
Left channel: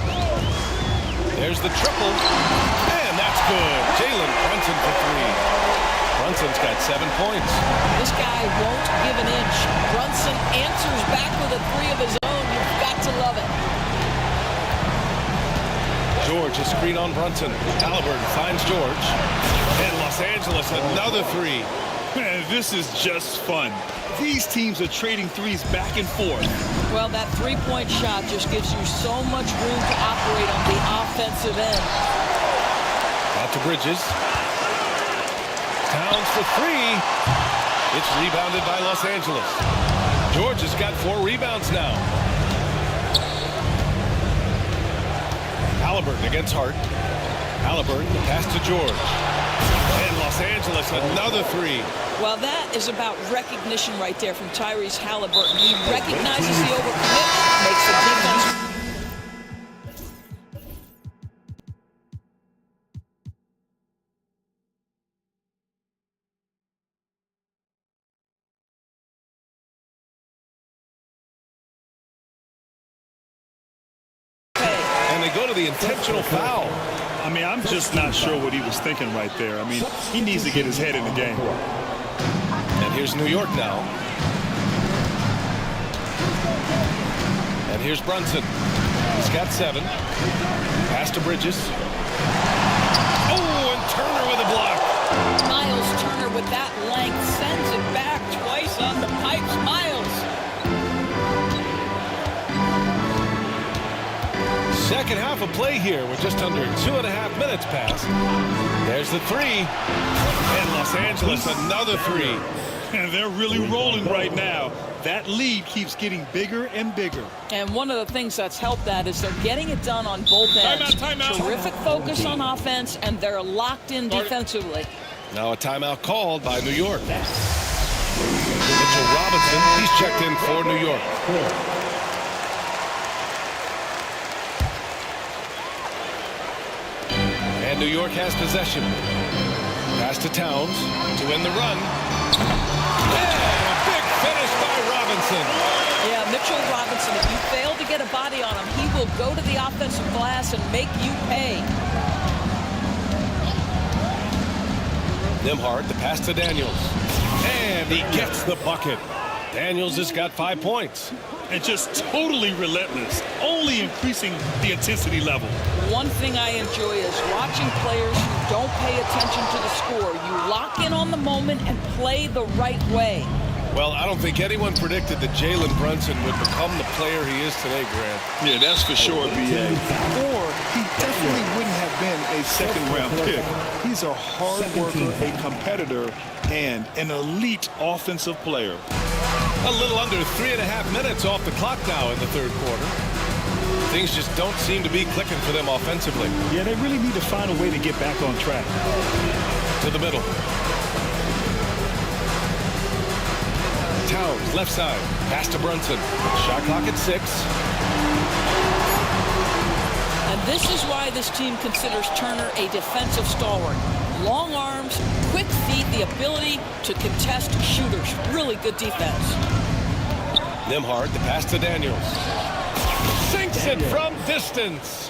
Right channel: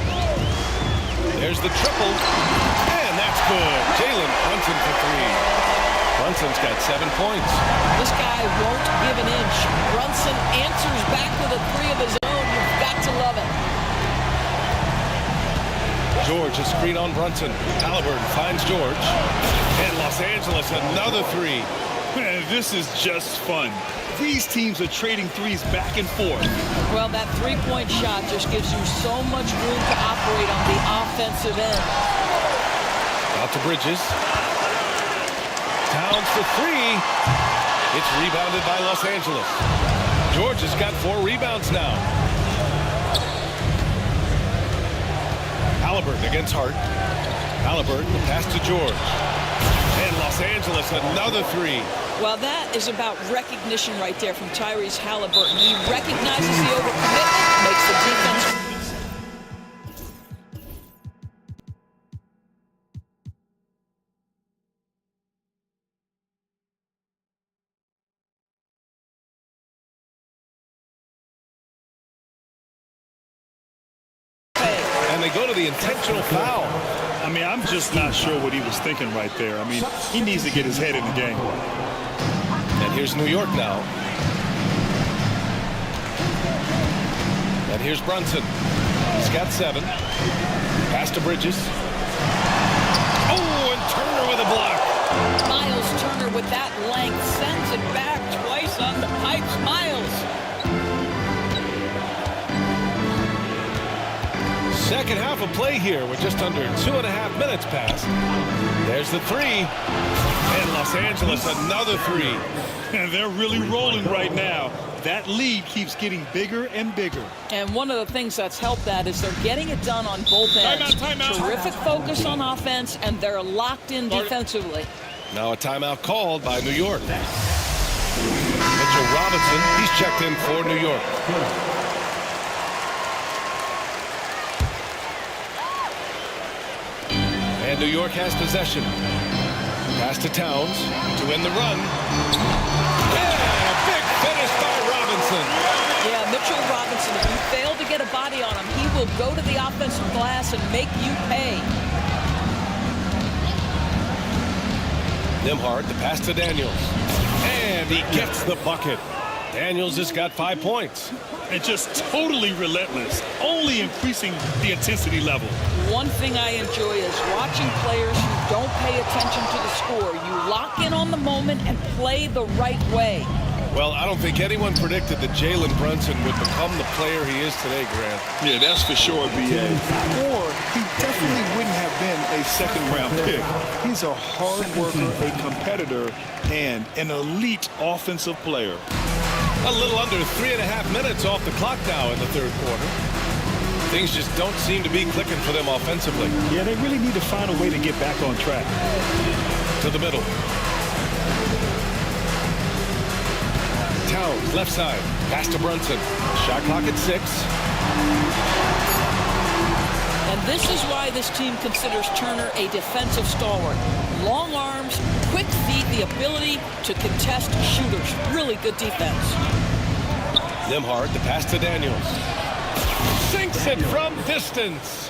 There's the triple, and that's good. Jalen Brunson for 3. Brunson's got 7 points. This guy won't give an inch. Brunson answers back with a 3 of his own. You've got to love it. George, a screen on Brunson. Halliburton finds George. And Los Angeles, another 3. Man, this is just fun. These teams are trading threes back and forth. Well, that three-point shot just gives you so much room to operate on the offensive end. Out to Bridges. Towns for 3. It's rebounded by Los Angeles. George has got 4 rebounds now. Halliburton against Hart. Halliburton, the pass to George. And Los Angeles, another 3. Well, that is about recognition right there from Tyrese Halliburton. He recognizes the overcommitment, makes the defense. And they go to the intentional foul. I mean, I'm just not sure what he was thinking right there. I mean, he needs to get his head in the game. And here's New York now. And here's Brunson. He's got 7. Pass to Bridges. Oh, and Turner with a block. Miles Turner with that length sends it back twice on the pipes. Miles. Second half of play here with just under 2.5 minutes passed. There's the 3. And Los Angeles, another 3. And they're really rolling right now. That lead keeps getting bigger and bigger. And one of the things that's helped that is they're getting it done on both ends. Timeout. Terrific focus on offense, and they're locked in defensively. Now a timeout called by New York. Mitchell Robinson, he's checked in for New York. And New York has possession. Pass to Towns to win the run. And a big finish by Robinson. Yeah, Mitchell Robinson, if you fail to get a body on him, he will go to the offensive glass and make you pay. Nembhard, the pass to Daniels. And he gets the bucket. Daniels has got 5 points. And just totally relentless, only increasing the intensity level. One thing I enjoy is watching players who don't pay attention to the score. You lock in on the moment and play the right way. Well, I don't think anyone predicted that Jalen Brunson would become the player he is today, Grant. Yeah, that's for sure, B.A. Or he definitely wouldn't have been a second-round pick. He's a hard worker, a competitor, and an elite offensive player. A little under 3.5 minutes off the clock now in the third quarter. Things just don't seem to be clicking for them offensively. Yeah, they really need to find a way to get back on track. To the middle. Towns, left side. Pass to Brunson. Shot clock at 6. And this is why this team considers Turner a defensive stalwart. Long arms, quick feet, the ability to contest shooters. Really good defense. Nembhard, the pass to Daniels. Sinks it from distance.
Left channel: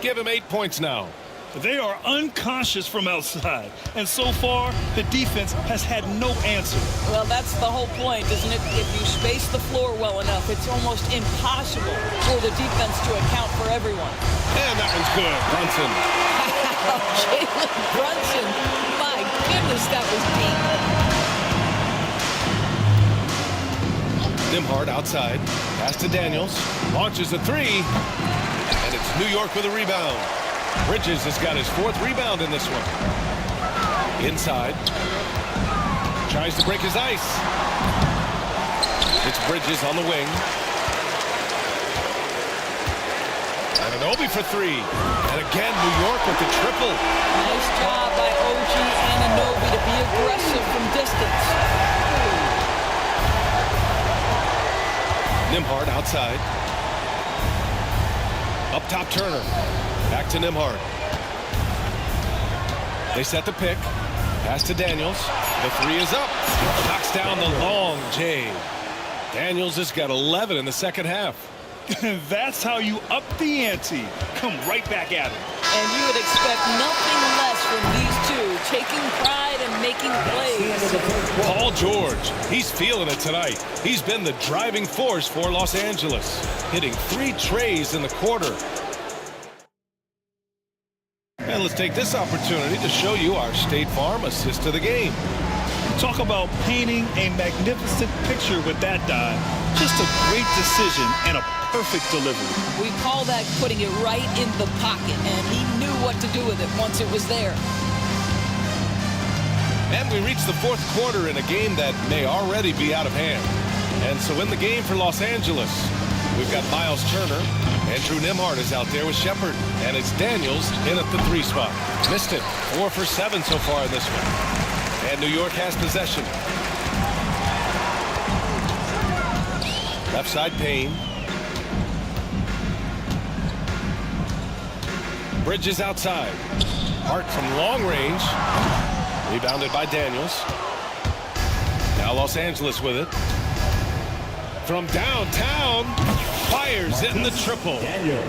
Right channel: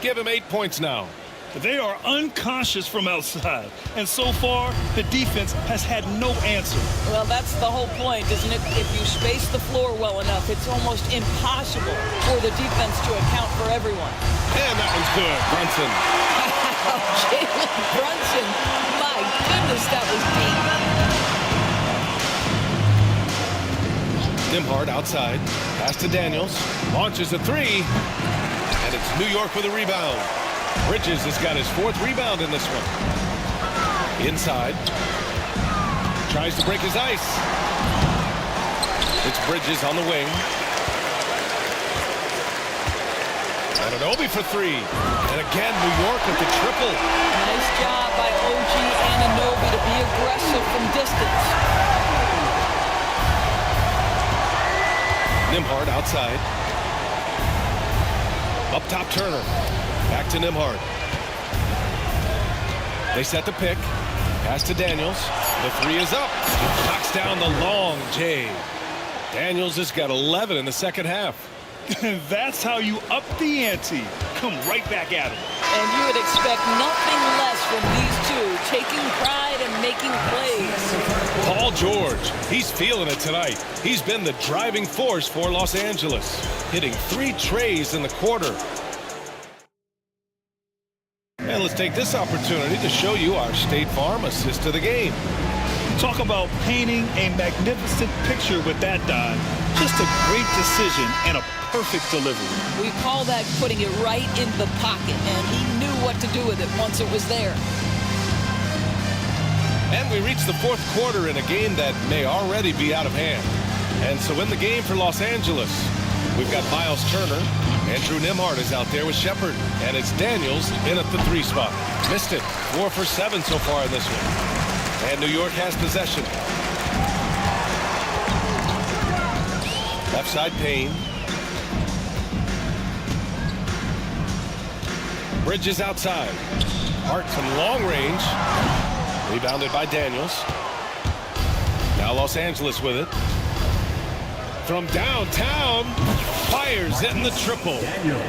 Give him 8 points now. They are unconscious from outside, and so far the defense has had no answer. Well, that's the whole point, isn't it? If you space the floor well enough, it's almost impossible for the defense to account for everyone. And that one's good. Brunson. Jalen Brunson. My goodness, that was deep. Nembhard outside. Pass to Daniels. Launches a 3. And it's New York with a rebound. Bridges has got his 4th rebound in this one. Inside. Tries to break his ice. It's Bridges on the wing. Anunoby for 3. And again, New York with the triple. Nice job by OG Anunoby to be aggressive from distance. Nembhard outside. Up top, Turner. Back to Nembhard. They set the pick. Pass to Daniels. The 3 is up. Knocks down the long J. Daniels has got 11 in the second half. That's how you up the ante. Come right back at him. And you would expect nothing less from these two, taking pride and making plays. Paul George, he's feeling it tonight. He's been the driving force for Los Angeles, hitting 3 trays in the quarter. And let's take this opportunity to show you our State Farm assist of the game. Talk about painting a magnificent picture with that dime. Just a great decision and a perfect delivery. We call that putting it right in the pocket, and he knew what to do with it once it was there. And we reach the 4th quarter in a game that may already be out of hand. And so in the game for Los Angeles, we've got Miles Turner. Andrew Nembhard is out there with Shepard. And it's Daniels in at the 3 spot. Missed it. 4 for 7 so far in this one. And New York has possession. Left side, Payne. Bridges outside. Hart from long range. Rebounded by Daniels. Now Los Angeles with it. From downtown. Fires in the triple.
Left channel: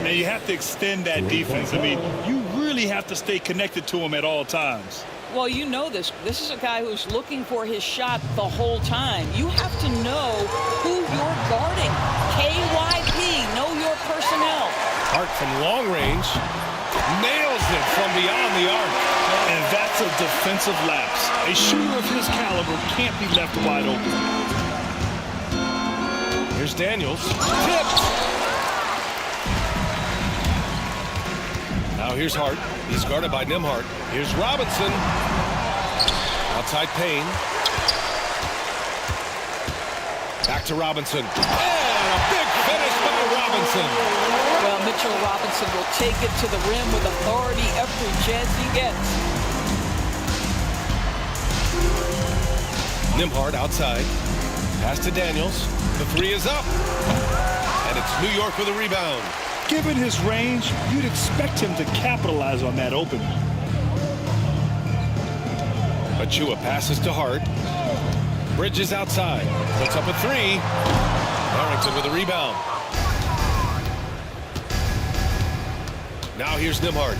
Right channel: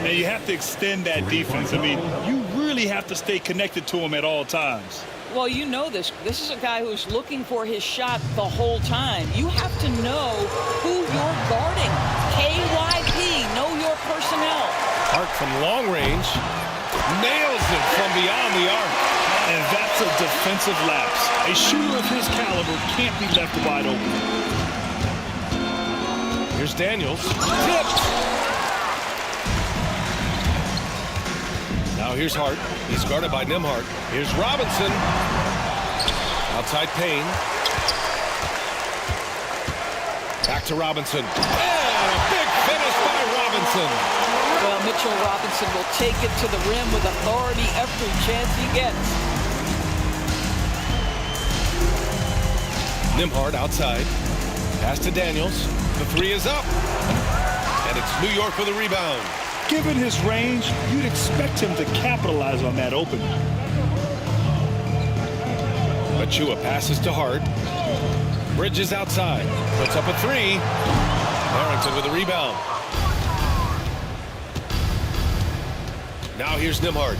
Now you have to extend that defense. I mean, you really have to stay connected to him at all times. Well, you know this. This is a guy who's looking for his shot the whole time. You have to know who you're guarding. KYP, know your personnel. Hart from long range. Nails it from beyond the arc. And that's a defensive lapse. A shooter of his caliber can't be left wide open. Here's Daniels. Tipped. Now here's Hart. He's guarded by Nembhard. Here's Robinson. Outside Payne. Back to Robinson. And a big finish by Robinson. Well, Mitchell Robinson will take it to the rim with authority every chance he gets. Nembhard outside. Pass to Daniels. The three is up. And it's New York with a rebound. Given his range, you'd expect him to capitalize on that opening. Achua passes to Hart. Bridges outside. Puts up a three. Harrington with a rebound. Now here's Nimhard.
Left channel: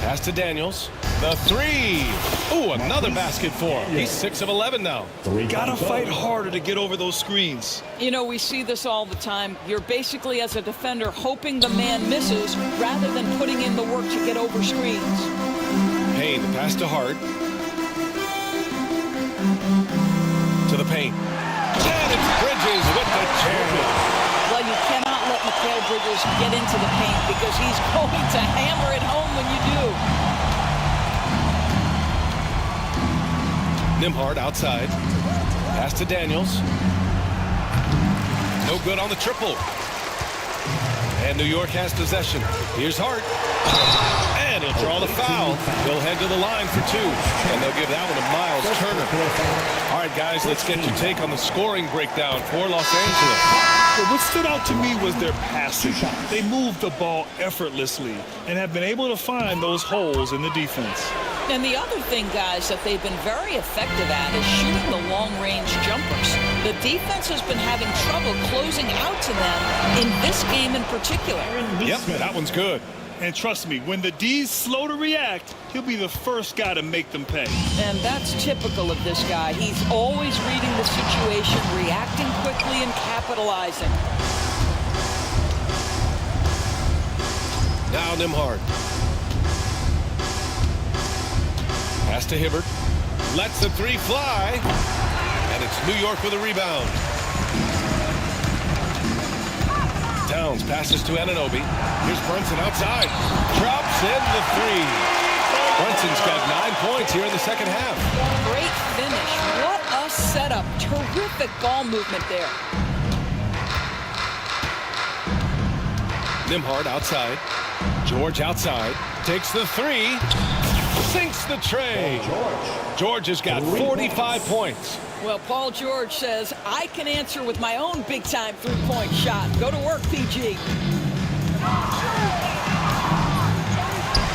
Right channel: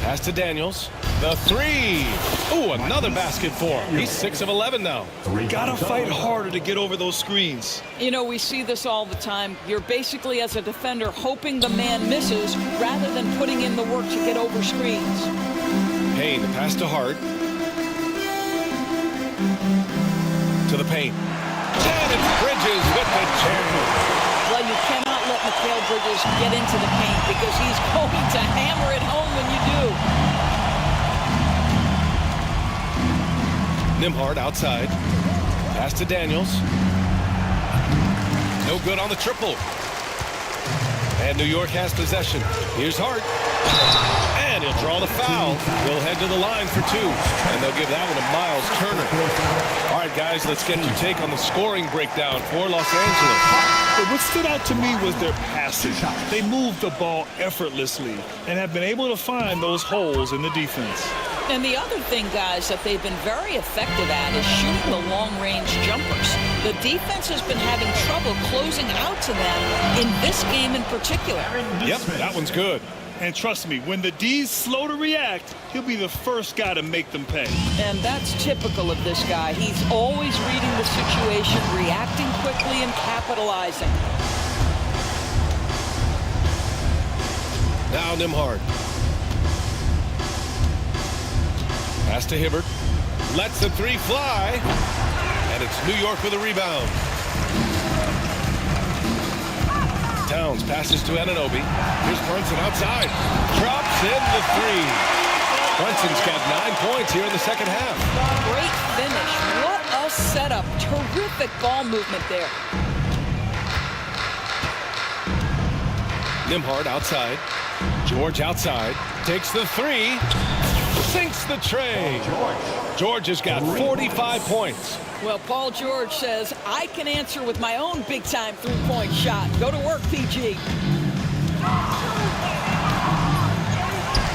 Pass to Daniels. The three. Ooh, another basket for him. He's 6 of 11 now. Gotta fight harder to get over those screens. You know, we see this all the time. You're basically, as a defender, hoping the man misses rather than putting in the work to get over screens. Payne, the pass to Hart. To the paint. And it's Bridges with the jam. Well, you cannot let Mikal Bridges get into the paint because he's going to hammer it home when you do. Nimhard outside. Pass to Daniels. No good on the triple. And New York has possession. Here's Hart. And he'll draw the foul. He'll head to the line for two. And they'll give that one to Miles Turner. All right, guys, let's get your take on the scoring breakdown for Los Angeles. What stood out to me was their passing. They moved the ball effortlessly and have been able to find those holes in the defense. And the other thing, guys, that they've been very effective at is shooting the long-range jumpers. The defense has been having trouble closing out to them in this game in particular. Yep, that one's good. And trust me, when the D's slow to react, he'll be the first guy to make them pay. And that's typical of this guy. He's always reading the situation, reacting quickly, and capitalizing. Now Nimhard. Pass to Hibbert. Lets the three fly. And it's New York with a rebound. Towns passes to Anunoby. Here's Brunson outside. Drops in the three. Brunson's got 9 points here in the second half. Great finish. What a setup. Terrific ball movement there. Nimhard outside. George outside. Takes the three. Sinks the tray. George has got 45 points. Well, Paul George says, I can answer with my own big-time three-point shot. Go to work, PG.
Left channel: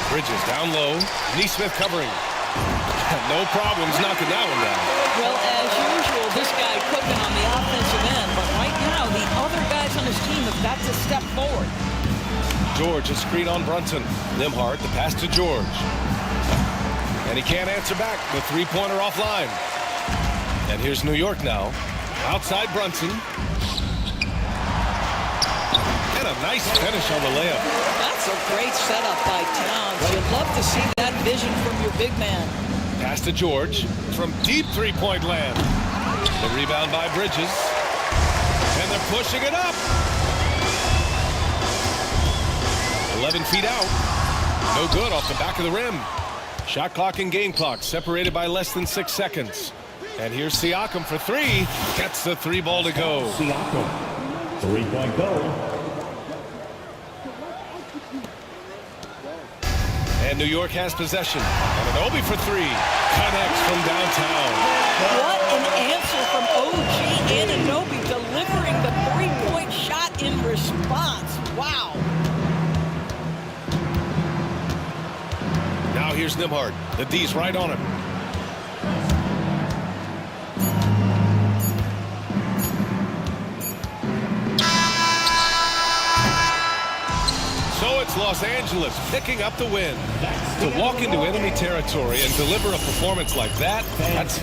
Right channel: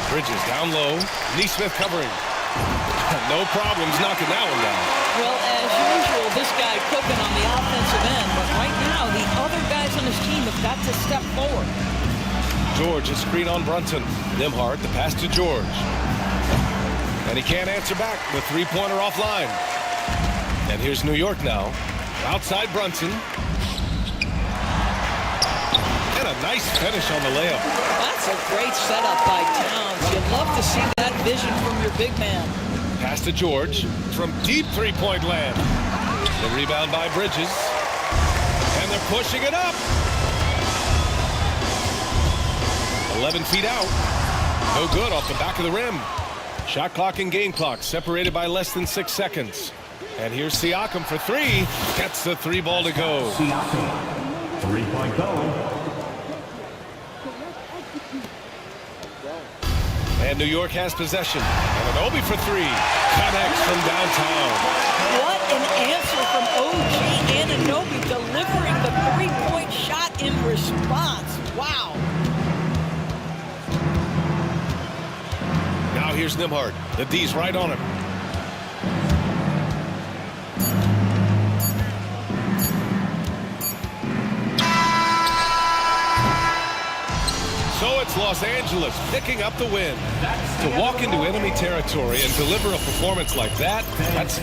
Bridges down low. Neesmith covering. No problems knocking that one down. Well, as usual, this guy cooking on the offensive end. But right now, the other guys on his team have got to step forward. George, a screen on Brunson. Nimhard, the pass to George. And he can't answer back. The three-pointer offline. And here's New York now. Outside Brunson. And a nice finish on the layup. That's a great setup by Towns. You'd love to see that vision from your big man. Pass to George from deep three-point land. The rebound by Bridges. And they're pushing it up. 11 feet out. No good off the back of the rim. Shot clock and game clock separated by less than 6 seconds. And here's Siakam for three. Gets the three ball to go. Siakam, three-point goal. And New York has possession. And Anunoby for three. Connects from downtown. What an answer from OG Anunoby, delivering the three-point shot in response. Wow. Now here's Nimhard. The D's right on him. So it's Los Angeles picking up the win. To walk into enemy territory and deliver a performance like that, that's